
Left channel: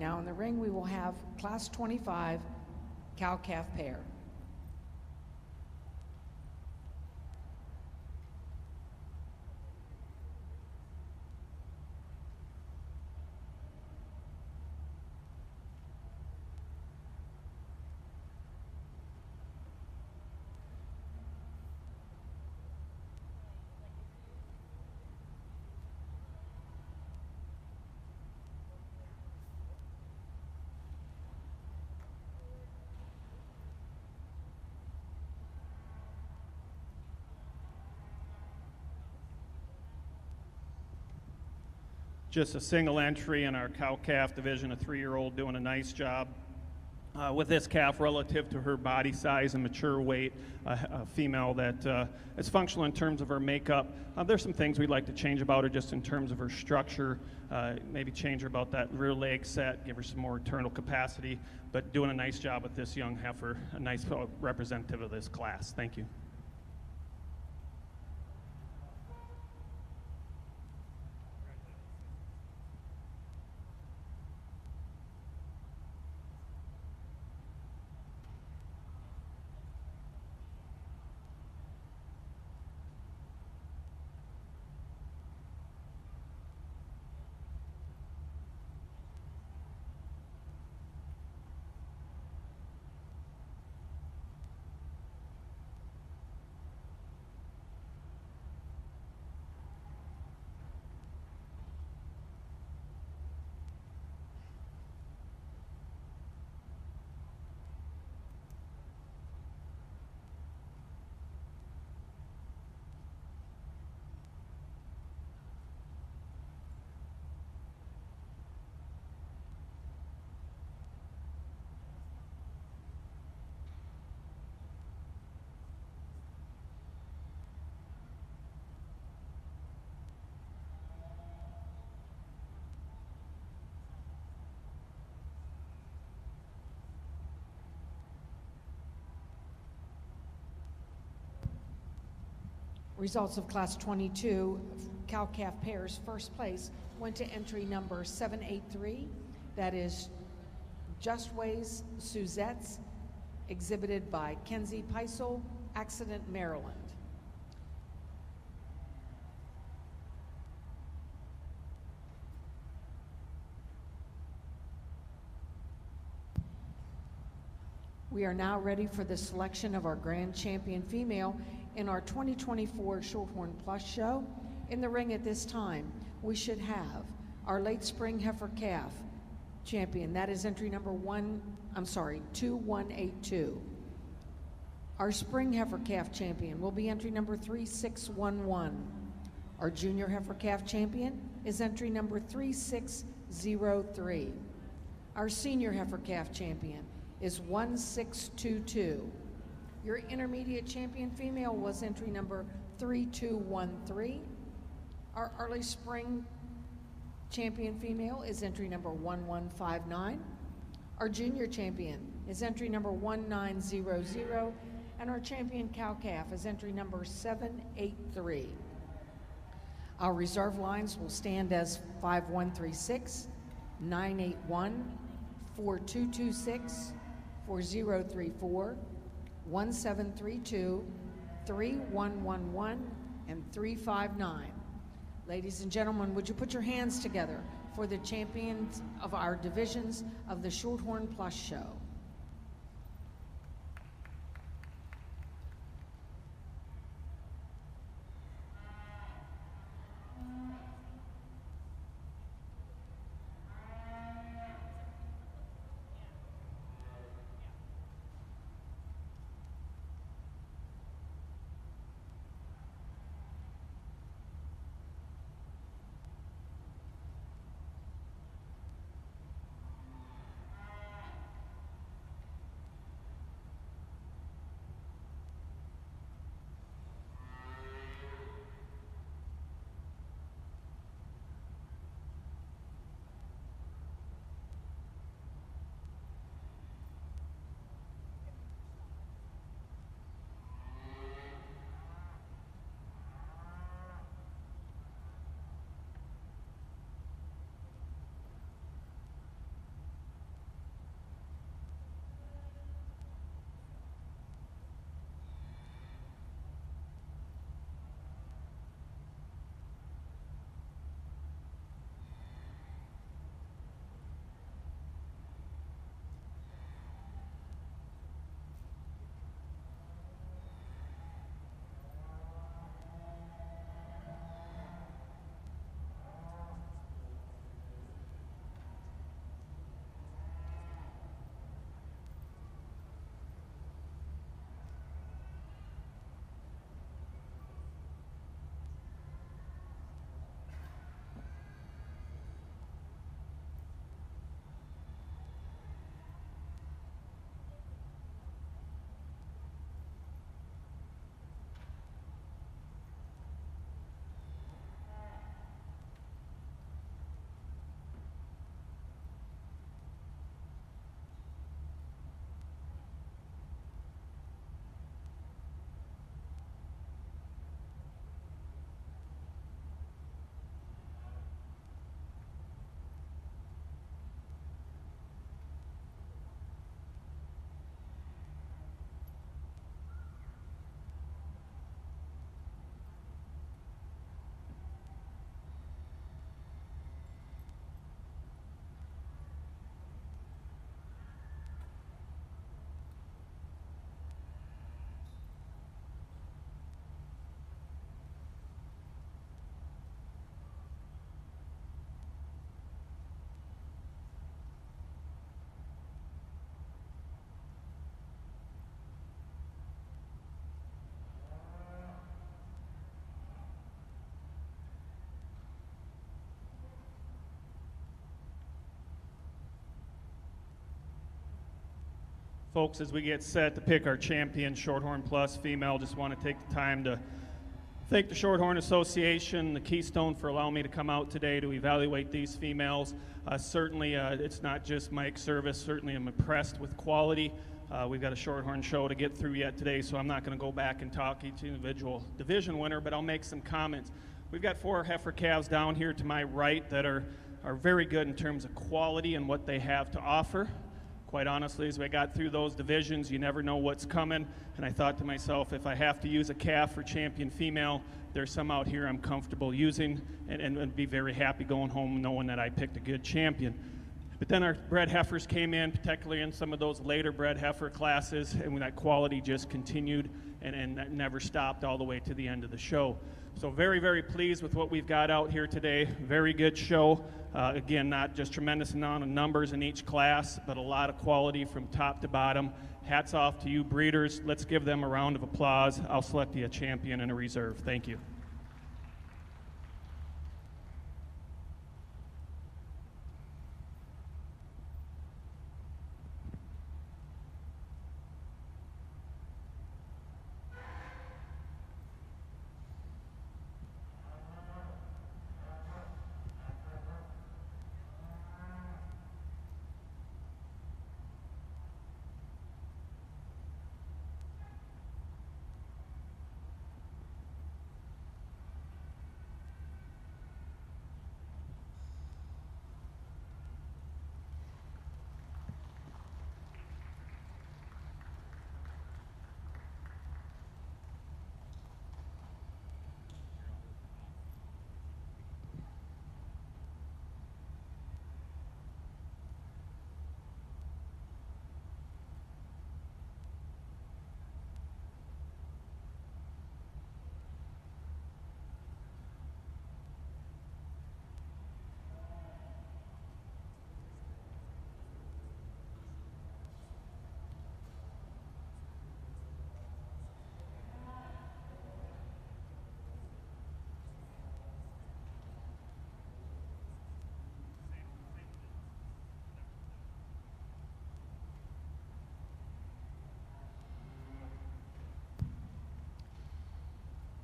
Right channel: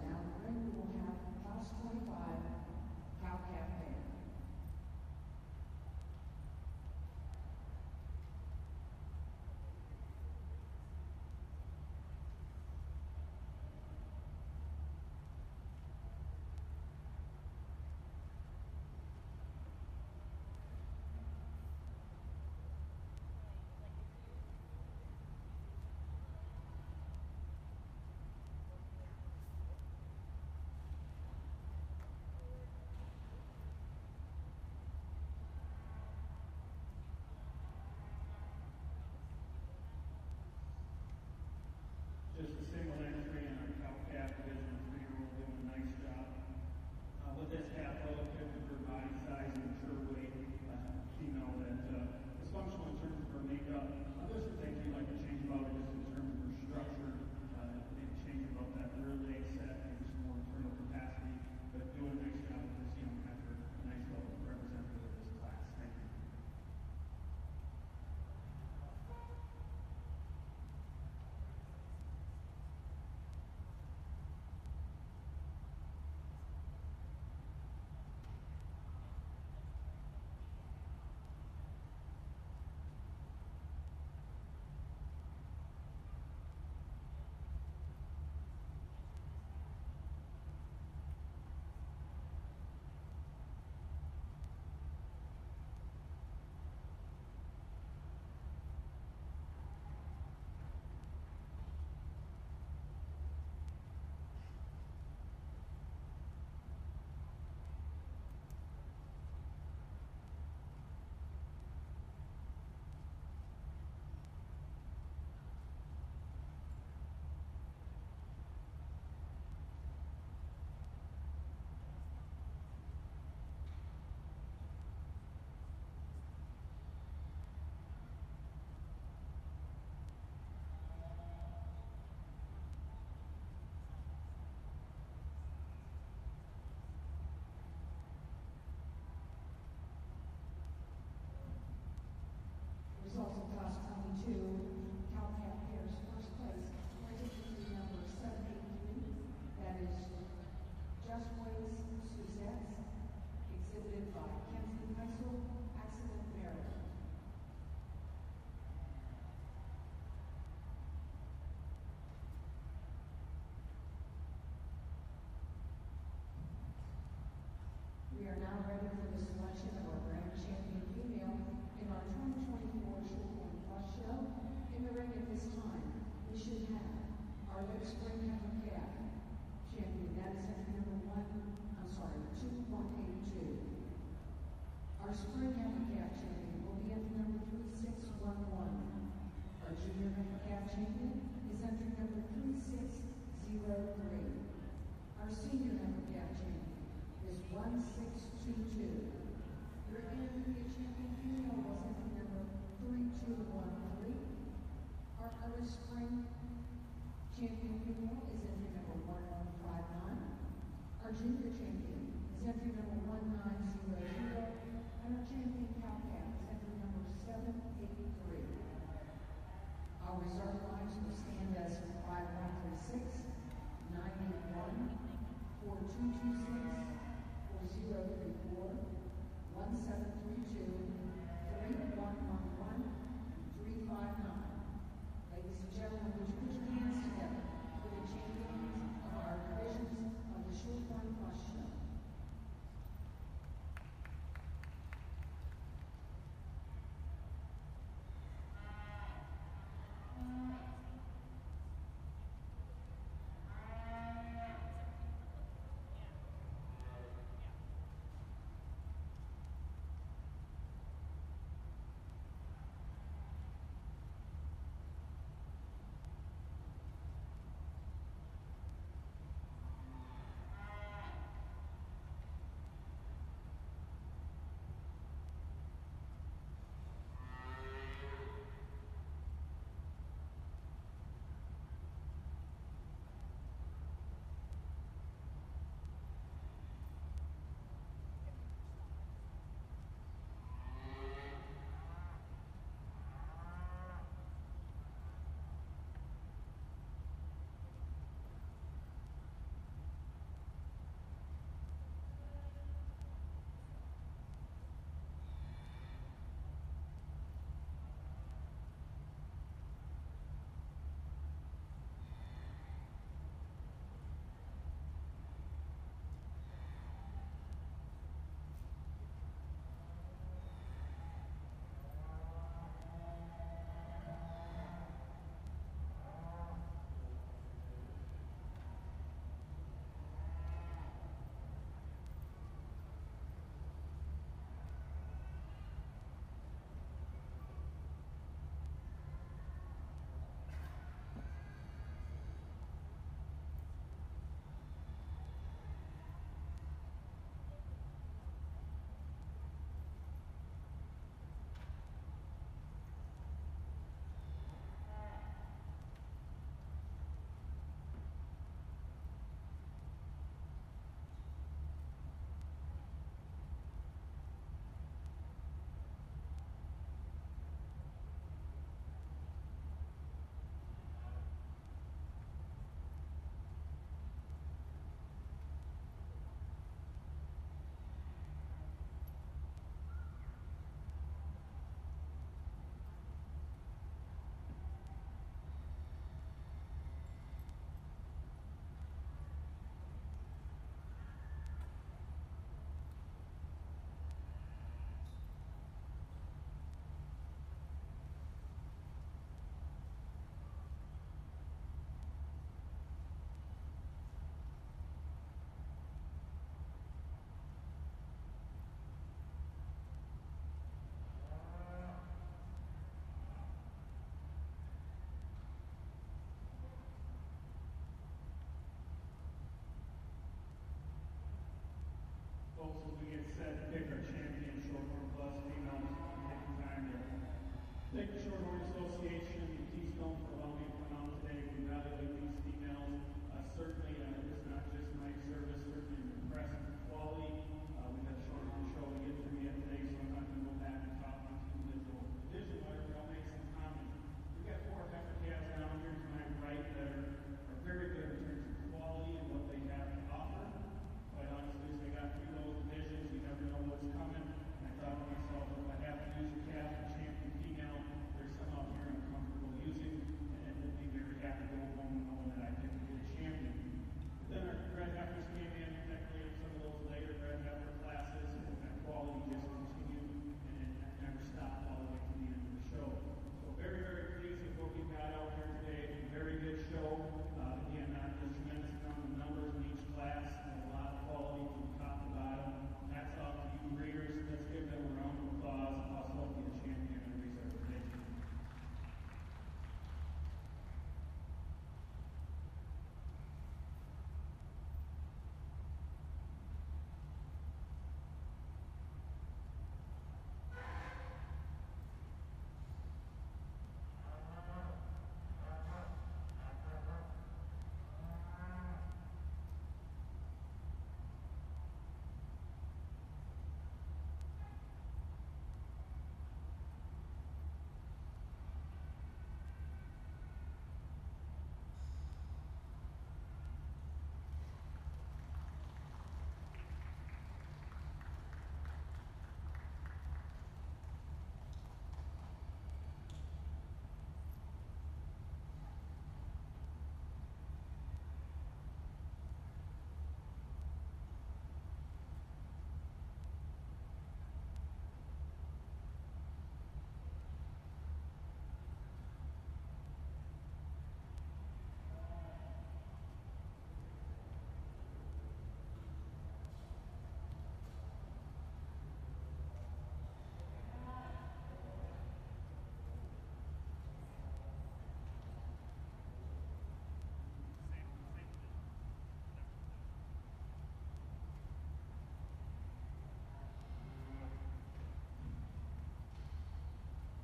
now in the ring we will have Class 25 cow-calf pair. Just a single entry in our cow-calf division, a 3-year-old doing a nice job with this calf relative to her body size and mature weight, a female that is functional in terms of her makeup. There's some things we'd like to change about her just in terms of her structure, maybe change her about that rear leg set, give her some more internal capacity, but doing a nice job with this young heifer, a nice representative of this class. Thank you. Results of Class 22 cow-calf pairs. First place went to entry number 783. That is Justways Suzettes, exhibited by Kenzie Peisel, Accident, Maryland. We are now ready for the selection of our grand champion female in our 2024 Shorthorn Plus show. In the ring at this time, we should have our late spring heifer calf champion. That is entry number 2182. Our spring heifer calf champion will be entry number 3611. Our junior heifer calf champion is entry number 3603. Our senior heifer calf champion is 1622. Your intermediate champion female was entry number 3213. Our early spring champion female is entry number 1159. Our junior champion is entry number 1900, and our champion cow-calf is entry number 783. Our reserve lines will stand as 5136, 981, 4226, 4034, 1732, 3111, and 359. Ladies and gentlemen, would you put your hands together for the champions of our divisions of the Shorthorn Plus show? Folks, as we get set to pick our champion Shorthorn Plus female, just want to take the time to thank the Shorthorn Association, the Keystone, for allowing me to come out today to evaluate these females. Certainly, it's not just Mike's service. Certainly, I'm impressed with quality We've got a Shorthorn show to get through yet today, so I'm not going to go back and talk each individual division winner, but I'll make some comments. We've got 4 heifer calves down here to my right that are very good in terms of quality and what they have to offer. Quite honestly, as we got through those divisions, you never know what's coming, and I thought to myself, if I have to use a calf for champion female, there's some out here I'm comfortable using and be very happy going home knowing that I picked a good champion. But then our bred heifers came in, particularly in some of those later bred heifer classes, and that quality just continued and that never stopped all the way to the end of the show. So very, very pleased with what we've got out here today. Very good show. Again, not just tremendous amount of numbers in each class, but a lot of quality from top to bottom. Hats off to you breeders. Let's give them a round of applause. I'll select you a champion and a reserve. Thank you.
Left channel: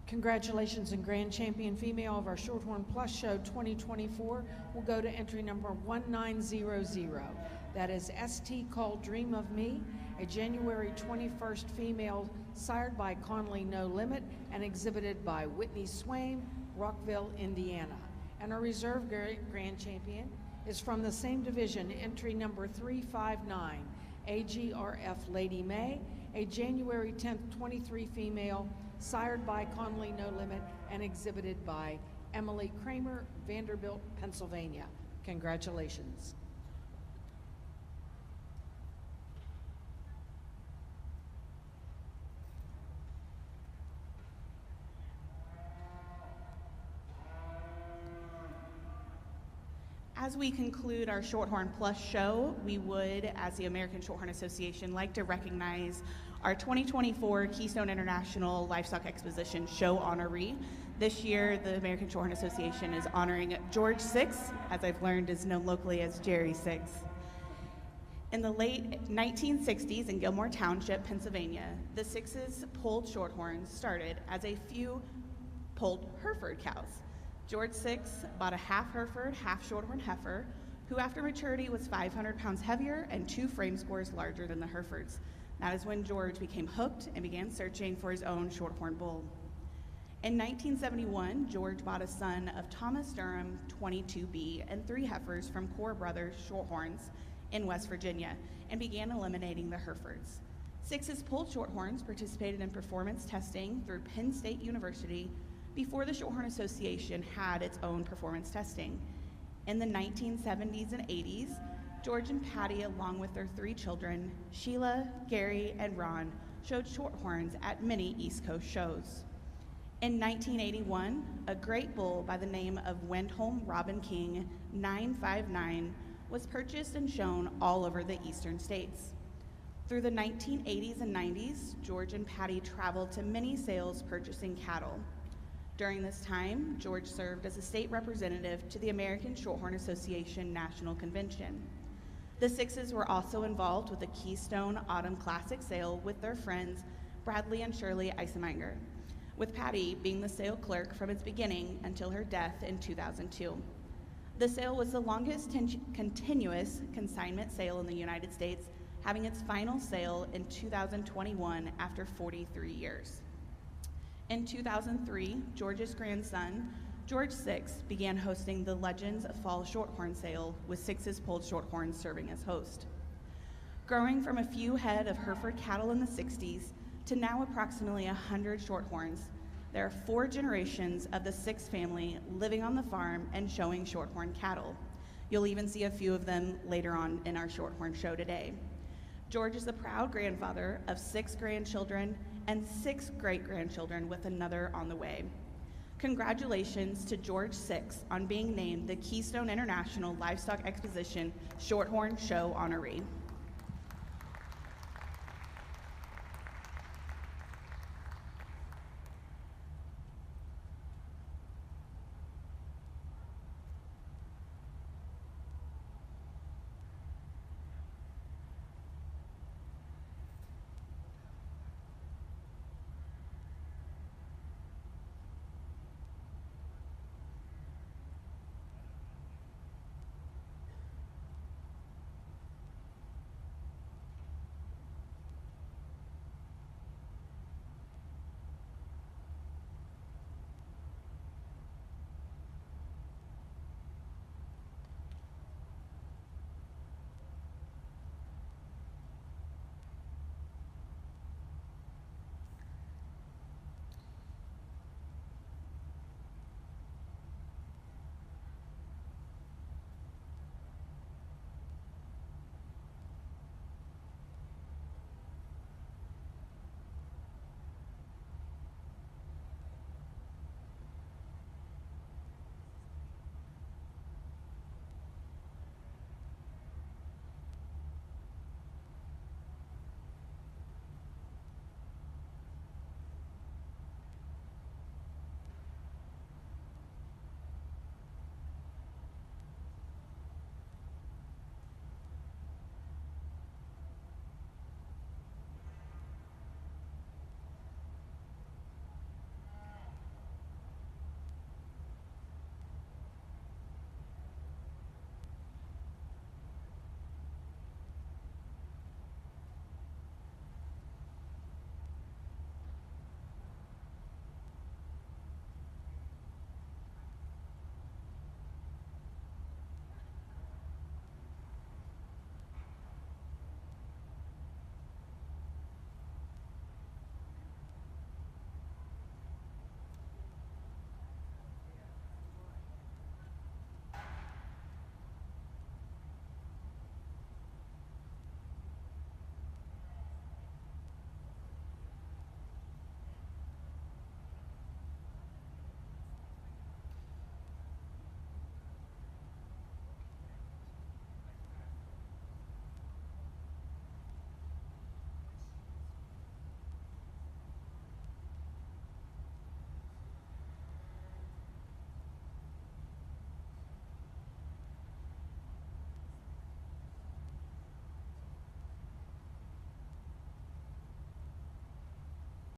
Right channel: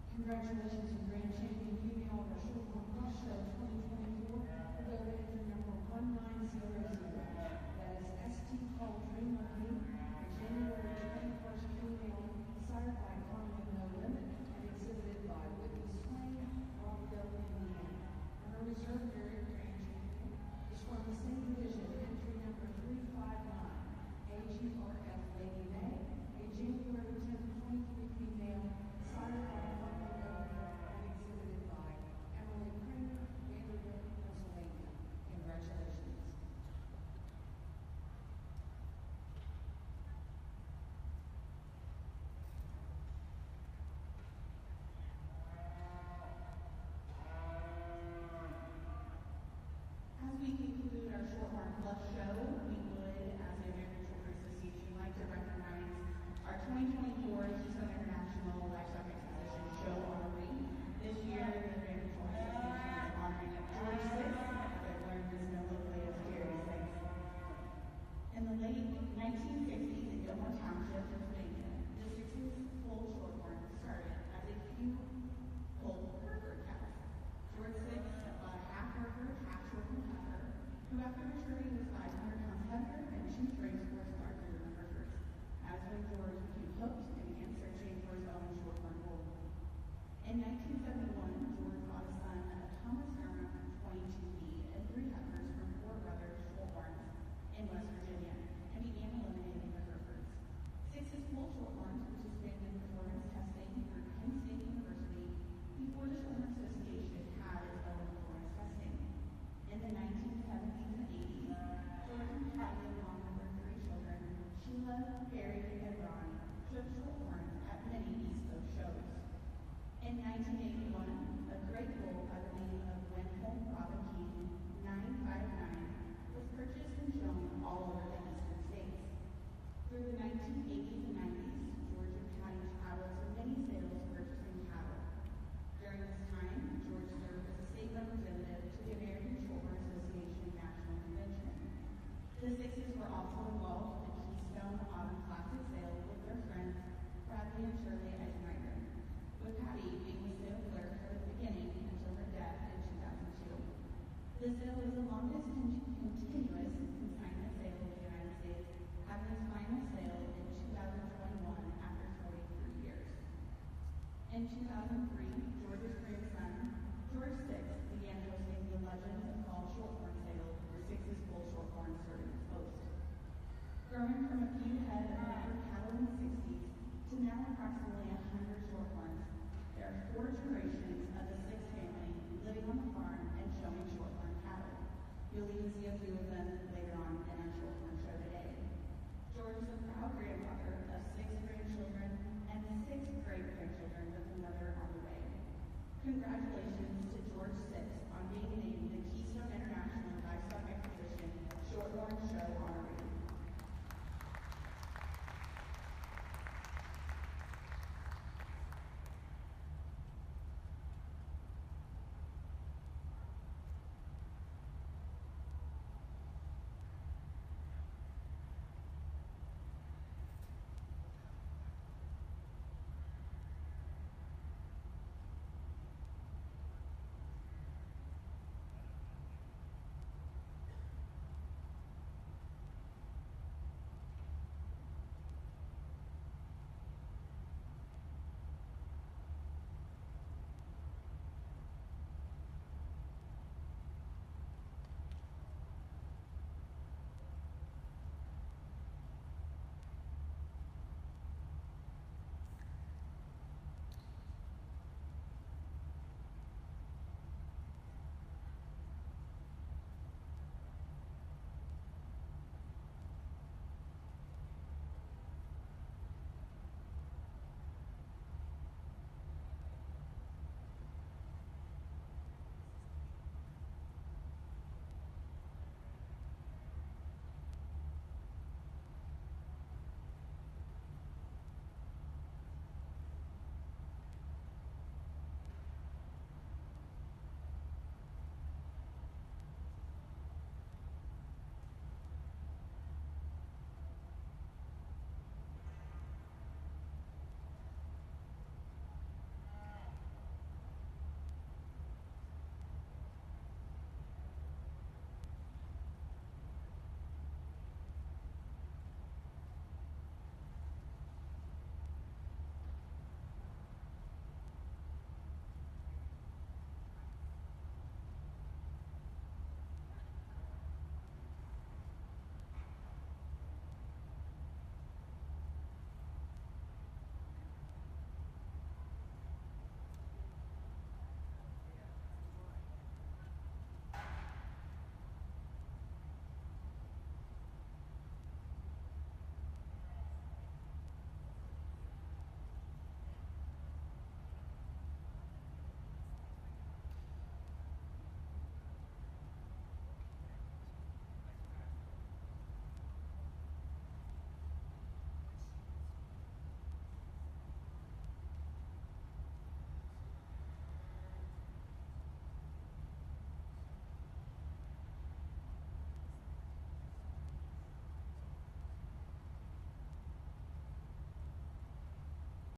Congratulations and grand champion female of our Shorthorn Plus Show 2024 will go to entry number 1900. That is ST called Dream of Me, a January 21st female sired by Conley No Limit and exhibited by Whitney Swain, Rockville, Indiana. And our reserve grand champion is from the same division, entry number 359, AGRF Lady May, a January 10th 23 female sired by Conley No Limit and exhibited by Emily Kramer, Vanderbilt, Pennsylvania. Congratulations. As we conclude our Shorthorn Plus show, we would, as the American Shorthorn Association, like to recognize our 2024 Keystone International Livestock Exposition show honoree. This year, the American Shorthorn Association is honoring George Six, as I've learned is known locally as Jerry Six. In the late 1960s in Gilmore Township, Pennsylvania, the Sixes pulled Shorthorns started as a few pulled Hereford cows. George Six bought a half Hereford, half Shorthorn heifer, who after maturity was 500 pounds heavier and 2 frame scores larger than the Herefords. That is when George became hooked and began searching for his own Shorthorn bull. In 1971, George bought a son of Thomas Durham 22B and 3 heifers from Poor Brothers Shorthorns in West Virginia and began eliminating the Herefords. Sixes pulled Shorthorns participated in performance testing through Penn State University before the Shorthorn Association had its own performance testing. In the 1970s and 80s, George and Patty, along with their 3 children, Sheila, Gary, and Ron, showed Shorthorns at many East Coast shows. In 1981, a great bull by the name of Windholm Robin King 959 was purchased and shown all over the eastern states. Through the 1980s and 90s, George and Patty traveled to many sales purchasing cattle. During this time, George served as a state representative to the American Shorthorn Association National Convention. The Sixes were also involved with the Keystone Autumn Classic sale with their friends Bradley and Shirley Eisenmenger, with Patty being the sale clerk from its beginning until her death in 2002. The sale was the longest continuous consignment sale in the United States having its final sale in 2021 after 43 years. In 2003, George's grandson, George VI, began hosting the Legends of Fall Shorthorn sale, with Six's Pulled Shorthorns serving as host. Growing from a few head of Hereford cattle in the 60s to now approximately 100 Shorthorns, there are 4 generations of the Six family living on the farm and showing Shorthorn cattle. You'll even see a few of them later on in our Shorthorn show today. George is the proud grandfather of 6 grandchildren and 6 great-grandchildren, with another on the way. Congratulations to George VI on being named the Keystone International Livestock Exposition Shorthorn Show honoree.